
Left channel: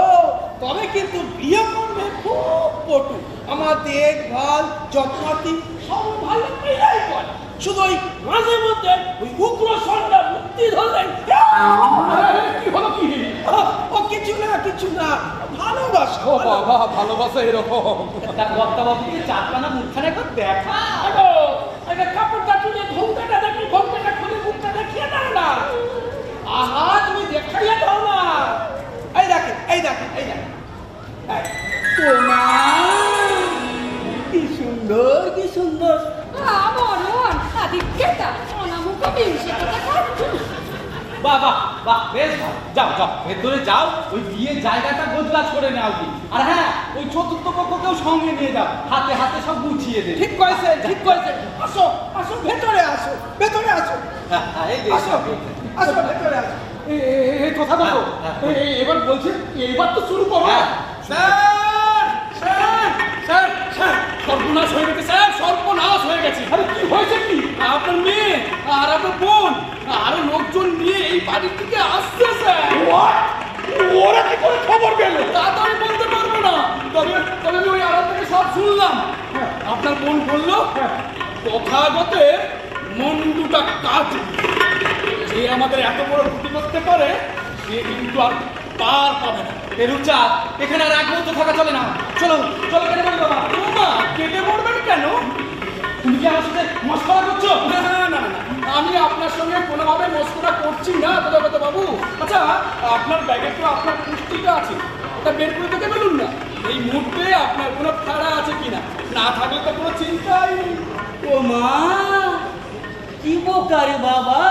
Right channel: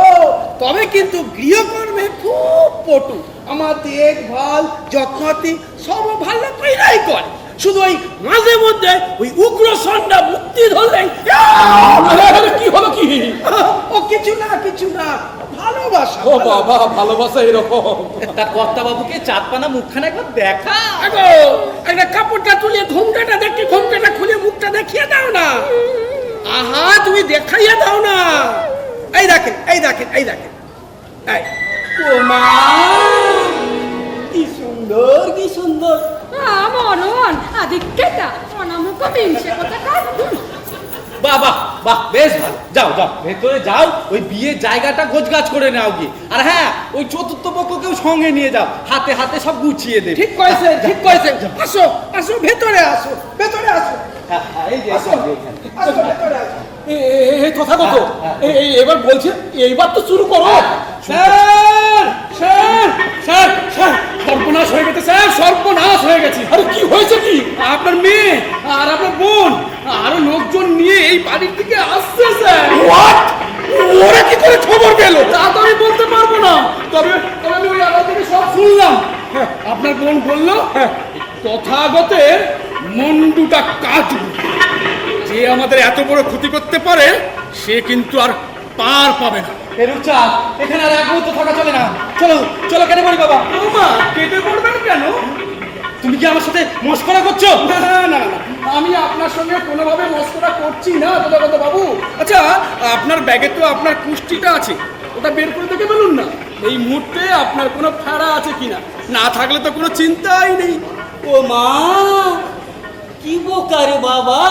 তবে কিন্তু গৃহকর্মে খুব পটু। আমার দেখভাল যত্নাতি সব ভালো কইরাই করে। শুধু ওই মাঝে মধ্যে ওই উগ্র সন্ধ্যা মুক্তি ধরলেই কি হলো কি? ও কিছু না কিছু না, ভালোবাসা। ও বাবা, ভালোবাসা এরকম? তা কর্তা বাবুকে চাঁদপানা মুখখানা একবার দেখা। আগো একটা কাপড়টা তুলে ঘোমটাটা দেখে, ঘোমটাটা খুলে মুখটা দেখিয়ে দাও না। আহা, তুমি দেখাইয়া দাও না। এই দেখেন, এই দেখেন, এই দেখেন, এই ওমা, কি সুন্দর, কি সুন্দর। মরণ আদিক্যতা অনামুখ বিংশে কোথাকার। বাহ বাহ বাহ, বেশ ভালো। যাও যাও ভেতরে যাও, ওই বিয়ের জায়গাটা গোছগাছ করে নাও গিয়ে। আর হ্যাঁ, ওই চতুর্থ পক্ষকেও সঙ্গে নিয়ে যাও, হাতে হাতে সব গুছিয়ে দেবে। ঠিক কইছে, ঠিক কইছে। আসো আসো, ভেতরে আসো, ভেতরে আসো, হ্যাঁ, হ্যাঁ, এই যে আসো, এখানে। আসো, ভেতরে আসো। এই কথা কত? এবার বলছে, এইবার তো শুরু করো। স্যার স্যার স্যার স্যার, সর্বনাশ হয়ে গেছে স্যার, সর্বনাশ হয়ে গেছে। আরে কি হয়েছে কি? আপনার মেয়ে আর আপনার বোন আরো লোকজন নিয়ে এই বাড়ির দিকে আসছে স্যার। ওরা কি করে খবর পেল? তা তো আমি বলতে পারবো না, তবে তবে আমি ওই আলাদা থেকে সব শুনলাম। আপনার বোন বললো তথাগতের মন্ডুটা কাটবে, যে আমাদের এত বড় ক্ষতি করতে পারে সে কিন্তু আর পার পাবে না। রূপচা, এখানে আর এক মুহূর্ত থাকা চলে না। চলো চলো, কেটে পড়ি বাবা। মা, কেটে পড়বেন কেন? তুমি কি আমার সাথে মস্করা করছো? না না না, আমি আপনার সঙ্গে কোনোভাবে মস্করা করছি না তথাগত বাবু। আচ্ছা, আপনার ব্যাগে তো আপনার কুষ্টিটা আছে, ওটা বের করে দেখে বলুন না এই মুহূর্তে আপনার কোনো ফাড়া আছে কিনা। না থাকলে তো কোনো চিন্তাই নেই। ও মা, কি বোকারে বাবা,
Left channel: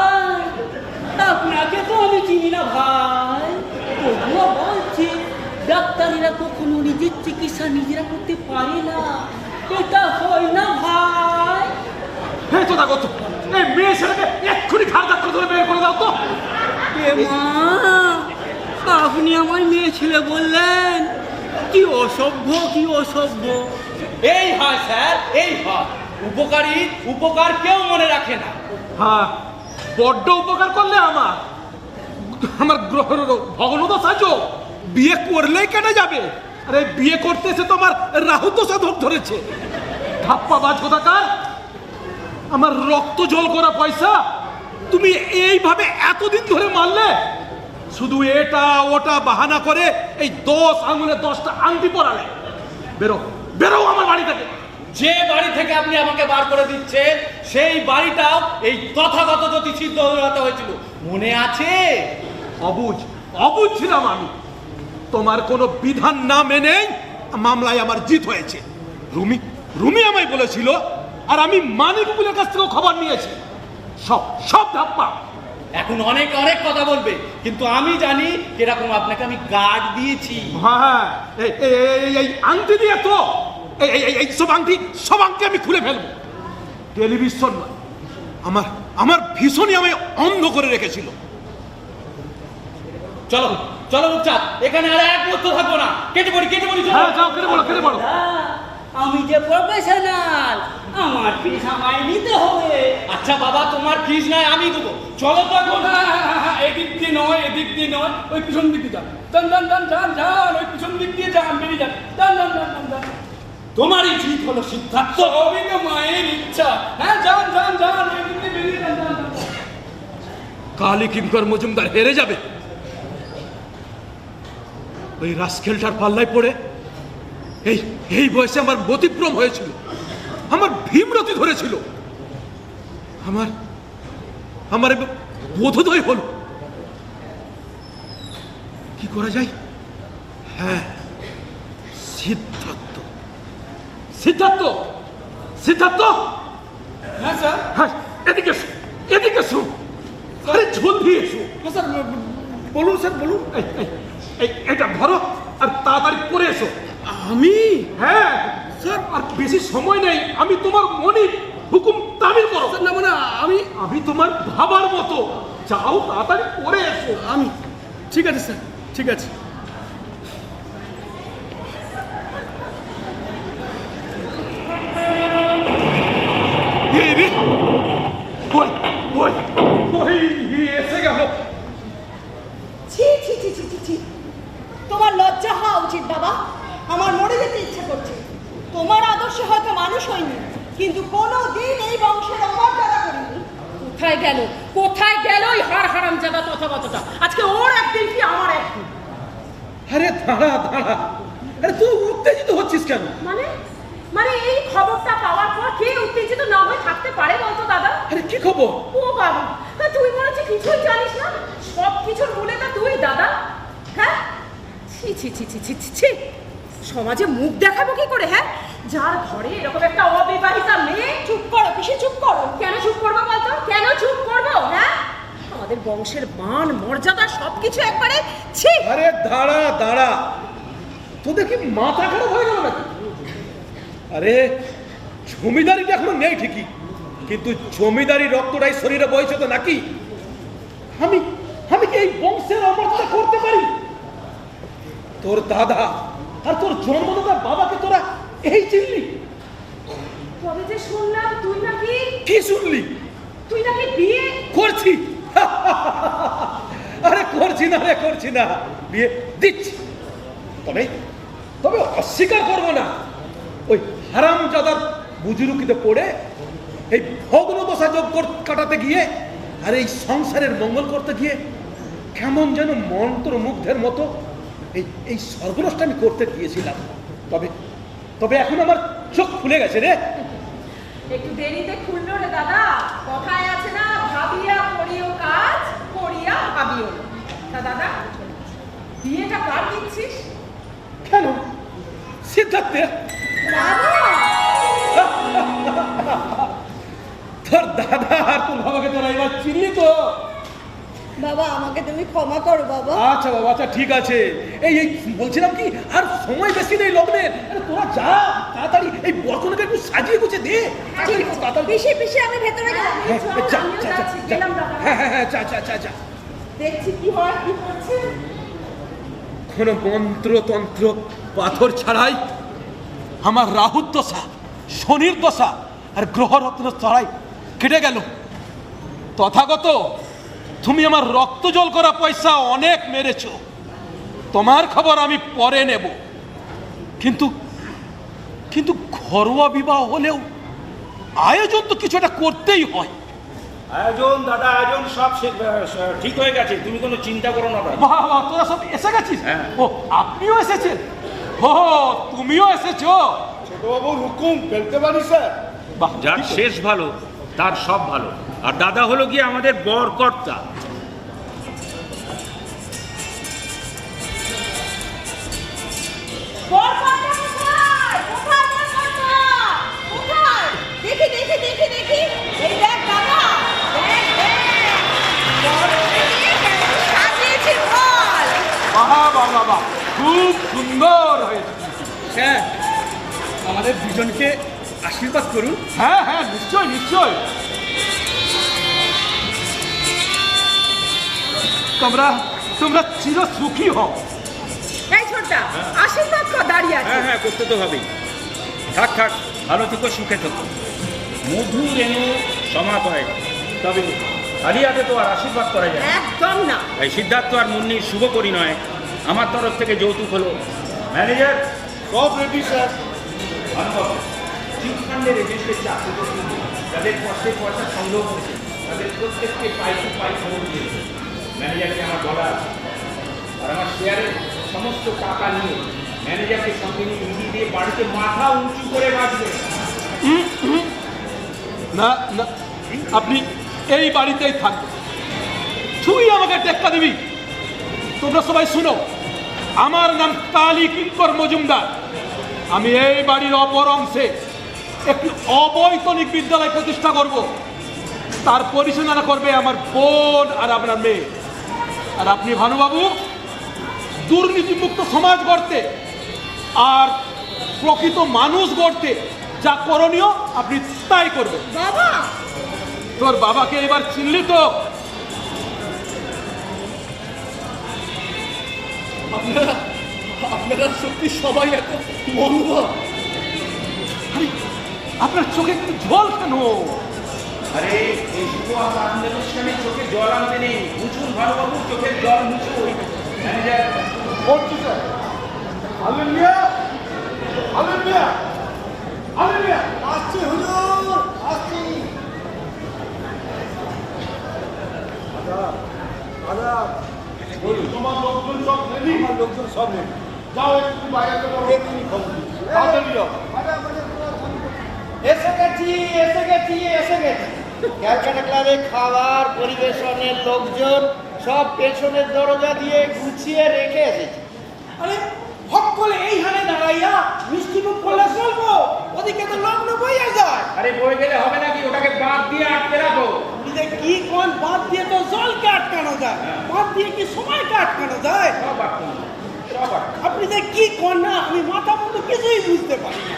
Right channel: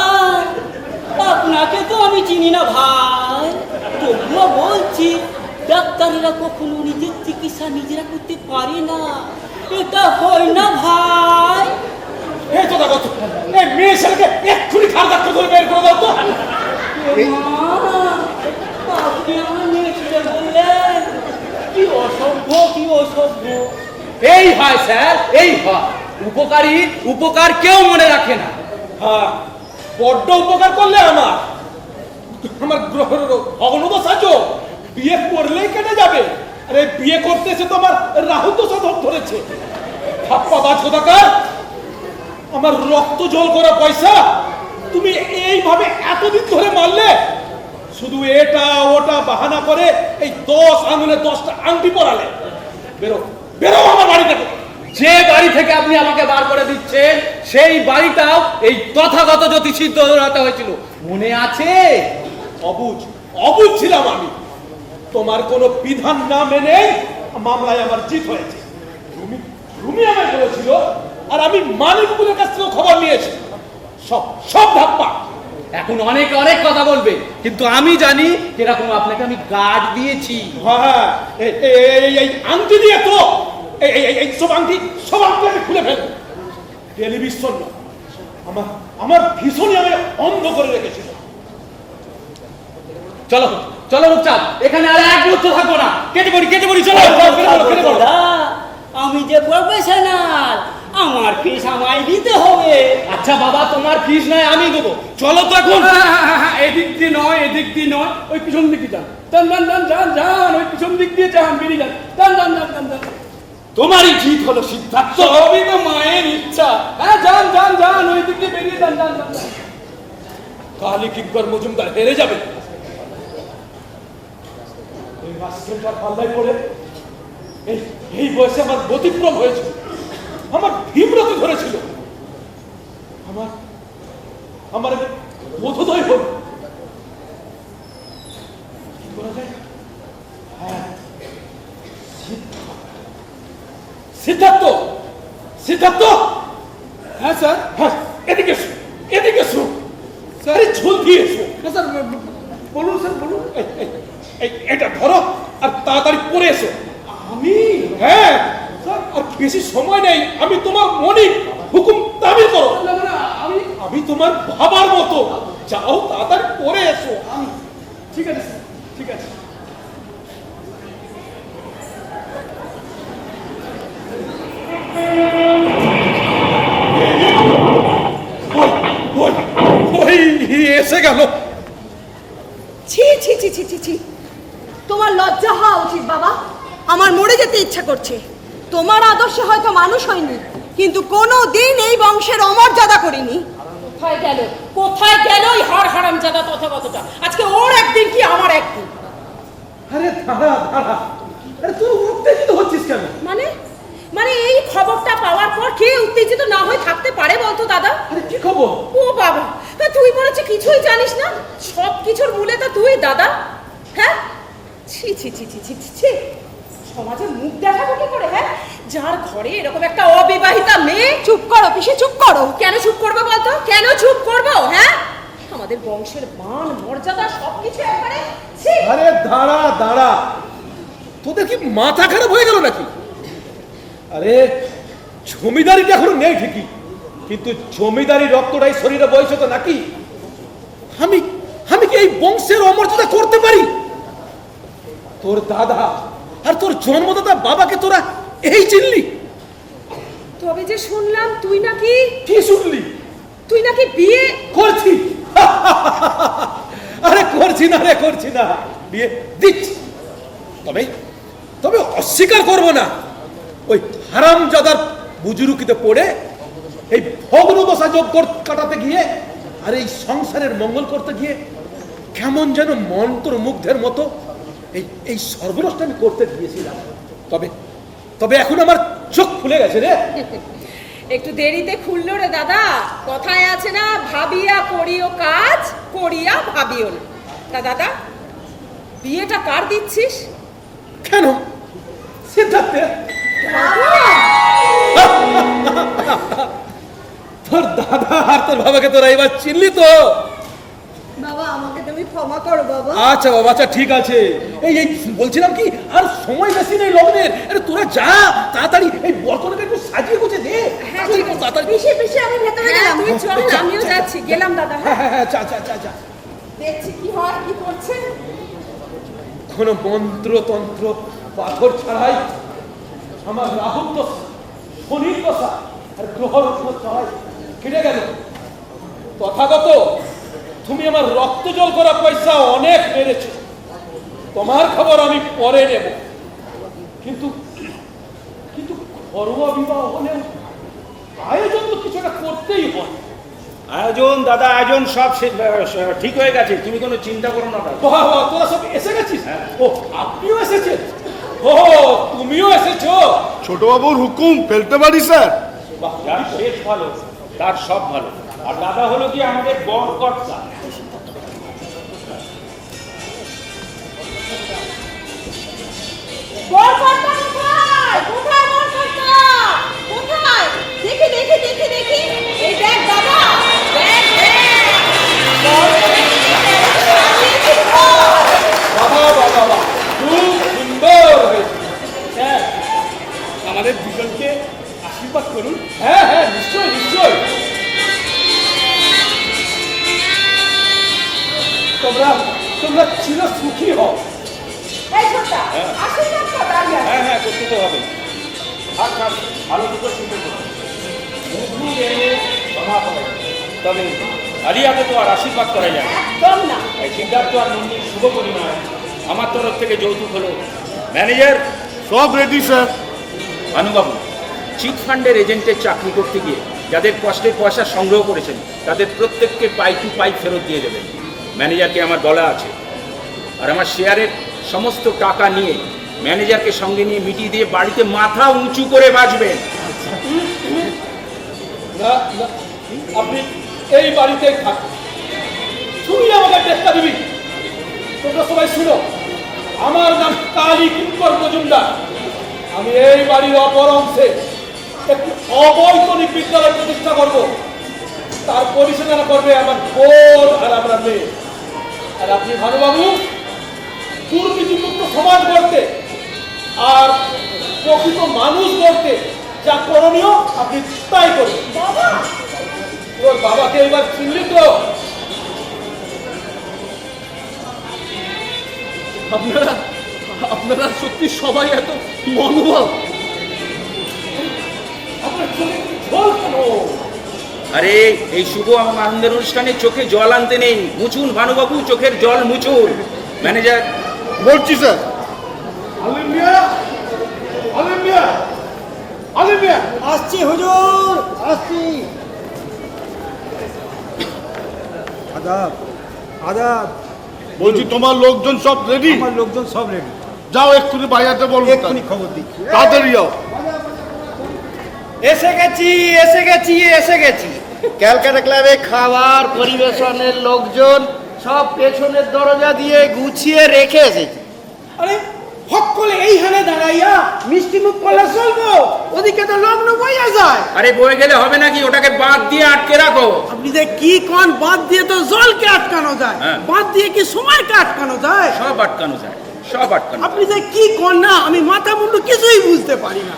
আপনাকে তো আমি চিনি না ভাই, তবুও বলছি ডাক্তারেরা কখনো নিজের চিকিৎসা নিজেরা করতে পারে না, এটা হয় না ভাই। এই কথা কত? এই মেয়ে ছেলেকে এক্ষুনি ঘাড় ধাক্কা ধরে বের করে দাও তো। এ মা, আপনি আমার মেয়ে ছেলে বললেন? কি অসভ্য, কি অসভ্য। এই হয় স্যার, এই হয়। উপকারী উপকার কেউ মনে রাখে না। হ্যাঁ, বড্ড উপকার করলে আমার ভগ্নদশা যোগ বিয়ে করলেই কেটে যাবে। আরে বিয়ে করতে এসে তো আমার রাহু দশা ধরেছে। ধাপ্পা বাছদাকার, আমার রক্ত জল করা পয়সা তুমি এইভাবে এতদিন ধরে মারলে। শুধু এটা ওটা বাহানা করে এই 10 আঙুলে 10টা আংটি পরালে। বেরো বেরো আমার বাড়ি থেকে। যে বাড়ি থেকে আপনি আমাকে বার করে দিচ্ছেন সেই বাড়িটাও এই তথাগত জ্যোতিষীর দৌড়াতে হয়েছিল, মনে আছে? অবুঝ অবুঝ ছিলাম আমি। তোমার কোনো বিধান না মেনে মামলায় আমার জিত হয়েছে। রুমি রুমি আমায় বলেছিল, আর আমি মানিকগুলোর কাছ থেকে খবর নিয়েছি। সব সব ধাপ্পা। এখন অনেকে অনেক কথা বলবে, কিন্তু আমি জানি কিরকম আপনাকে আমি গার্ড দিয়েছি। হ্যাঁ, এই আংটি দিয়ে তো এই সব আংটি আমি খুলে ফেলবো। টেলিভিশন না, আমার ভীষণই আমায় অন্ধ করে রেখেছিল। চলো চলো রূপচাঁদ, এখানে আর এক মুহূর্ত থাকবো না। কেটে পড়ি চলো। দাদা, আমি যে প্রফেশনাল, আমার ফিস আমায় দিতে হবে। আচ্ছা বাবা, তোমার ফিস নয় আমি দেবো। চলো তো এখন। এদিক দিয়ে নয়, এদিক দিয়ে নয়, ওই পিছন দিক দিয়ে যান। যান, ওই পিছন দিক দিয়ে যান, বেরিয়ে যান। যান। তোমারই জিত হলো সিদ্ধার্থ। সবই তো মায়ের ইচ্ছা। হ্যাঁ, যান, ওই দিক দিয়ে বেরিয়ে যান। কালী কিঙ্কর মজুমদার হেরে যাবে ওই রাস্কেলটার পাল্লায় পড়ে। এই বয়সে আমার ব্যতিক্রম হয়েছিল, আমার ভীমরতি ধরেছিল, আমার বোধোদয় হল। কি করা যায়? হ্যাঁ, সিদ্ধার্থ। হ্যাঁ স্যার। হ্যাঁ, এদিকে এসো। আরে জলদি এসো। স্যার বলুন স্যার, বলুন। এটা ধরো আর তাড়াতাড়ি পরে এসো। আমি? হ্যাঁ স্যার, আর বেশি সময় নেই। আমি তোমার মনিক, হুকুম তামিল করো। মানে আমি তোমার ভাবার মতো। যাও, তাড়াতাড়ি পরে এসো। আমি ঠিক আছে স্যার, ঠিক আছে। এসে গেল। ছি। তোমার লজ্জা হওয়া উচিত বাবা। আমার মরে যেতে ইচ্ছা করছে। তোমার আদর্শে হয়তো মানুষ হয়নি, কিন্তু কোনো দিন এই বংশের অমর্যাদা করিনি। কোথায় গেল ওই হারামজাদা তথাগতটা? আজকে ওর একদিন কি আমার একদিন। আরে দাঁড়া। আরে তুই উত্তেজিত হচ্ছিস কেন? মানে এই খবরটা পাওয়ার পর কে উত্তেজিত না হয়ে থাকতে পারে বলতো দাদা? আরে কি খবর? ও বাবা, তুই মনে হচ্ছে কিছুই জানিস না। সব কিছুর মূলে তা তুই দাদা। হ্যাঁ, ছি। সমাজে মুখ দেখাবো কি করে? হ্যাঁ, যার ঘরে এরকম একটা অবিবাহিতা মেয়ে। চুপ করো পিসি, চুপ করো। কেন চুপ করবো বলতো? কেন চুপ করবো? হ্যাঁ, আমাদের বংশের মান মর্যাদা সবকিছু একবারে ছি। আরে দাঁড়া। তোদের কি মাথা খারাপ হয়ে গেল নাকি? আরে জমিদারিটা এখনো নেই ঠিকই, কিন্তু জমিদারি রক্তটাই শরীরে বইছে তো নাকি? আমি কি এই বংশের অমর্যাদা করতে পারি? তোর দাদা আর তোর জন্মদাতা বাবাকে তোরা এই চিনলি? তবে যে শুনলাম তুই নাকি। কি শুনলি? তুই নাকি বিয়ে করছি। আরে করছি না, বিয়ে দিচ্ছি। তবে অস্বীকার করব না, ওই হারামজাদার বুজুরুকিতে পড়ে এই ভগ্নদশা যোগ কাটাতে গিয়ে আর এই সংসারের মঙ্গল করতে গিয়ে কেমন যেন মন্ত্রমুগ্ধের মতো এই সর্বনাশটাকে করতে গিয়েছিলাম। তবে এখন আমার চোখ খুলে গেছে রে। একটু দেরিতে খুললো রে দাদা। কথায় আছে না, ভাবিয়া করিও কাজ, করিয়া ভাবিও না। তা দাদা, বিয়েটা কার দিচ্ছিস? কেন? সিদ্ধার্থে। তোর দাদা আর তোর বাবাকে তোরা এবার চিনলি তো? বাবা, আমাকে তুমি ক্ষমা করো বাবা। আচ্ছা বাবা, আচ্ছা ঠিক আছে। এই বলছিলাম কি, আর সময় বেশি নেই লগ্নের। আরে তোরা যা, তাড়াতাড়ি এই বরকনেকে একটু সাজিয়ে গুছিয়ে দে। পিসি আমি ভেতরে গেলাম। তুই চল, আমিও যাচ্ছি। গেলাম দাদা। হ্যাঁ, যা। দেখছি কি হয়, কি করছে। কোনো মন্ত্র তন্ত্র পাথর ছাড়াই আমার রাহুর দশা, শনির দশা আর গ্রহরত্ন চড়াই কেটে গেল। তথাগত তুমি আমার রক্ত জল করা পয়সা অনেক মেরেছ, তোমার খবর আমি পরে নেব। কিন্তু কিন্তু ঘরোয়া বিবাহ হলেও আয়োজন তো কিছু একটা করতেই হয়। আয়োজন দাদা, আয়োজন সব ঠিক হয়ে গেছে, তুমি কোনো চিন্তা করো না ভাই। বাহ, বাহ, তোরা সব এসে গেছিস? হ্যাঁ। ও, আপনিও এসেছেন? ও, তুমিও এসেছো? ছোট বাবুর হুকুম ফেলতে পারি স্যার? বাহ, যার শেষ ভালো তার সব ভালো। আর দাদা হলো গিয়ে আমাদের বরকর্তা। বরকর্তা কোথায়? কোথায় বরকর্তা? কোথায়? দেখি দেখি দেখি দেখি, এই দেখ দাদা, দেখ দেখ, বরকর্তাকে কেমন সাজিয়েছি ঘর। বাহ, বাহ, বাহ, বাহ, খুব সুন্দর হয়েছে। স্যার, আমাদের দুজনকে আশীর্বাদ করুন। হ্যাঁ হ্যাঁ, নিশ্চয় নিশ্চয়। তোমরা তোমরা চির সুখী হও। এই ছোটটা, আশীর্বাদ কর, দাঁড়িয়ে আছে। হ্যাঁ হ্যাঁ, করতে তো হবে। থাক থাক, ভালো থেকো, সুখে থেকো। মধু এনে সমাপয়, তবে খালি হাতে তো আর আশীর্বাদ করা যায় না। একদম না। এই সিদ্ধার্থ আর মুন্নির শুভ পরিণয় আমার তরফ থেকে যৌতুক হলো। ম্যানেজার, সব রেডি স্যার। ভানুবাবু, চিট ফান্ডের এজেন্টের চাকরি করতে গিয়ে যাদের কষ্টের পয়সা সংগ্রহ করেছেন তাদের প্রত্যেককে পাই টু পাই ফেরত দিয়ে দেবেন। ম্যানেজারকে আমার বলা আছে। আর আমার শেয়ারের সমস্ত টাকা নিয়ে ম্যানেজারকে সঙ্গে নিয়ে মিটিয়ে দিয়ে বাড়িতে মাথা উঁচু করে বাঁচবেন। না না, আপনি এই বাড়িতেই থাকবেন। তুই আমাকে টেক্কা দিবি? তোমরা সবাই শুনো, আমার নাম কালী কিঙ্কর মজুমদার। আমি এই বাড়ির অপর অংশে একটি অবৈতনিক বিদ্যালয় প্রতিষ্ঠা করব। তার পরিচালনা করবে আমার বোন আর আপনার মেয়ে। আর আপনি ভানুবাবু, দুর্নীতিমুক্ত সমাজ গড়তে আর প্রকৃত মানুষ গড়তে যা করণীয় আপনি তাই করবেন। বাবা, তোর বাবাকে এবার চিনলি তো? আপনারা আপনারা সত্যি সবাই এত মনোভাব। আপনার চোখে কি জল কেন? আরে এই শুভ আনন্দের অনুষ্ঠানে চোখে জল আনতে নেই, মুছুন ভানুবাবু, চোখের জল মুছুন। ম্যানেজার, বলছি স্যার। আলিম মিয়া, আলিম মিয়া, আলিম মিয়া। আসছি হুজুর, আসছি। আদাব আদাব। বলছি তোমার লোকজন সব রেডি? আমার লোকজন সব রেডি। যাও এক্ষুনি বাইরে বলবো। এক্ষুনি খবর দিচ্ছি। তাড়াতাড়ি যাও। এসে গেছি, এসে গেছি, এসে গেছি। ক্যালকাটা ক্লাবে খাবার পরিবেশনের লোকজন সব পেছনের দরজা দিয়ে গুছিয়ে রেখে এসেছি। আরে সকলে এইখানে দাঁড়াইয়া মিষ্টি মুখ করলে চলবো? ওদিকে তো লগ্ন বইয়া যায়। আরে বয়ে গেলে হবে নাকি? ওটাকে বাঁধ দিয়ে আটকে রাখো। আপনি যে কি কোন বাদ দিয়ে তো জলকে আটকানো যায়, হ্যাঁ। বাদ দিয়ে কি সময়কে আটকানো যায়? সব আটকানো যায়, সব আটকানো। আপনি যে কি কোন না, আমি মাথা মুন্ডু কিছুই বুঝতে পারি না।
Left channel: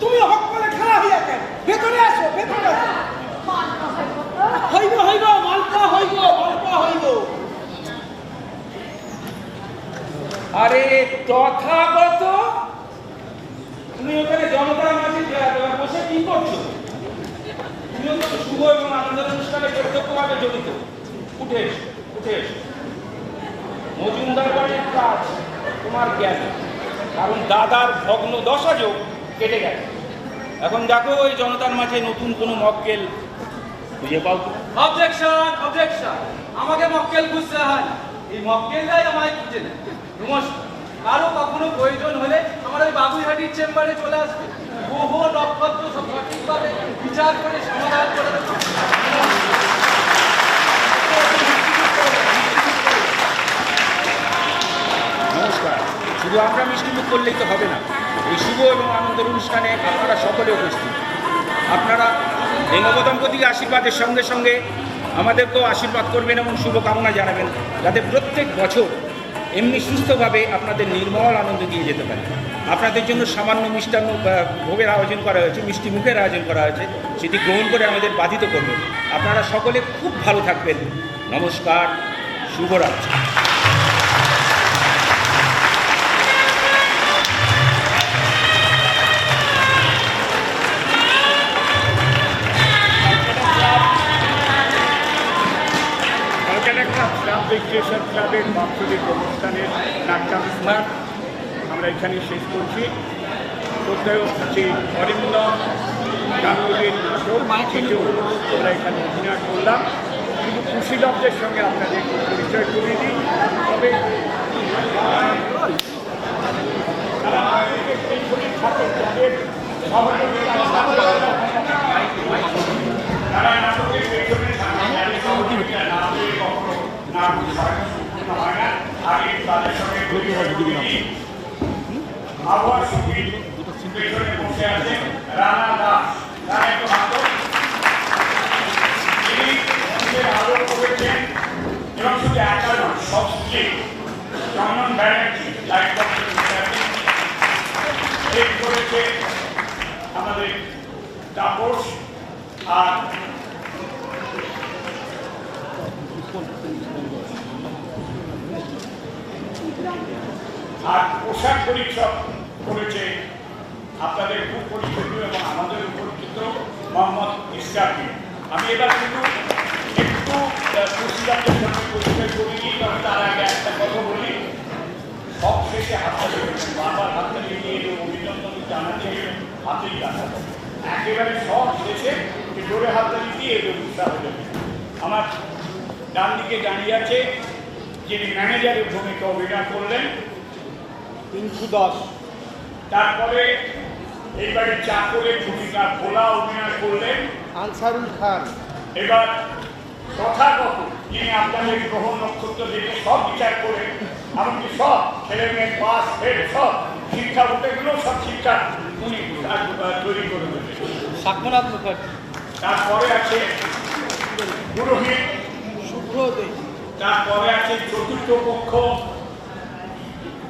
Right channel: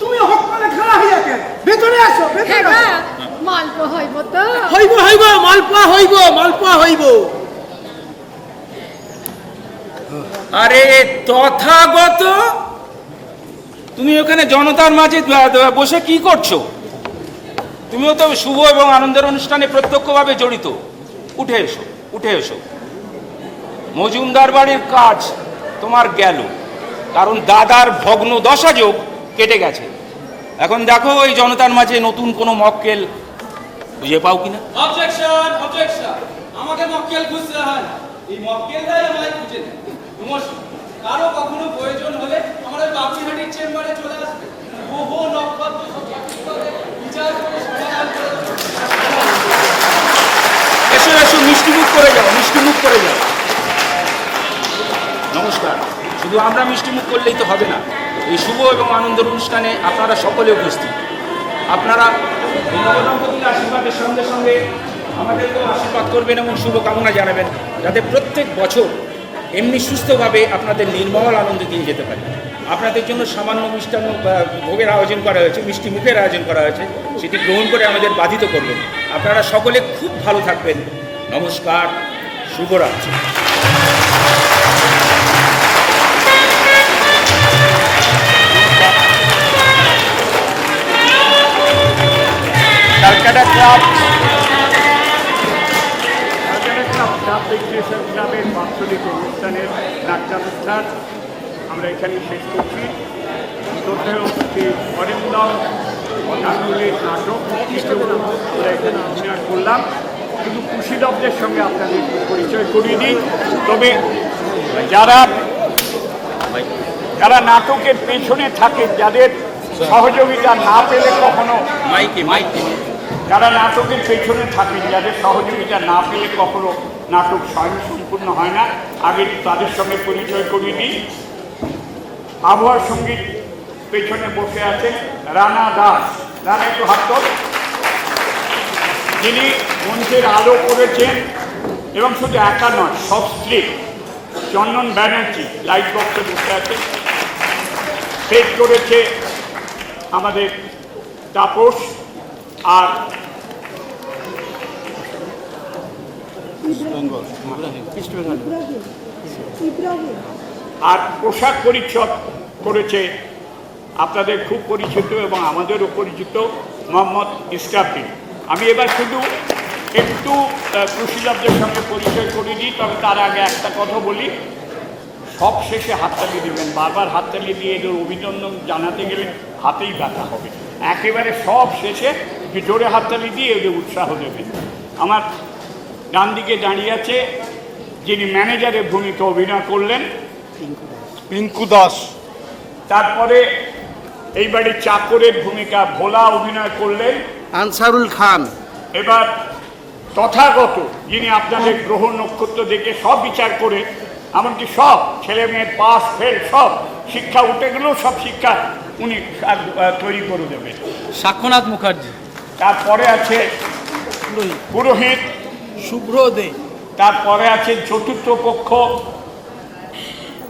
তুমি হক করে খাড়া হইয়া কেন? ভেতরে আসো, ভেতরে আসো। মালপো হইব তো? হইব হইব, মালপোয়া হইব, মালপোয়া হইব। আরে তথাগত, তুমি ওখানে জনতার মাঝে বসে কি করছো? তুমিও তো শুভ এবং আনন্দের অনুষ্ঠানে প্রত্যক্ষভাবে জড়িত। উঠে এসো, উঠে এসো। মজুমদার বাড়ির কাজ তোমার গেল, কারণ দাদার ভগ্ন দশা যোগ কেটে গেছে। এখন দেখো এই জনতার মাঝে নতুন কোনো মক্কেল খুঁজে পাও কিনা। Objection, objection. আমাকে মক্কেল খুঁজতে হয় না, এই মক্কেলরাই আমায় খুঁজে নেয়। নমস্কার। কারো কখনো প্রয়োজন হলে আমাদের বাবুইহাটির চেম্বারে চলে আসবে। গ্রহ নক্ষত্র সব সঠিকভাবে বিচার করে সমাধান করে দেবে। এসো এসো, মিষ্টিমুখ করে যাও, মিষ্টিমুখ করে যাও। নমস্কার। শুধু আমরা মিষ্টিমুখ করলেই তো হবে না, এই শুভ এবং আনন্দের অনুষ্ঠানে আপনারা সকলে উপস্থিত। আপনারা এই নবদম্পতিকে আশীর্বাদের সঙ্গে সঙ্গে আমাদেরকেও আশীর্বাদ করবেন এবং শুভকামনা জানাবেন, যাতে প্রত্যেক বছর এমনি সুস্থভাবে আপনাদের নির্মল আনন্দ দিয়ে যেতে পারে। আপনাদের জন্য সামান্য মিষ্টান্ন ভোগের আয়োজন করা হয়েছে, মিষ্টি মুখের আয়োজন করা হয়েছে, সেটি গ্রহণ করে আমাদের বাধিত করবেন। আপনারা সকলে খুব ভালো থাকবেন। নমস্কার, শুভরাত্রি। ক্লাবের বাৎসরিক অনুষ্ঠানের নাট্যানুষ্ঠান আমরা এখানে শেষ করছি। শ্রদ্ধেয় শ্রী অরিন্দম গাঙ্গুলির নাটক আমরা এখানে অভিনয় করলাম। শুধু কুশীলবদের সঙ্গে আপনাদের পরিচয় করিয়ে দিই। তবে যারা নাটকের পেছনে থাকেন, যাদের সহযোগিতা না পেলে কখনো যারা নাটকের পেছনে থাকেন, যাদের সহযোগিতা না পেলে কখনো নাটক স্বয়ংসম্পূর্ণ হয় না, আগে তাদের সঙ্গে পরিচয় করিয়ে দিই। আবহাওয়ার সঙ্গীত পেছনে বসে আছে রানা দাস। রানা একটু হাত কর। তিনি মঞ্চের আলো করেছেন এবং শুধু একা নয়, সব স্লিপ। চন্দন ব্যানার্জি লাইট বক্সে বসে আছে। সেট করেছে আমাদের তাপস। আর পোশাক পরিচ্ছদ করেছে আপনাদের খুব পরিচিত এবং আমাদেরও পরিচিত মোহাম্মদ ইসরাফিল। আমি এবার শুধু একটু কুশীলবদের সঙ্গে পরিচয় করে দিই। তবে তার আগে একটা কথা বলি, সব শেষে হাততালি দেবেন। বারবার হাততালি দিয়ে এদের অভিনন্দন জানাতে গেলে হাতেই কাটা হবে। একেবারে সব শেষে জোরে হাততালি দিয়ে এদের উৎসাহ দেবেন। আমার ডান দিকে দাঁড়িয়ে আছে যিনি ম্যানেজারের ভূমিকা অভিনয় করলেন, পিঙ্কু দাস। তারপরে এই বাড়ির চাকরের ভূমিকা ভোলা অভিনয় করলেন আনসারুল খান। এবার তথাগত, যিনি আপনাদের গ্রহ নক্ষত্র দেখে সব বিচার করে এমনকি সব ছেলে মেয়ে পাস ফেল সব শিক্ষা উঠে গেলেও সব শিক্ষা উনি তৈরি করে দেবেন, সাক্ষনাথ মুখার্জি। তারপরে আছে পুরোহিত শুভ্র দে। তারপরে আছে চতুর্থ পক্ষ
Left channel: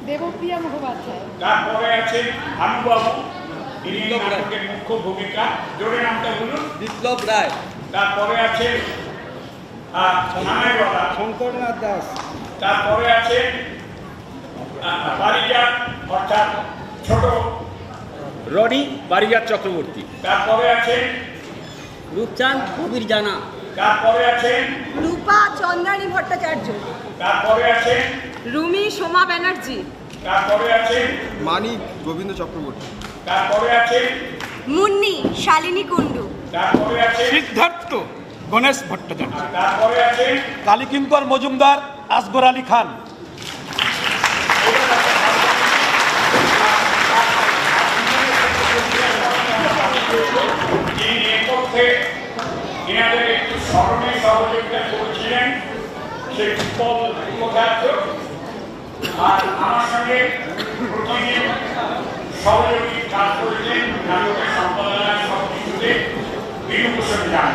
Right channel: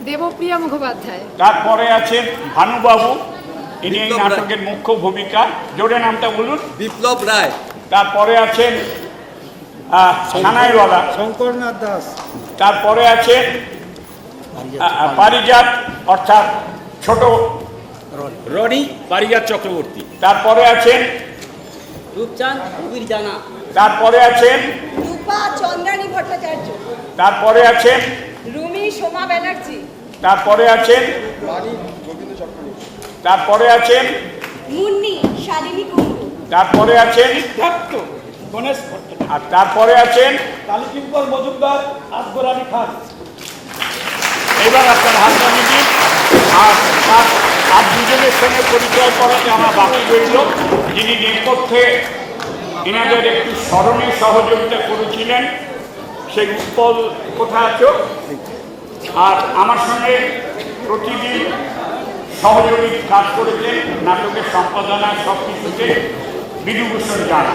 দেবপ্রিয়া মুখোপাধ্যায়। তারপরে আছেন ভানুবাবু, ইনি এই নাটকের মুখ্য ভূমিকা। জোরে নামটা বলুন। বিপ্লব রায়। তারপরে আছেন সানাইওয়ালা শঙ্করনাথ দাস। তারপরে আছেন পারিজাত অর্থাৎ ছোট রনি পারিজাত চক্রবর্তী। তারপরে আছেন রূপচাঁদ জানা। তারপরে আছেন রূপা চন্দ্রানী ভট্টাচার্য। তারপরে আছেন রুমি সোমা ব্যানার্জি। তারপরে আছেন মানিক গোবিন্দ চক্রবর্তী। তারপরে আছেন মুন্নি শালিনী কুণ্ডু। তারপরে আছেন সিদ্ধার্থ গণেশ ভট্টাচার্য। আর তারপরে আছেন কালীকিঙ্কর মজুমদার, আসগর আলী খান। এবার আপনার হাত নামিয়ে আর দুজনের সঙ্গে পরিচয় করাতে আমার বাকি রইল, যিনি নেপথ্যে এনাদের একটু স্মরণে সহযোগিতা করেছিলেন, সেই উৎপল কোথায় আছো। আর আমার সঙ্গে প্রতিদিন সহযোগী কাজ করেছেন নাটকের সম্পাদনায় সব কিছুতে বিধুভূষণ জানা।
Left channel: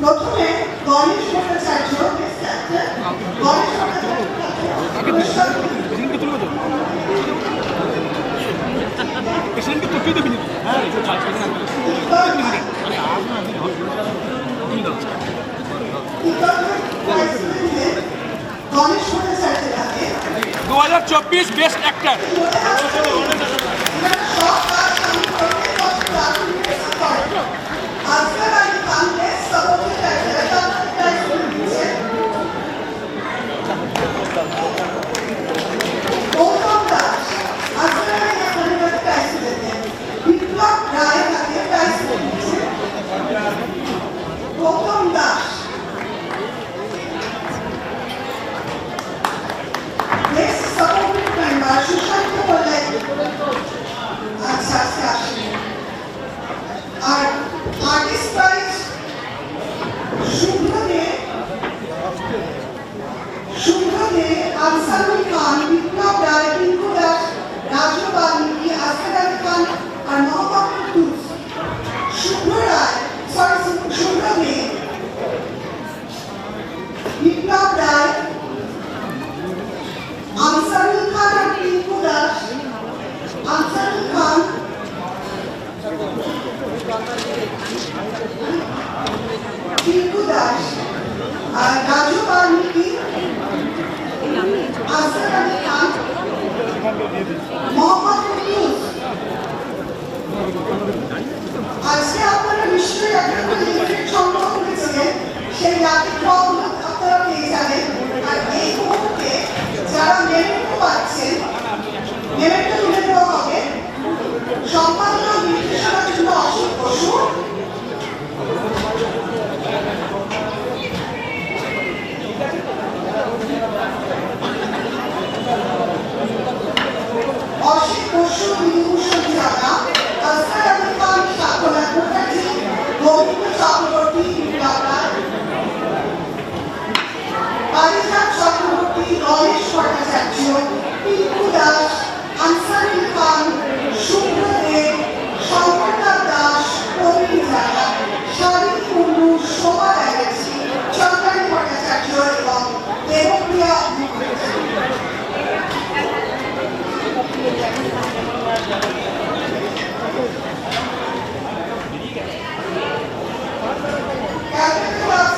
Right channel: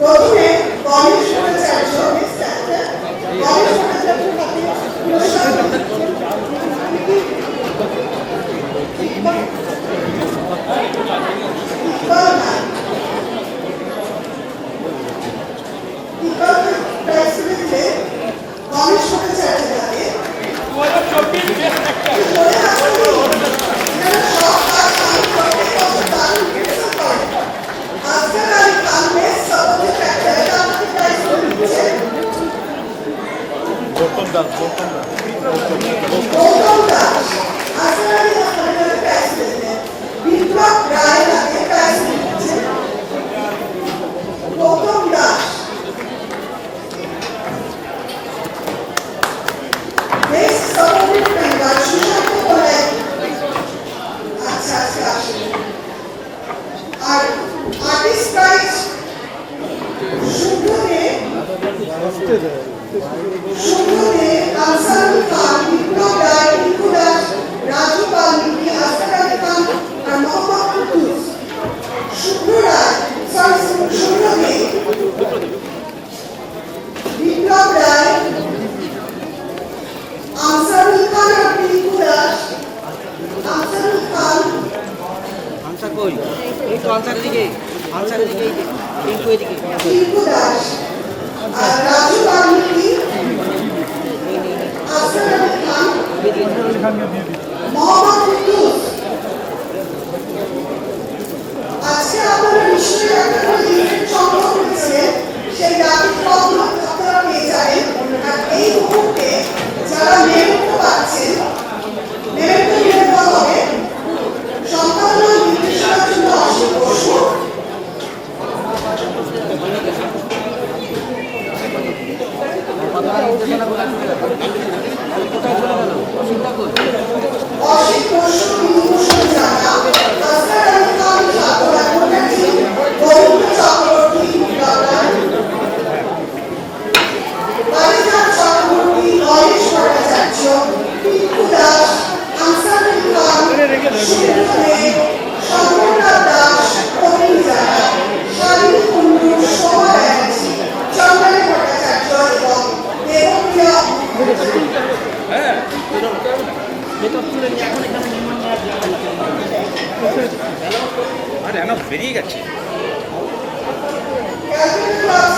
প্রথমে গণেশ ভট্টাচার্য আর্টিস্ট প্রাইজ শুভ দে আনসারুল খান, বিপ্লব রায়, টিঙ্কু দাস, রাজু বাল্মীকি, আসগার আলী খান আর মোহাম্মদ কুদ্দুস। শুভ্র রায়, শুভ্র দে, বিপ্লব রায়, আনসারুল খান আর টিঙ্কু দাস, আনসারুল খান, টিঙ্কু দাস আর রাজু বাল্মীকি, আসগার আলী খান, মোহাম্মদ কুদ্দুস। আজকে আপনারা নিশ্চয়ই একটা করে লিমিটেড সংগ্রহ করেছিলেন, সেই ব্যতিক্রমগুলো আপনারা পেয়ে যাবেন। আর এই মুহূর্তে যারা মেমেন্টো পাচ্ছেন, মেমেন্টো নিয়ে দেওয়া হবে সম্পাদনা নির্দেশনার জন্য অশোক বসু, অশোক বসু, বিভূষণ জানা, আসগার আলী খান, সাগর মুখার্জি, রবীন্দ্র চক্রবর্তী, বিপ্লব রায়, পারিজাত চক্রবর্তী, নরেশ ভট্টাচার্য, টিঙ্কু দাস, আনসারুল খান, শুভ্র দে, শঙ্করনাথ দাস, প্রবীণ জানা, শালিনী কুণ্ডু, শোভা ব্যানার্জি, চন্দ্রানী ভট্টাচার্য এবং দেবপ্রিয়া বেরিয়ে গেছে। Captain club